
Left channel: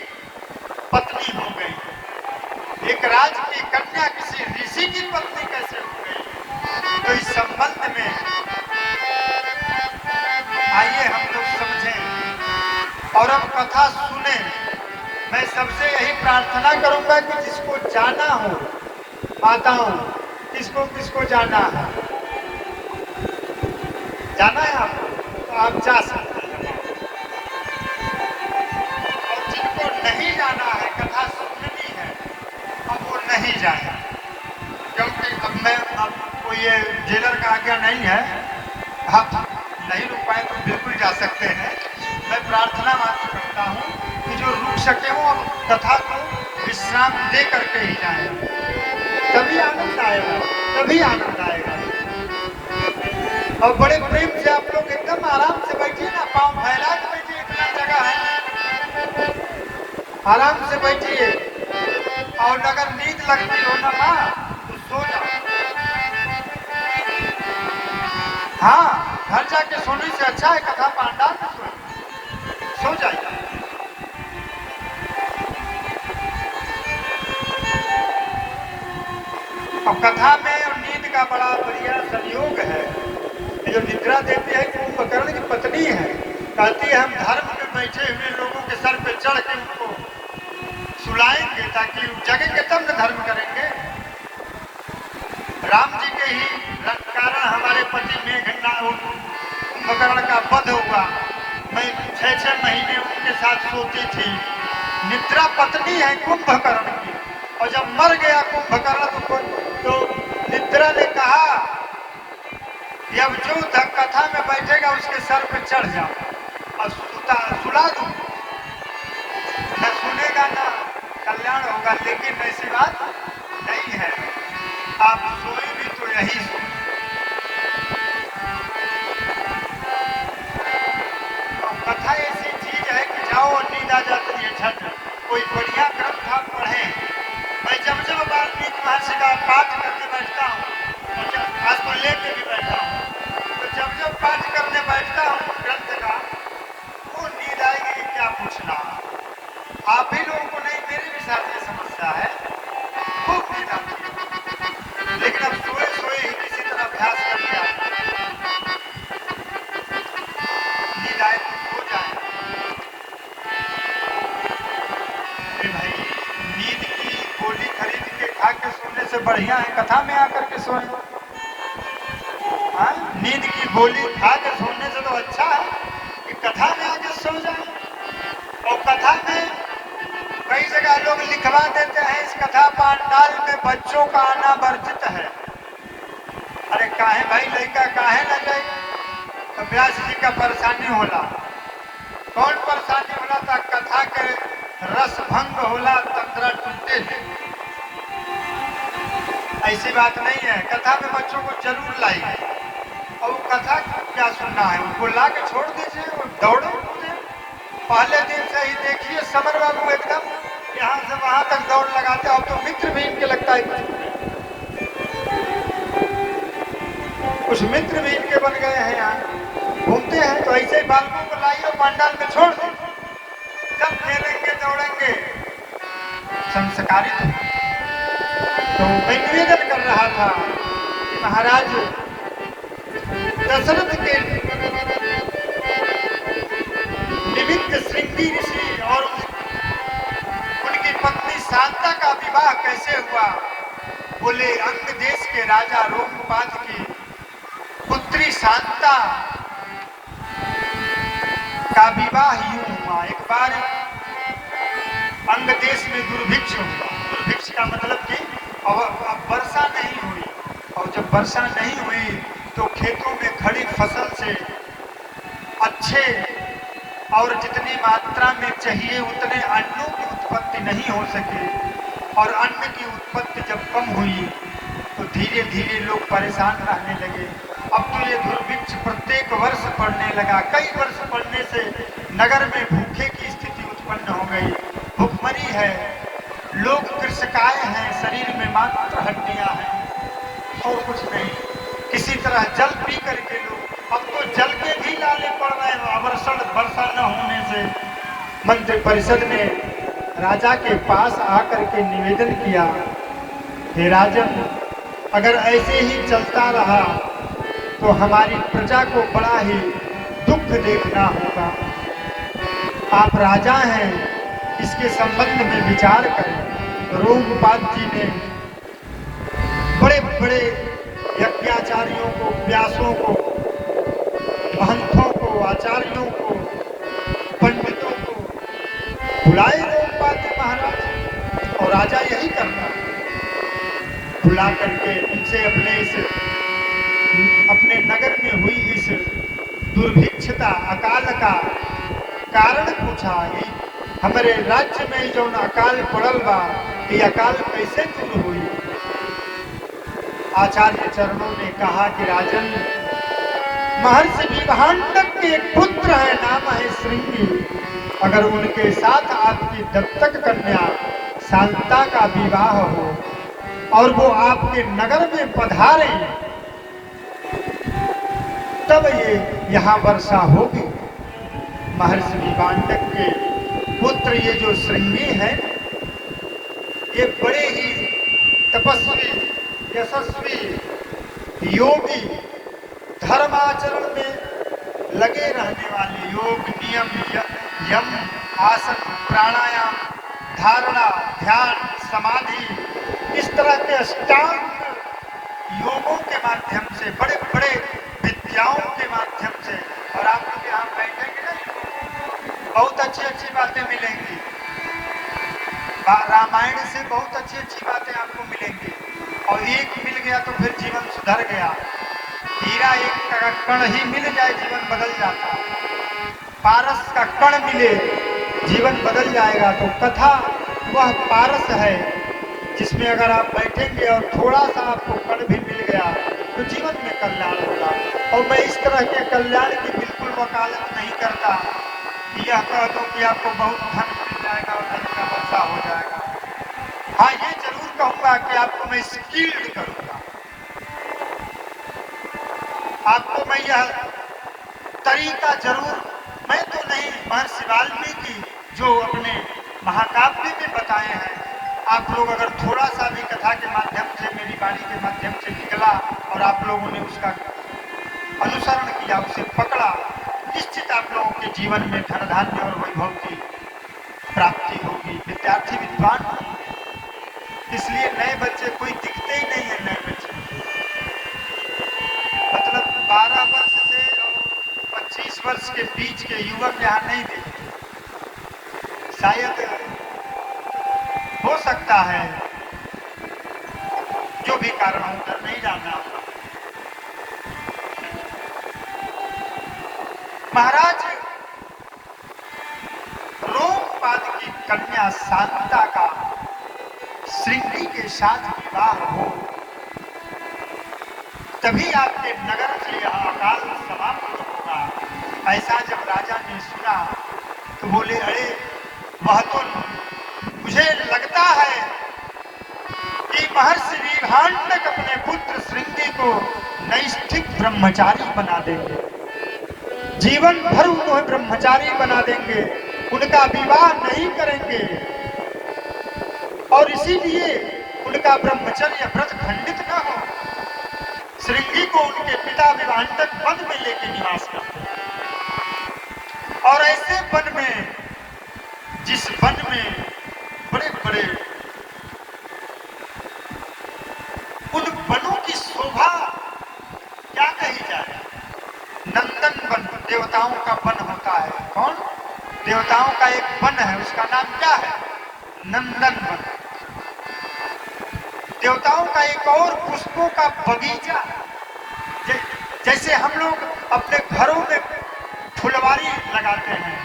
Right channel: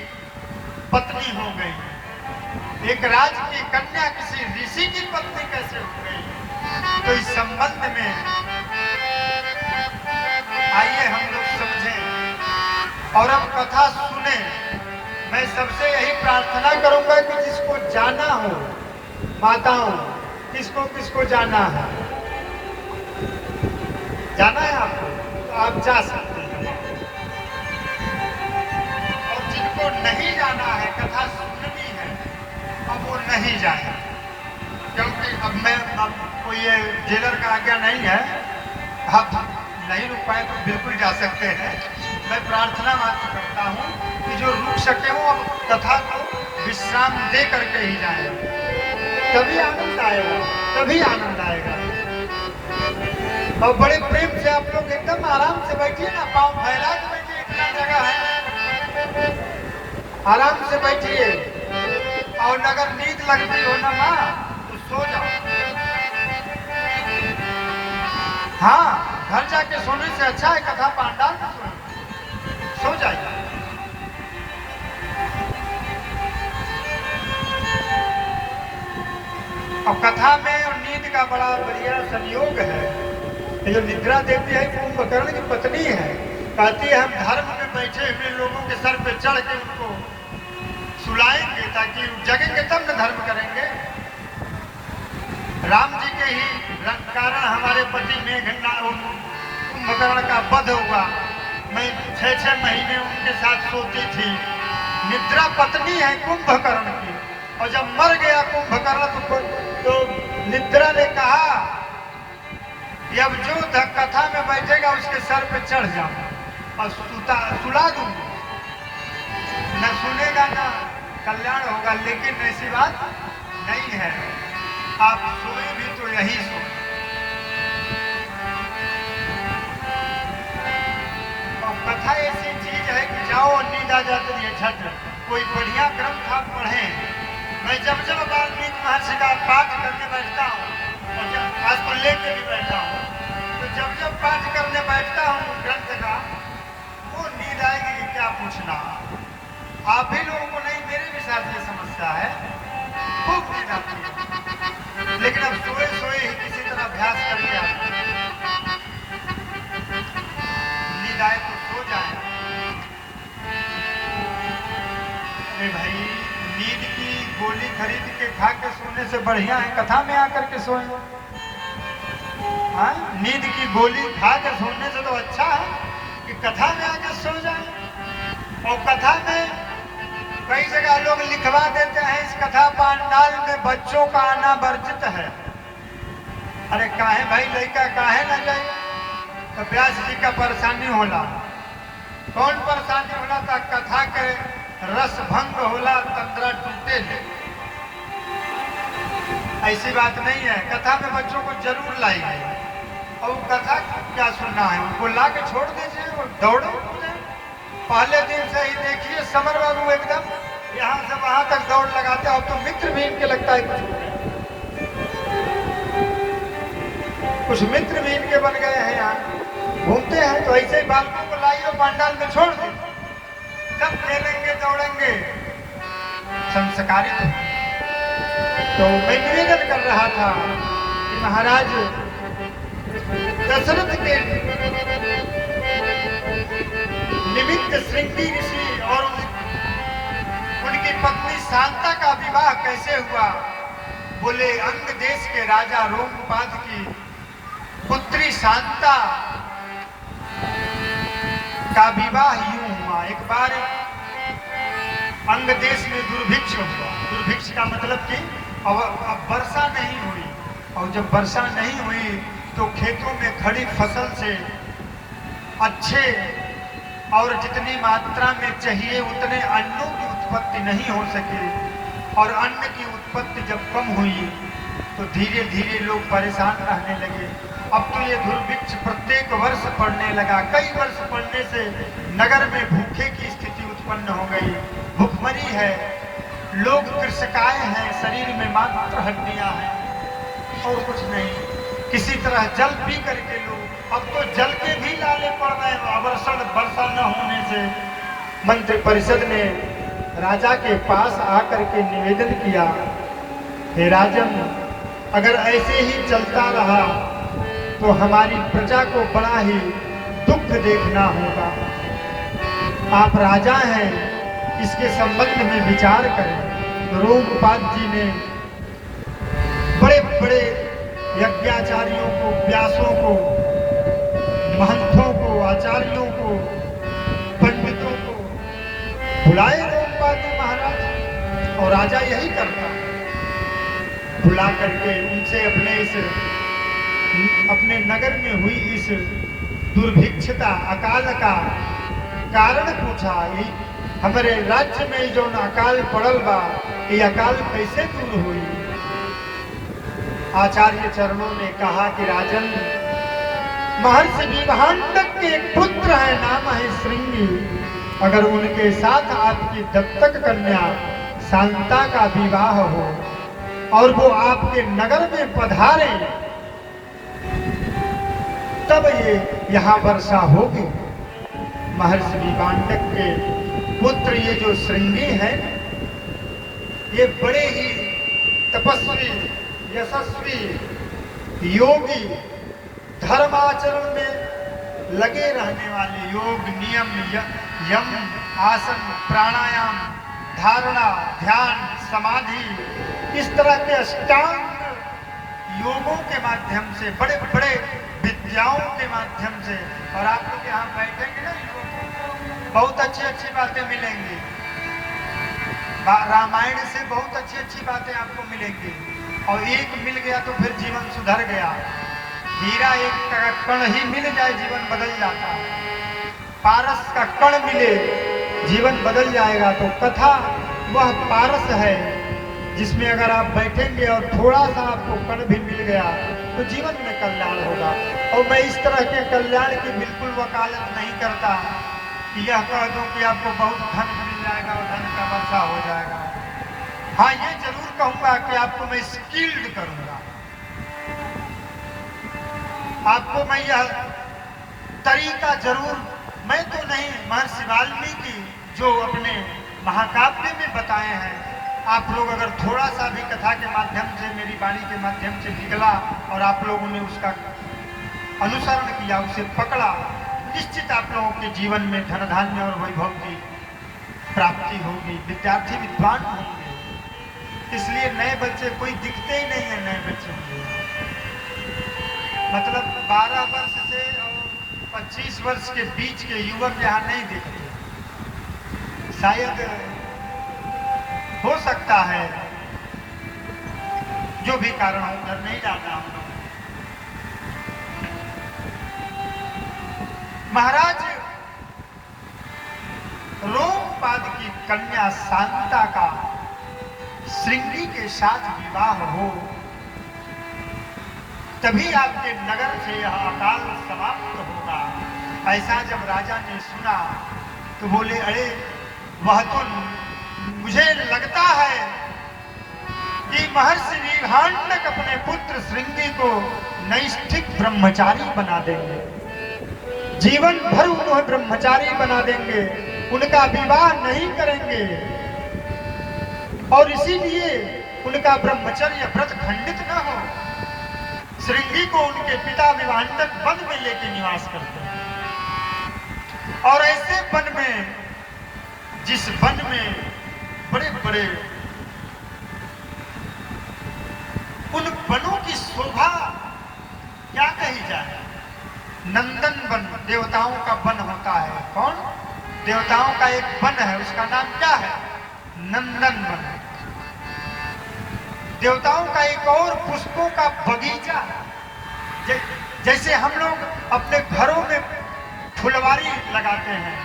पत्नी हो गई, एक राज की कन्या किसी ऋषि की पत्नी कैसे हो गई। तो इस संबंध में आइए हम लोग समझें और अब कथा सुने। मैं सबसे यही प्रार्थना करूंगा कि जिसको जाना हो, माताओं किसको किसको जाना है, जाना है आपको तो आप जा सकते हैं। और जिनको नहीं जाना है, कथा सुननी है, अब वो नहीं जाए, क्योंकि अब मैं आपको ये जेलर का आज्ञा नहीं है। आप नहीं रुक पाए तो बिल्कुल जा सकते हैं। मैं प्रार्थना मात्र करता हूँ कि जो रुक सके वो अब कथा को विश्राम दे करके ही जाए, तभी आनंद आएगा, तभी आनंद आएगा। और बड़े प्रेम से आप लोग एकदम आराम से बैठिए ना, पाँव फैला के बैठिए, इतना जगह है, आराम से बैठिए। और अगर नींद लगती हो ना माँ तो सो जाओ। हाँ, घर जाके सोने से अच्छा है कथा पांडाल में सो जाइए। और कथा में नींद का बड़ा बढ़िया संयोग है। ये जो निद्रा देवी है कुंभकर्ण की पत्नी है, कहती है हम धर्म में बैठे हुए लोगों के सर पे चढ़ के उनको सुलाएंगे ताकि जगेंगे तब न धर्म करेंगे। राम जी के ही कारण हमारे पति कुंभकर्ण का वध हुआ। मैं 6-6 महीने उनके साथ सोती थी। निद्रा पत्नी है कुंभकर्ण की, और जब मर गया कुंभकर्ण तो निद्रा ने कहा कि अब जो कथा में बैठेगा उसके सर पे चढ़ जाओ और सुला दूं। न सुनेगा ना कल्याण होगा, लेकिन ऐसी बात नहीं है। आप सोए भी तो यही सो। और कथा ऐसी चीज है कि जाओ और नींद आ जाती है झट। कोई बढ़िया ग्रंथ आप पढ़े। मैं जब वाल्मीकि महर्षि का पाठ करके बैठता हूँ, आज तो लेके भी बैठा हूँ, तो जब पाठ करने बैठता हूँ ग्रंथ का, वो नींद आएगी कि क्या पूछना। आप ही लोगों को नहीं, मेरे भी साथ ये समस्या है, खूब नींद आती है। लेकिन अब सोए सोए ही किसी तरह अभ्यास करके नींद आए तो सो जाए। भाई नींद की गोली खरीद के खा के सोने से बढ़िया है कथा में आकर के सोए। नींद की गोली खा के सोने से तो अच्छा है कि कथा में आके सो जाए। और कथा में कई जगह लोग लिखवा देते हैं इस कथा पंडाल में बच्चों का आना वर्जित है। अरे काहे भाई लड़का काहे न जाए? तो व्यास जी का परेशानी होला। कौन परेशानी होला था? कथा के रस भंग होला तंत्र टूटे। ऐसी बात नहीं है, कथा में बच्चों को जरूर लाइए। और कथा क्या सुनना है उनको ला के छोड़ दीजिए, वो दौड़े कूदे। पहले दिन से ही देखिए समर बाबू एकदम यहाँ से वहां तक दौड़ लगाते। अब तो मित्र भी इनके लगता है कुछ मित्र भी इनके बन गए हैं। यहाँ घूमते हैं तो ऐसे ही बालकों को लाइए और पंडाल में छोड़ दीजिए, जब खेलेंगे दौड़ेंगे संस्कारित। तो मैं निवेदन कर रहा था कि महाराज दशरथ के निमित्त श्रृंगी ऋषि और उनकी पत्नी शांता का विवाह कैसे हुआ? बोले अंग देश के राजा रोमपाद की पुत्री शांता का विवाह यूं हुआ। एक बार अंग देश में दुर्भिक्ष हुआ। दुर्भिक्ष का मतलब कि अब वर्षा नहीं हुई, और जब वर्षा नहीं हुई तो खेतों में खड़ी फसल से अच्छे और जितनी मात्रा में चाहिए उतने अन्नों की उत्पत्ति नहीं हो सके। और अन्न की उत्पत्ति जब कम हुई तो धीरे धीरे लोग परेशान रहने लगे। अब तो ये दुर्भिक्ष प्रत्येक वर्ष पड़ने लगा। कई वर्ष पड़ने से नगर में भूखे की स्थिति उत्पन्न हो गई। भूखमरी है, लोग कृषकाय हैं, शरीर में मात्र हड्डियां हैं और कुछ नहीं। किसी तरह जल पी करके लोग, अब तो जल के भी नाले पड़ रहे हैं। वर्षा न होने से मंत्री परिषद ने राजा के पास आकर के निवेदन किया, हे राजन, अगर ऐसे ही चलता रहा तो हमारी प्रजा को बड़ा ही दुख देखना होगा। आप राजा हैं, इसके संबंध में विचार करें। रोमपाद जी ने बड़े बड़े यज्ञाचार्यों को, व्यासों को, महंतों को, आचार्यों को, पंडितों को बुलाए रोमपाद जी महाराज। और राजा यही करता, बुला करके उनसे अपने नगर में हुई इस दुर्भिक्षता, अकाल का कारण पूछा। हमारे राज्य में जो अकाल पड़ल बा, ये अकाल कैसे दूर हुई? आचार्य चरणों ने कहा कि राजन, महर्षि विभांडक के एक पुत्र है, नाम है श्रृंगी। अगर उनके साथ आपकी दत्तक कन्या शांता का विवाह हो और वो आपके नगर में पधारे, तब ये यहाँ वर्षा होगी। महर्षि विभांडक के पुत्र ये जो श्रृंगी है, ये बड़े ही तपस्वी, यशस्वी, योगी, धर्माचरण में लगे रहने वाले, योग, नियम, यम, आसन, प्राणायाम, धारणा, ध्यान, समाधि, इस तरह के अष्टांग योगों के माध्यम से, बड़े बड़े विद्याओं के माध्यम से। और आप लोग यहाँ बैठेंगे ना, बहुत अच्छी अच्छी बातें मिलेंगी। रामायण से बहुत अच्छी अच्छी बातें आपको मिलेंगी। और एक मिल गया तो हीरा एक का कण ही मिल जाए जीवन बदल जाता है, पारस का कण मिले जीवन बदल जाएगा। तो कथा वह पारस है जिसमें अगर आप बैठेंगे और थोड़ा सा आपको कण भी मिल गया तो जीवन में कल्याण होगा। और मैं इस तरह के कल्याण की बिल्कुल वकालत नहीं करता कि यह कह दूं कि आपको बहुत धन मिल जाएगा और धन का वर्षा हो जाएगा। हाँ, ये जरूर कहूंगा कि आपको मैं स्किल्ड करूंगा, आपको मैं यह तरीका जरूर, मैं तो नहीं, महर्षि वाल्मीकि जो अपने महाकाव्य में बताए हैं, आप लोग अगर थोड़ा सा भी कथा के माध्यम से, मेरी वाणी के माध्यम से निकला और आप लोगों ने उसका अनुसरण किया, उसे पकड़ा, निश्चित आप लोगों के जीवन में धन धान्य और वैभव की प्राप्ति होगी, विद्यार्थी विद्वान होंगे। इसलिए नए बच्चे कोई दिखते ही नहीं है, नए बच्चे मतलब 12 वर्ष से 25 वर्ष के बीच के युवक यहाँ नहीं दिखते। शायद हो सकता है जो भी कारण हो, उधर नहीं जाना। महाराज लोकपाद की कन्या शांता का श्रृंगी के साथ विवाह हो, तभी आपके नगर से यह अकाल समाप्त होगा। ऐसा जब राजा ने सुना तो बोले, अरे वह तो मुझे लगता है कि महर्षि वीरहांडक अपने पुत्र श्रृंगी को नैष्ठिक ब्रह्मचारी बना देंगे, जीवन भर उन्हें ब्रह्मचारी बना देंगे, उनका विवाह नहीं करेंगे और इसीलिए उनका ब्रह्मचर्य व्रत खंडित न हो। श्रृंगी को उनके पिता वीरहांडक वन में लेके निवास करते हैं और ऐसे वन में, जिस वन में बड़े बड़े उन वनों की शोभा क्या कही जाए, नंदन वन, देवताओं का वन होता है। कौन? देवताओं का एक वन है, उसका नाम क्या है? नंदन वन। देवताओं का एक और पुष्पों का बगीचा, जैसे हम लोग अपने घरों में फुलवारी लगाते हैं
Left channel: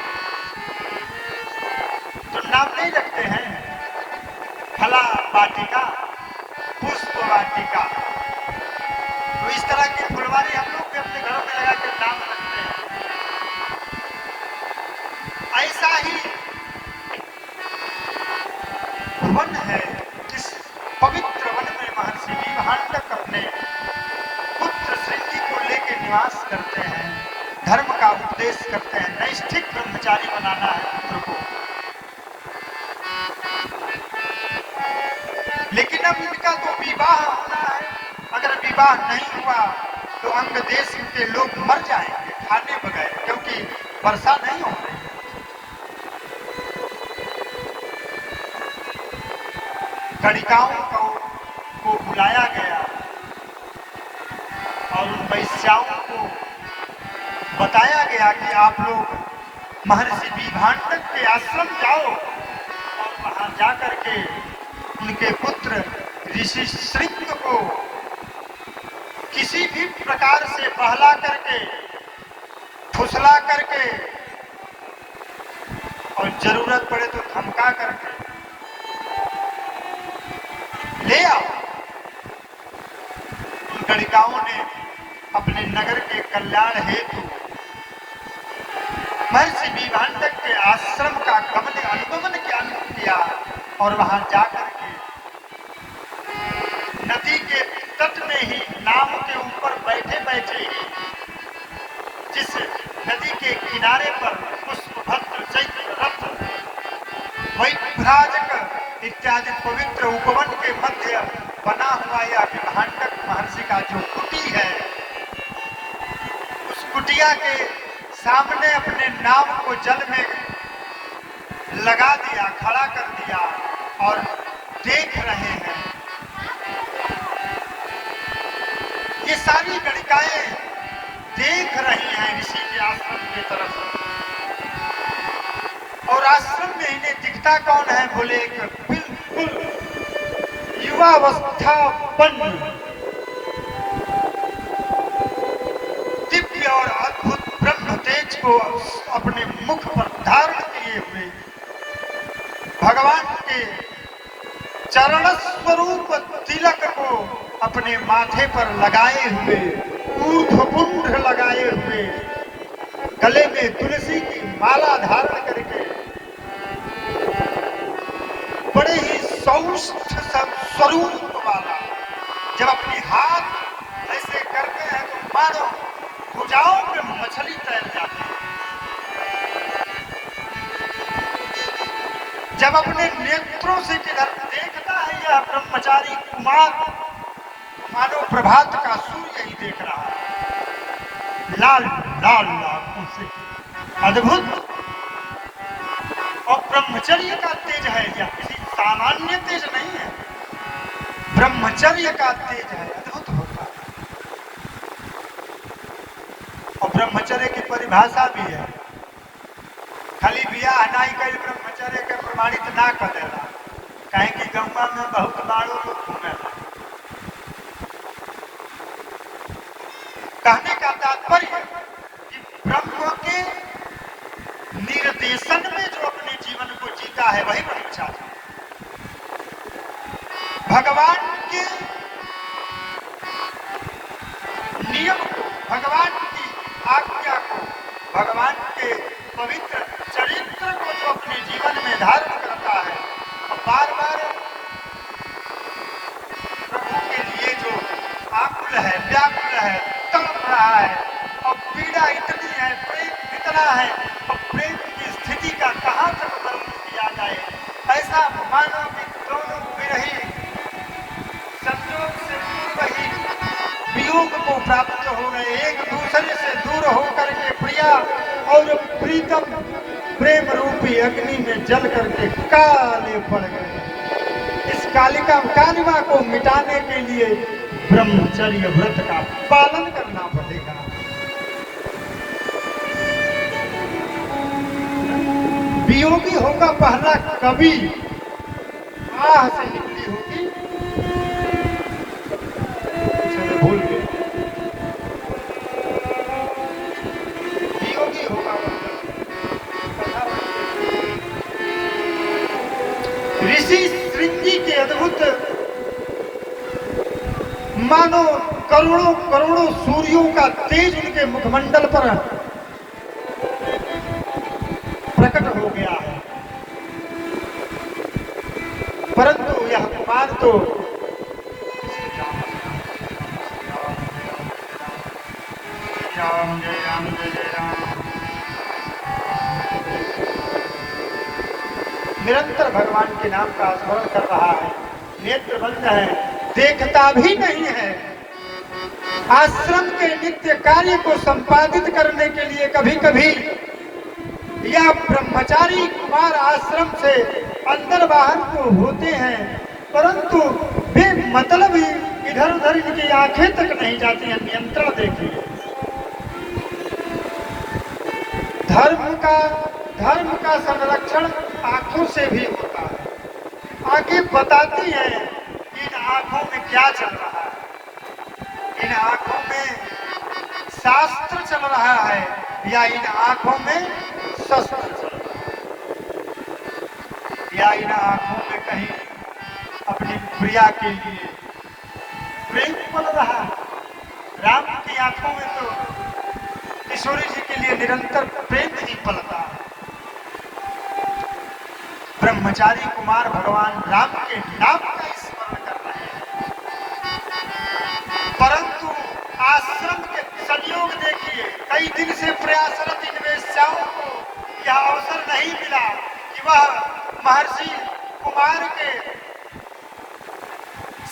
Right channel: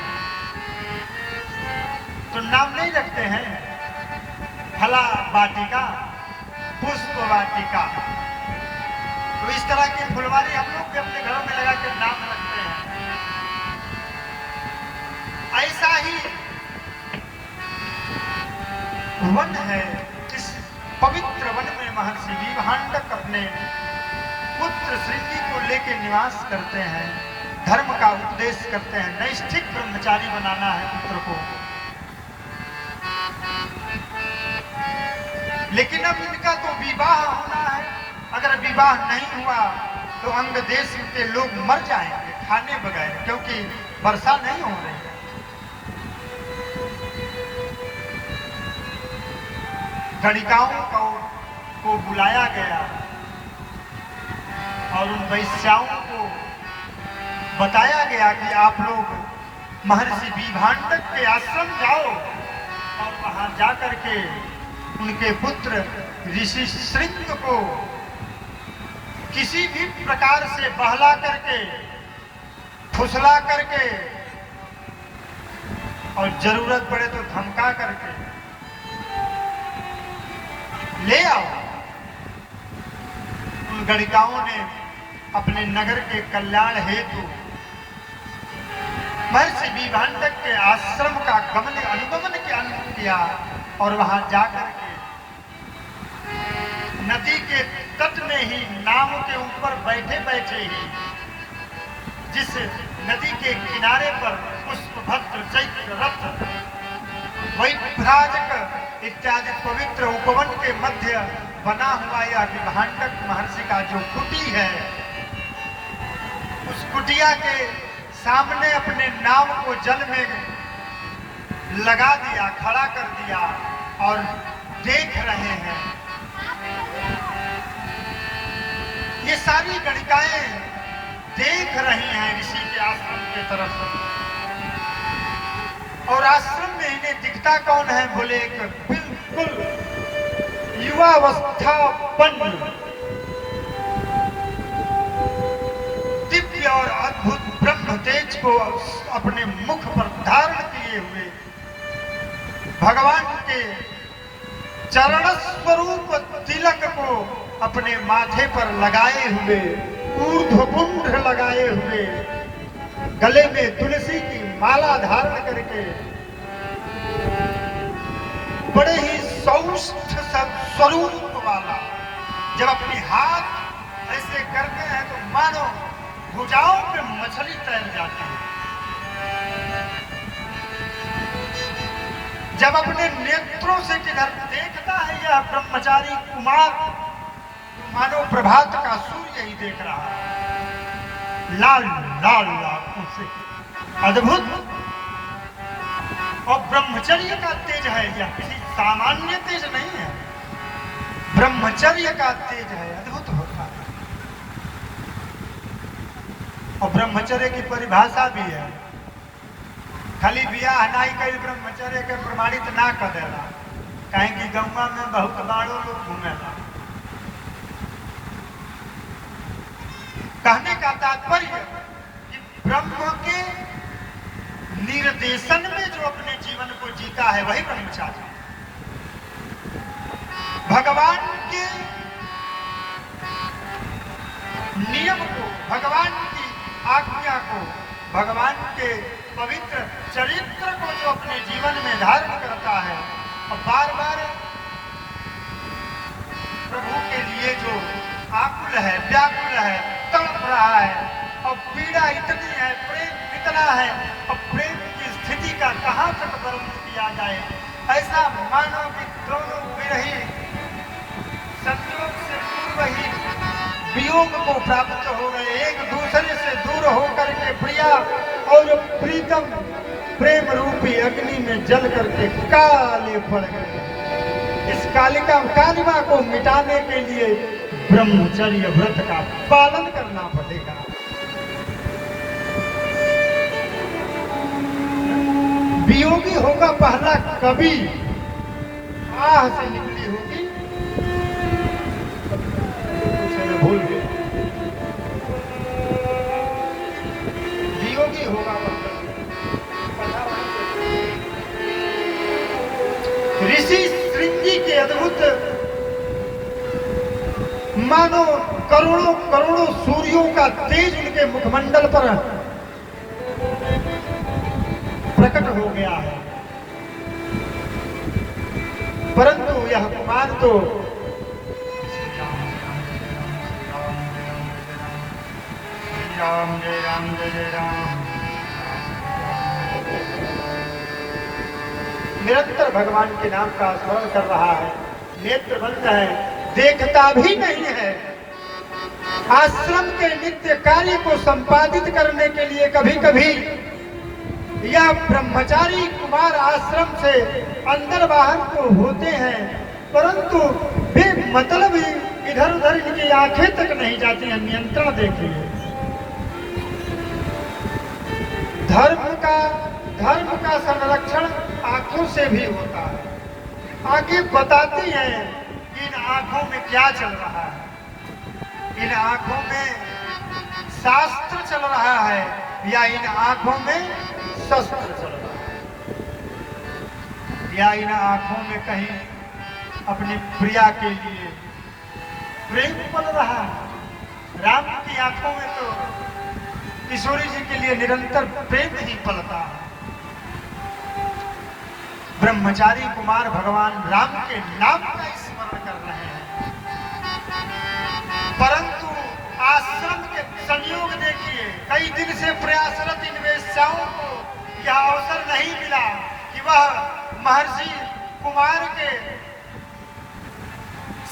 तो नाम नहीं रखते हैं, फला वाटिका, पुष्प वाटिका। तो इस तरह की फुलवारी हम लोग भी अपने घरों में लगा के नाम रखते हैं। ऐसा ही वन है, इस पवित्र वन में महर्षि वीरहांडक अपने पुत्र श्रृंगी को लेके निवास करते हैं, धर्म का उपदेश करते हैं, नैष्ठिक ब्रह्मचारी बनाना है पुत्र को। लेकिन अब इनका तो विवाह होना है, अगर विवाह नहीं हुआ तो अंग देश के लोग मर जाएंगे खाने बगैर, क्योंकि वर्षा नहीं हो रही है। गणिकाओं को बुलाया गया और उन वैश्याओं को बताया गया कि आप लोग महर्षि वीरहांडक के आश्रम जाओ और वहां जाकर के उनके पुत्र ऋषि श्रृंग को किसी भी प्रकार से बहला करके, फुसला करके और जरूरत पड़े तो धमका करके ले आओ। उन गणिकाओं ने अपने नगर के कल्याण हेतु महर्षि वीरहांडक के आश्रम का अनुगमन किया और वहां जाकर के नदी के तट में ही नाव के ऊपर बैठे बैठे ही जिस नदी के किनारे पर पुष्पभद्र, चैत्र रथ, वैभ्राजक इत्यादि पवित्र उपवन के मध्य बना हुआ यह वीरहांडक महर्षि का जो कुटी है, उस कुटिया के सामने अपने नाव को जल में लगा दिया, खड़ा कर दिया और देख रहे हैं। ये सारी गणिकाएं देख रही हैं ऋषि के आश्रम की तरफ, और आश्रम में इन्हें दिखता कौन है? बोले एक बिल्कुल युवावस्थापन्न को अपने मुख पर धारण किए हुए भगवान के चरण स्वरूप तिलक को अपने माथे पर लगाए हुए, ऊर्ध्वपुंड लगाए हुए, गले में तुलसी की माला धारण करके बड़े ही सौष्ठ स्वरूप वाला, जब अपने हाथ ऐसे करते हैं तो मानो भुजाओं पे मछली तैर जाती है। जब अपने नेत्रों से किधर देखता है यह ब्रह्मचारी कुमार, मानो प्रभात का सूर्य ही देख रहा है, लाल लाल आंखों से, अद्भुत। और ब्रह्मचर्य का तेज है, यह किसी सामान्य तेज नहीं है, ब्रह्मचर्य का तेज है, अद्भुत होता है। और ब्रह्मचर्य की परिभाषा भी है, खाली बियाह नाई कई ब्रह्मचर्य के प्रमाणित ना कर देना, कहीं की गंगा में बहुत लाड़ो लोग घूमे। कहने का तात्पर्य कि ब्रह्म के निर्देशन में जो अपने जीवन को जीता है वही ब्रह्मचारी। भगवान के नियम को, भगवान की आज्ञा को, भगवान के पवित्र चरित्र को जो अपने जीवन में धारण करता है और बार बार प्रभु के लिए जो आकुल है, व्याकुल है, तड़प रहा है और पीड़ा इतनी है, प्रेम इतना है और प्रेम की स्थिति का कहां तक वर्णन किया जाए, ऐसा मानो कि दोनों विरही संयोग से पूर्व ही वियोग को प्राप्त हो गए, एक दूसरे से दूर होकर के प्रिया और प्रीतम प्रेम रूपी अग्नि में जल करके काले पड़ गए। इस कालिमा को मिटाने के लिए ब्रह्मचर्य व्रत का पालन करना पड़ेगा। वियोगी होगा पहला कवि, आह से निकली होगी, भूल गए, वियोगी होगा ऋषि श्रृंगी के अद्भुत, मानो करोड़ों करोड़ों सूर्यों का तेज उनके मुखमंडल पर प्रकट हो गया है, परंतु यह कुमार तो निरंतर भगवान के नाम का स्मरण कर रहा है, नेत्र बंद है, देखता भी नहीं है। आश्रम के नित्य कार्य को संपादित करने के लिए कभी कभी यह ब्रह्मचारी कुमार आश्रम से अंदर बाहर को होते हैं, परंतु वे मतलब इधर उधर इनकी आंखें तक नहीं जाती हैं। नियंत्रण देखिए, धर्म का संरक्षण आंखों से भी होता है। आंखें बताती हैं कि इन आंखों में क्या चल रहा है, इन आंखों में शास्त्र चल रहा है या इन आंखों में शस्त्र चल रहा है, या इन आंखों में कहीं अपनी प्रिया के लिए प्रेम पल रहा है। राम की आंखों में तो किशोरी जी के लिए निरंतर प्रेम ही पलता है। ब्रह्मचारी कुमार भगवान राम के नाम का स्मरण कर रहे हैं, परंतु आश्रम के संयोग देखिए, कई दिन से प्रयासरत इन वेश्याओं को यह अवसर नहीं मिला कि वह महर्षि कुमार के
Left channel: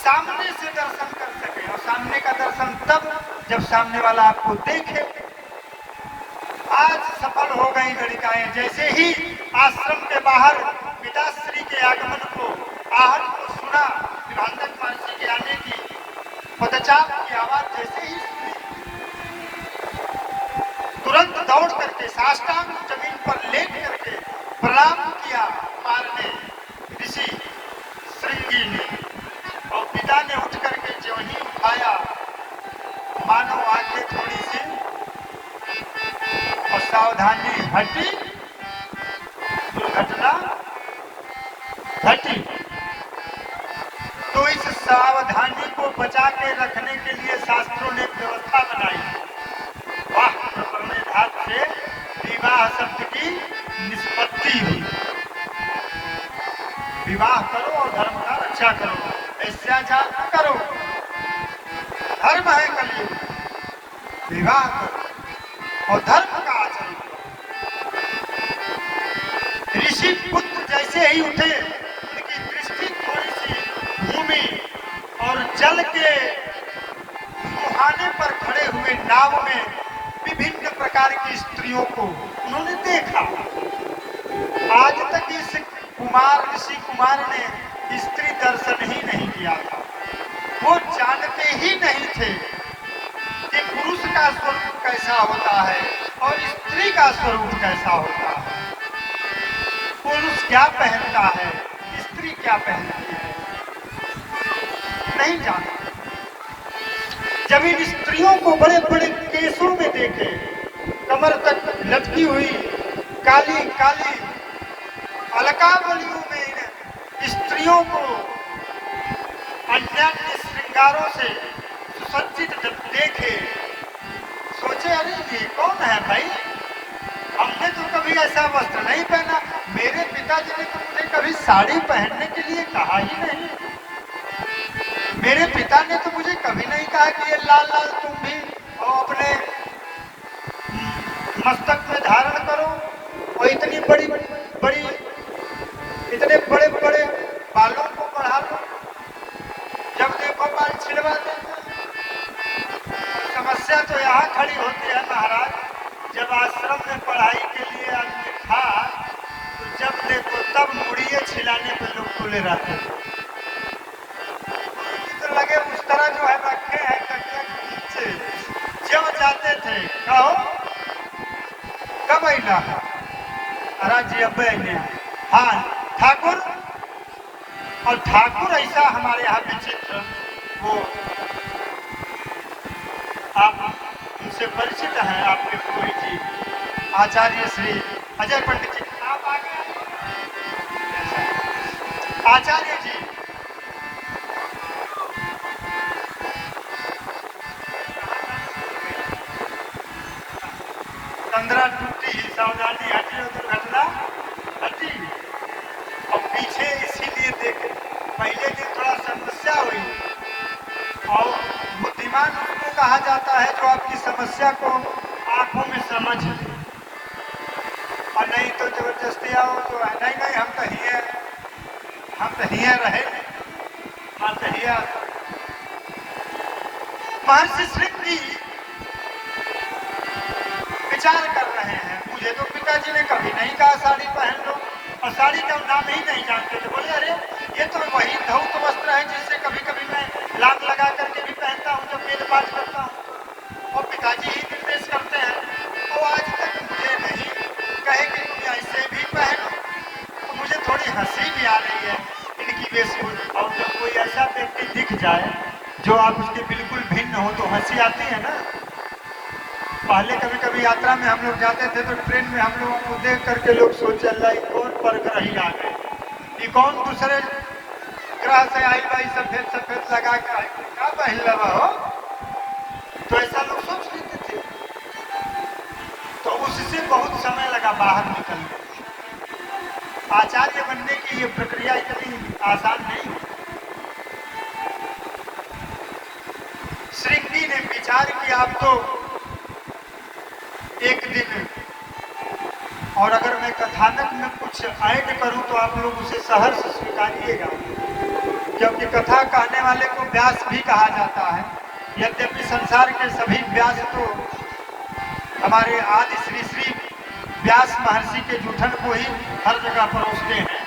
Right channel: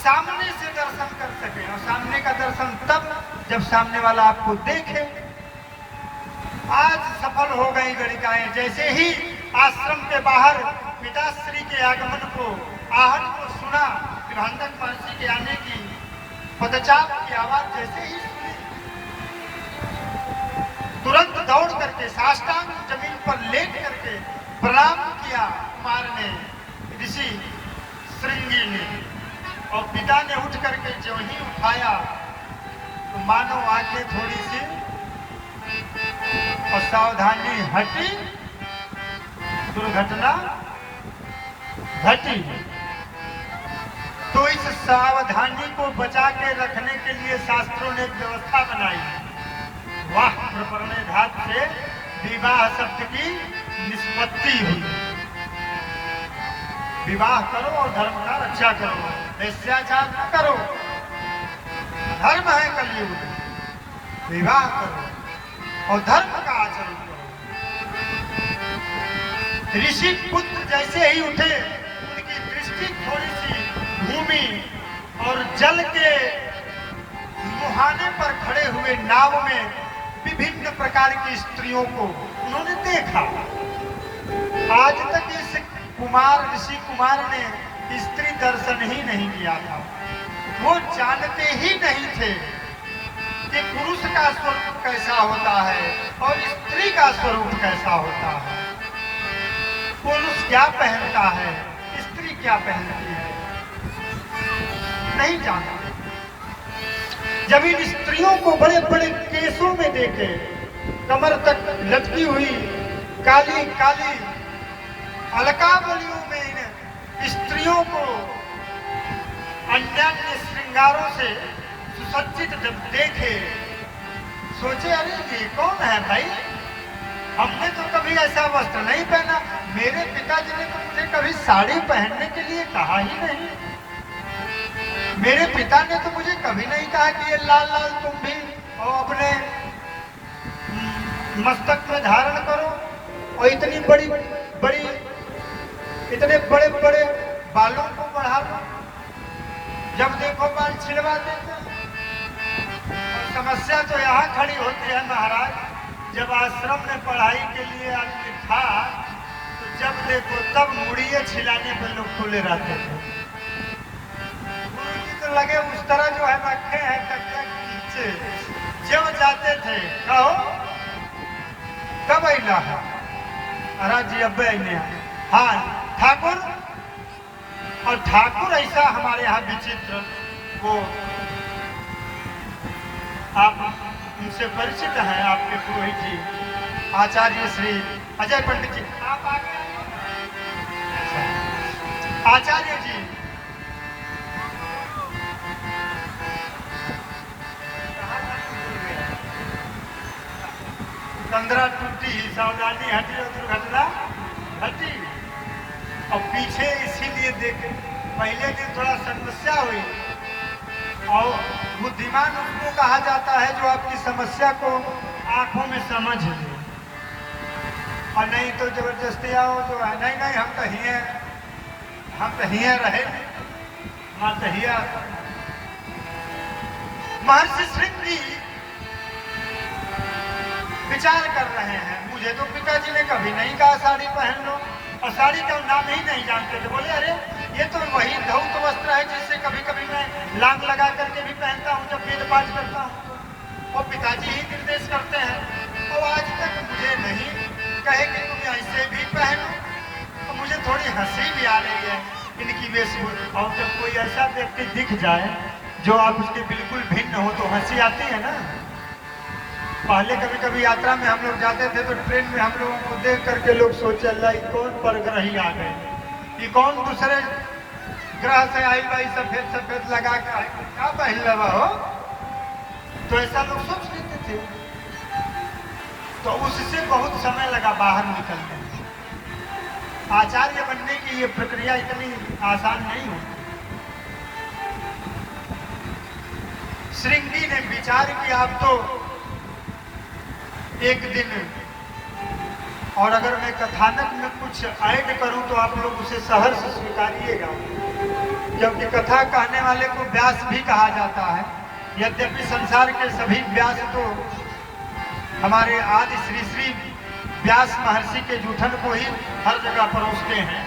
सामने से दर्शन कर सके, और सामने का दर्शन तब जब सामने वाला आपको देखे। आज सफल हो गई लड़काएं, जैसे ही आश्रम के बाहर पिताश्री के आगमन को, आहट को सुना, विभांडक महर्षि के आने की पदचाप की आवाज जैसे ही सुनी, तुरंत दौड़ करके साष्टांग जमीन पर लेट करके प्रणाम किया कुमार ने, ऋषि श्रृंगी ने, और पिता ने उठ करके जब ही उठाया, मानो आंखें थोड़ी सी और सावधान घटी, दुर्घटना घटी। तो इस सावधानी को बचा के रखने के लिए शास्त्रों ने एक व्यवस्था बनाई। वाह, घाट से विवाह शब्द की निष्पत्ति हुई। विवाह करो और धर्म का रक्षा करो, ऐश्वर्याचार न करो। धर्म है कलयुग, विवाह करो और धर्म का आचरण करो। ऋषि पुत्र जैसे ही उठे, उनकी दृष्टि थोड़ी सी भूमि और जल के मुहाने पर खड़े हुए नाव में विभिन्न प्रकार की स्त्रियों को उन्होंने देखा। आज तक इस ऋषि कुमार ने स्त्री दर्शन ही नहीं किया था। वो जानते ही नहीं थे कि पुरुष का स्वरूप कैसा होता है और स्त्री का स्वरूप कैसा होता है। पुरुष क्या पहनता है, स्त्री क्या पहनती है, नहीं जानते। जब इन स्त्रियों को बड़े बड़े केसों में देखे, कमर तक लटकी हुई काली काली अलकावलियों में इन स्त्रियों को अन्य श्रृंगारों से सुसज्जित जब देखे, सोचे अरे ये कौन है भाई, हमने तो कभी ऐसा वस्त्र नहीं पहना। मेरे पिताजी ने तुमने कभी साड़ी पहनने के लिए कहा ही नहीं। मेरे पिता ने तो मुझे कभी नहीं कहा कि ये लाल लाल तुम भी और अपने मस्तक में धारण करो और इतनी बड़ी बड़ी इतने बड़े बड़े बालों को बढ़ा लो, जब देखो बाल छिड़वा देते। और समस्या तो यहाँ खड़ी होती है महाराज, जब आश्रम में पढ़ाई के लिए आदमी था तो जब देखो तब मुड़िए छिलाने पर लोग खुले रहते थे। तो लगे उस तरह जो है रखे हैं तकिया के नीचे, जब जाते थे कहो कब अला है राजी अब्बे ने, हाँ ठाकुर। और ठाकुर ऐसा हमारे यहाँ विचित्र, वो आप उनसे परिचित हैं, आपके पुरोहित जी आचार्य श्री अजय पंडित जी, आप आगे आचार्य जी। कंदरा टूटी, सावधानी हटी, दुर्घटना हटी। और पीछे इसीलिए देखे पहले दिन थोड़ा समस्या हुई, और बुद्धिमान उसको कहा जाता है जो आपकी समस्या को आंखों में समझ ले, और नहीं तो जबरदस्ती आओ तो नहीं नहीं हम तो हिया रहे, हम तो हिया। महर्षि श्रृंगी विचार कर रहे हैं, मुझे तो पिताजी ने कभी नहीं कहा साड़ी पहन लो, और साड़ी का नाम ही नहीं जानते थे। बोले अरे ये तो वही धौत वस्त्र है जिससे कभी कभी मैं लाग लगा करके भी पहनता हूँ जब वेद पाठ करता हूँ, और पिताजी ही निर्देश करते हैं। तो आज तक मुझे नहीं कहे कि तुम ऐसे भी पहनो, तो मुझे थोड़ी हंसी भी आ रही है इनकी वेशभूषा। और जब कोई ऐसा व्यक्ति दिख जाए जो आप उसके बिल्कुल भिन्न हो तो हंसी आती है ना। पहले कभी कभी यात्रा में हम लोग जाते थे तो ट्रेन में हम लोगों को देख करके लोग सोचे अल्लाह कौन परग्रही आ गए, ये कौन दूसरे ग्रह से आई भाई सफेद सफेद लगा के क्या पहन लगा हो, तो ऐसा लोग सोच लेते थे। तो उससे बहुत समय लगा बाहर निकलने। आचार्य बनने की ये प्रक्रिया इतनी आसान नहीं है। श्रृंगी ने विचार किया अब तो एक दिन, और अगर मैं कथानक में कुछ ऐड करूं तो आप लोग उसे सहर्ष स्वीकारिएगा, क्योंकि कथा कहने वाले को व्यास भी कहा जाता है। यद्यपि संसार के सभी व्यास तो हमारे आदि श्री श्री व्यास महर्षि के जूठन को ही हर जगह परोसते हैं,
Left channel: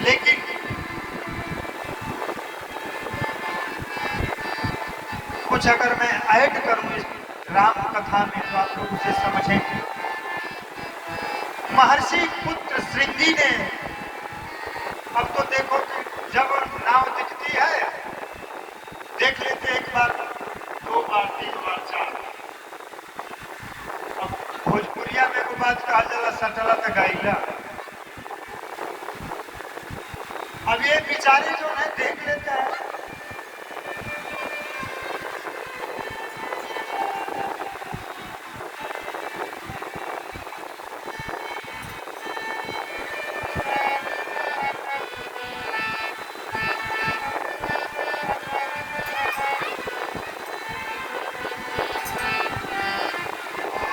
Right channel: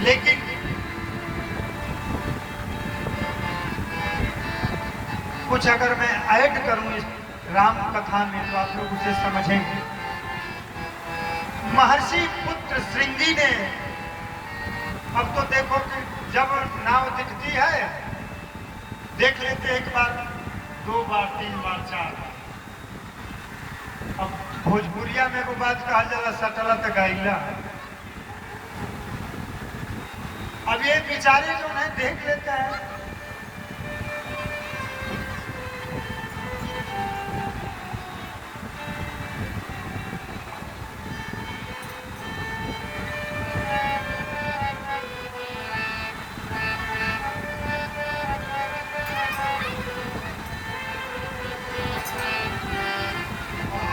लेकिन कुछ अगर मैं ऐड करूं इस राम कथा में तो आप लोग उसे समझेंगे। महर्षि पुत्र श्रृंगी ने, अब तो देखो कि जब नाव दिखती है देख लेते, एक बार, दो बार, तीन बार, चार बार। अब भोजपुरी बात कहा जला सटला तो गाइला। अब ये बेचारे जो है देख लेते हैं।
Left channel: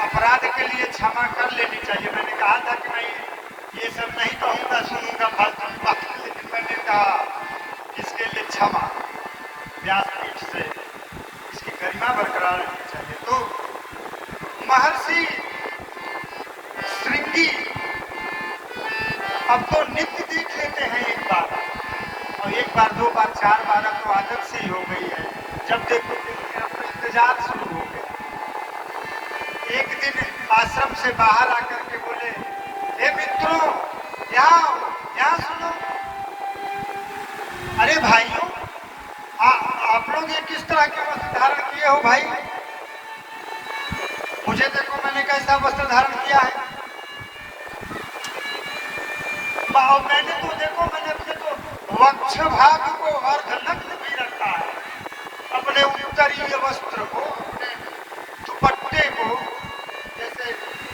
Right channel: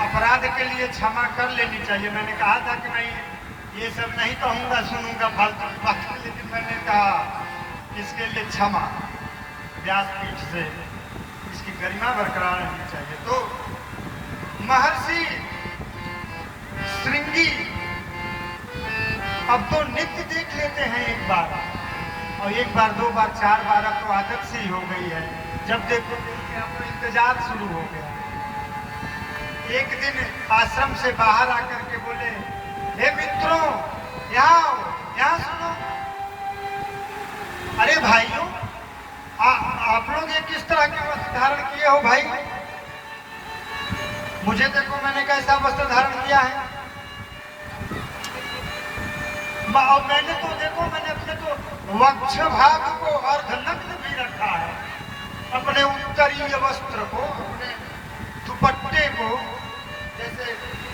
अपराध के लिए क्षमा कर लेनी चाहिए। मैंने कहा था कि नहीं ये सब नहीं कहूंगा सुनूंगा फालतू बात, लेकिन मैंने कहा इसके लिए क्षमा व्यासपीठ से इसकी गरिमा बरकरार होनी चाहिए। तो महर्षि श्रृंगी अब तो नित्य देख लेते हैं एक बार, और एक बार दो बार चार बार अब तो आदत से ही हो गई है। जब देखो आपको इंतजार शुरू हो गया। एक दिन आश्रम से बाहर आकर के बोले, हे मित्रों यहाँ सुनो। अरे भाइयों आप लोग ये किस तरह के वस्त्र धारण किए हो भाई? मुझे देखो मैंने कैसा वस्त्र धारण किया है। और मैंने तो देखो मैंने अपने तो वक्ष भाग को अर्धनग्न भी रखा है। अपने उत्तरीय वस्त्र को, अपने दुपट्टे को जैसे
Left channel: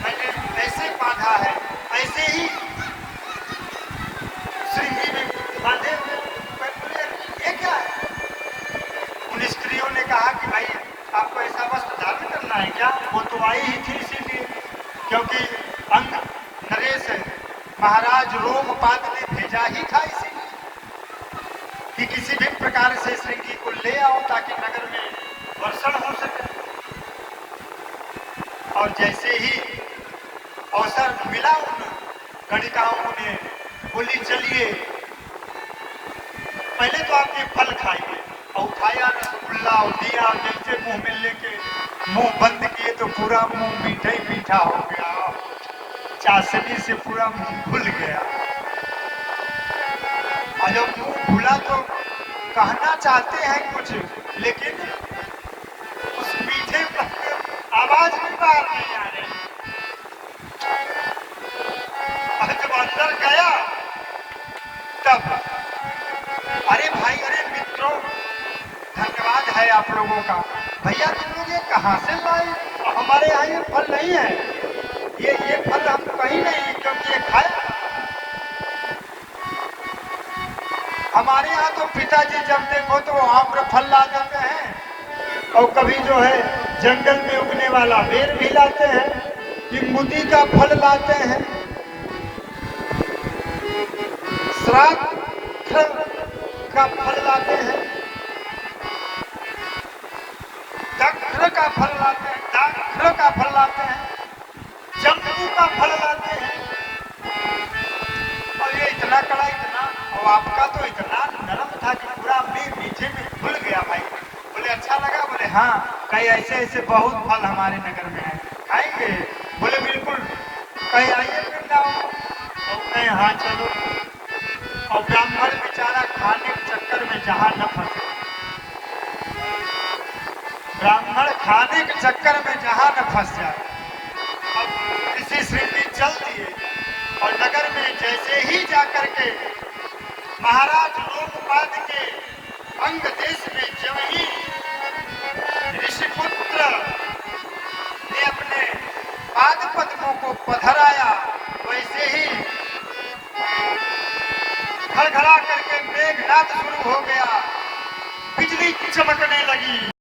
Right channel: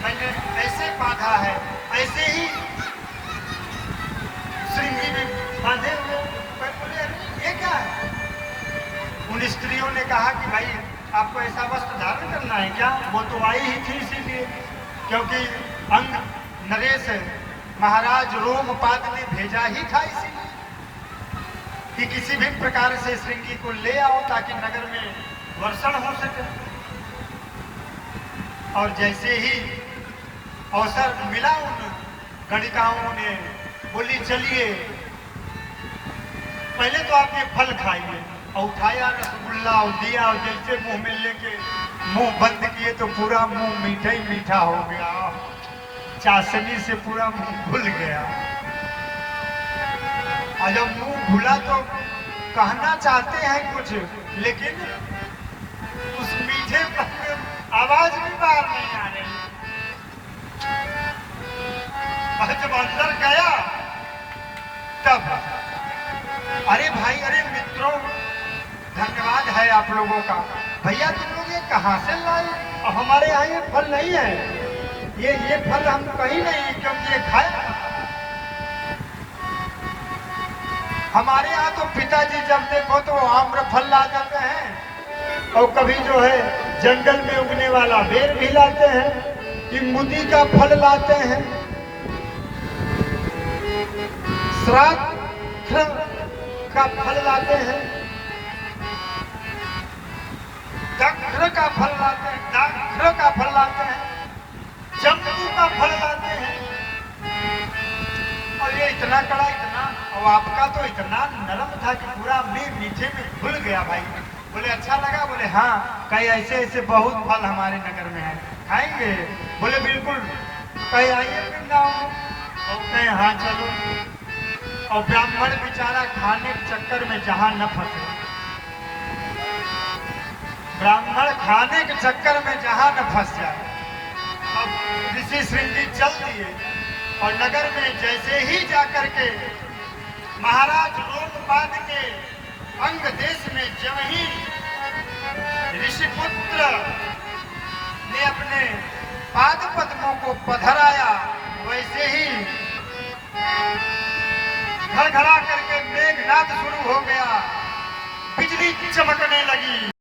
मैंने ऐसे बांधा है, ऐसे ही श्रृंगी में बांधे हुए। ये क्या है? उन स्त्रियों ने कहा कि भाई आपको ऐसा वस्त्र धारण करना है क्या? वो तो आई ही थी इसीलिए, क्योंकि अंग नरेश महाराज रोमपाद ने भेजा ही था इसीलिए कि किसी भी प्रकार से श्रृंगी को ले आओ ताकि नगर में वर्षण हो सके। और जैसे ही अवसर मिला उन गणिकाओं ने बोली चलिए पहले तो आप ये फल खाइए, और उठाया रसगुल्ला और दिया और जैसे मुंह में लेके मुंह बंद किए तो पूरा मुंह मीठा ही मीठा हो गया। चाशनी से पूरा मुंह भूल गया। और जब मुंह भूला तो कहना चाहते हैं कुछ, लेकिन उस मीठे पर आवाज भी बाहर नहीं आ रही। जब अंदर गया तब अरे भाई अरे मित्रों धन्यवाद है आप लोगों का। भैया तुम ये कहाँ से लाए? हमारे यहाँ ये फल नहीं है। ये फल हम कहीं नहीं, क्योंकि ये खाया। हमारे यहाँ तो पिताजी जब देखो तो आम्र फल ला देते हैं, और कभी जो है जंगल में उगने वाला बेर भी लाते हैं, इमूदी का फल लाते हैं, श्राद्ध का फल लाते हैं, दक्ष का फल लाते हैं, दाक्ष का फल लाते हैं, जम्बू का फल लाते हैं। और ये इतना कड़ा इतना, और आपका तो इतना नरम था कि पूरा मीठे में घुल गया भाई। बोले अच्छा लगा? बोले हाँ। कहीं ऐसे ऐसे बहुत फल हमारे नगर में है, खाएंगे? बोले बिल्कुल। कहीं आइए फिर गाँव में, और कहीं हाँ चलो। और ब्राह्मण बेचारा खाने के चक्कर में जहाँ न फंसे, ब्राह्मण खाने के चक्कर में जहाँ न फंस जाए। अब ऋषि श्रृंगी चल दिए, और नगर में जैसे ही जाकर के महाराज रोमपाद के अंग देश में जब ही ऋषिपुत्र ने अपने पाद पद्मों को पधराया, वैसे ही घरघरा करके मेघनाद शुरू हो गया, बिजली चमकने लगी।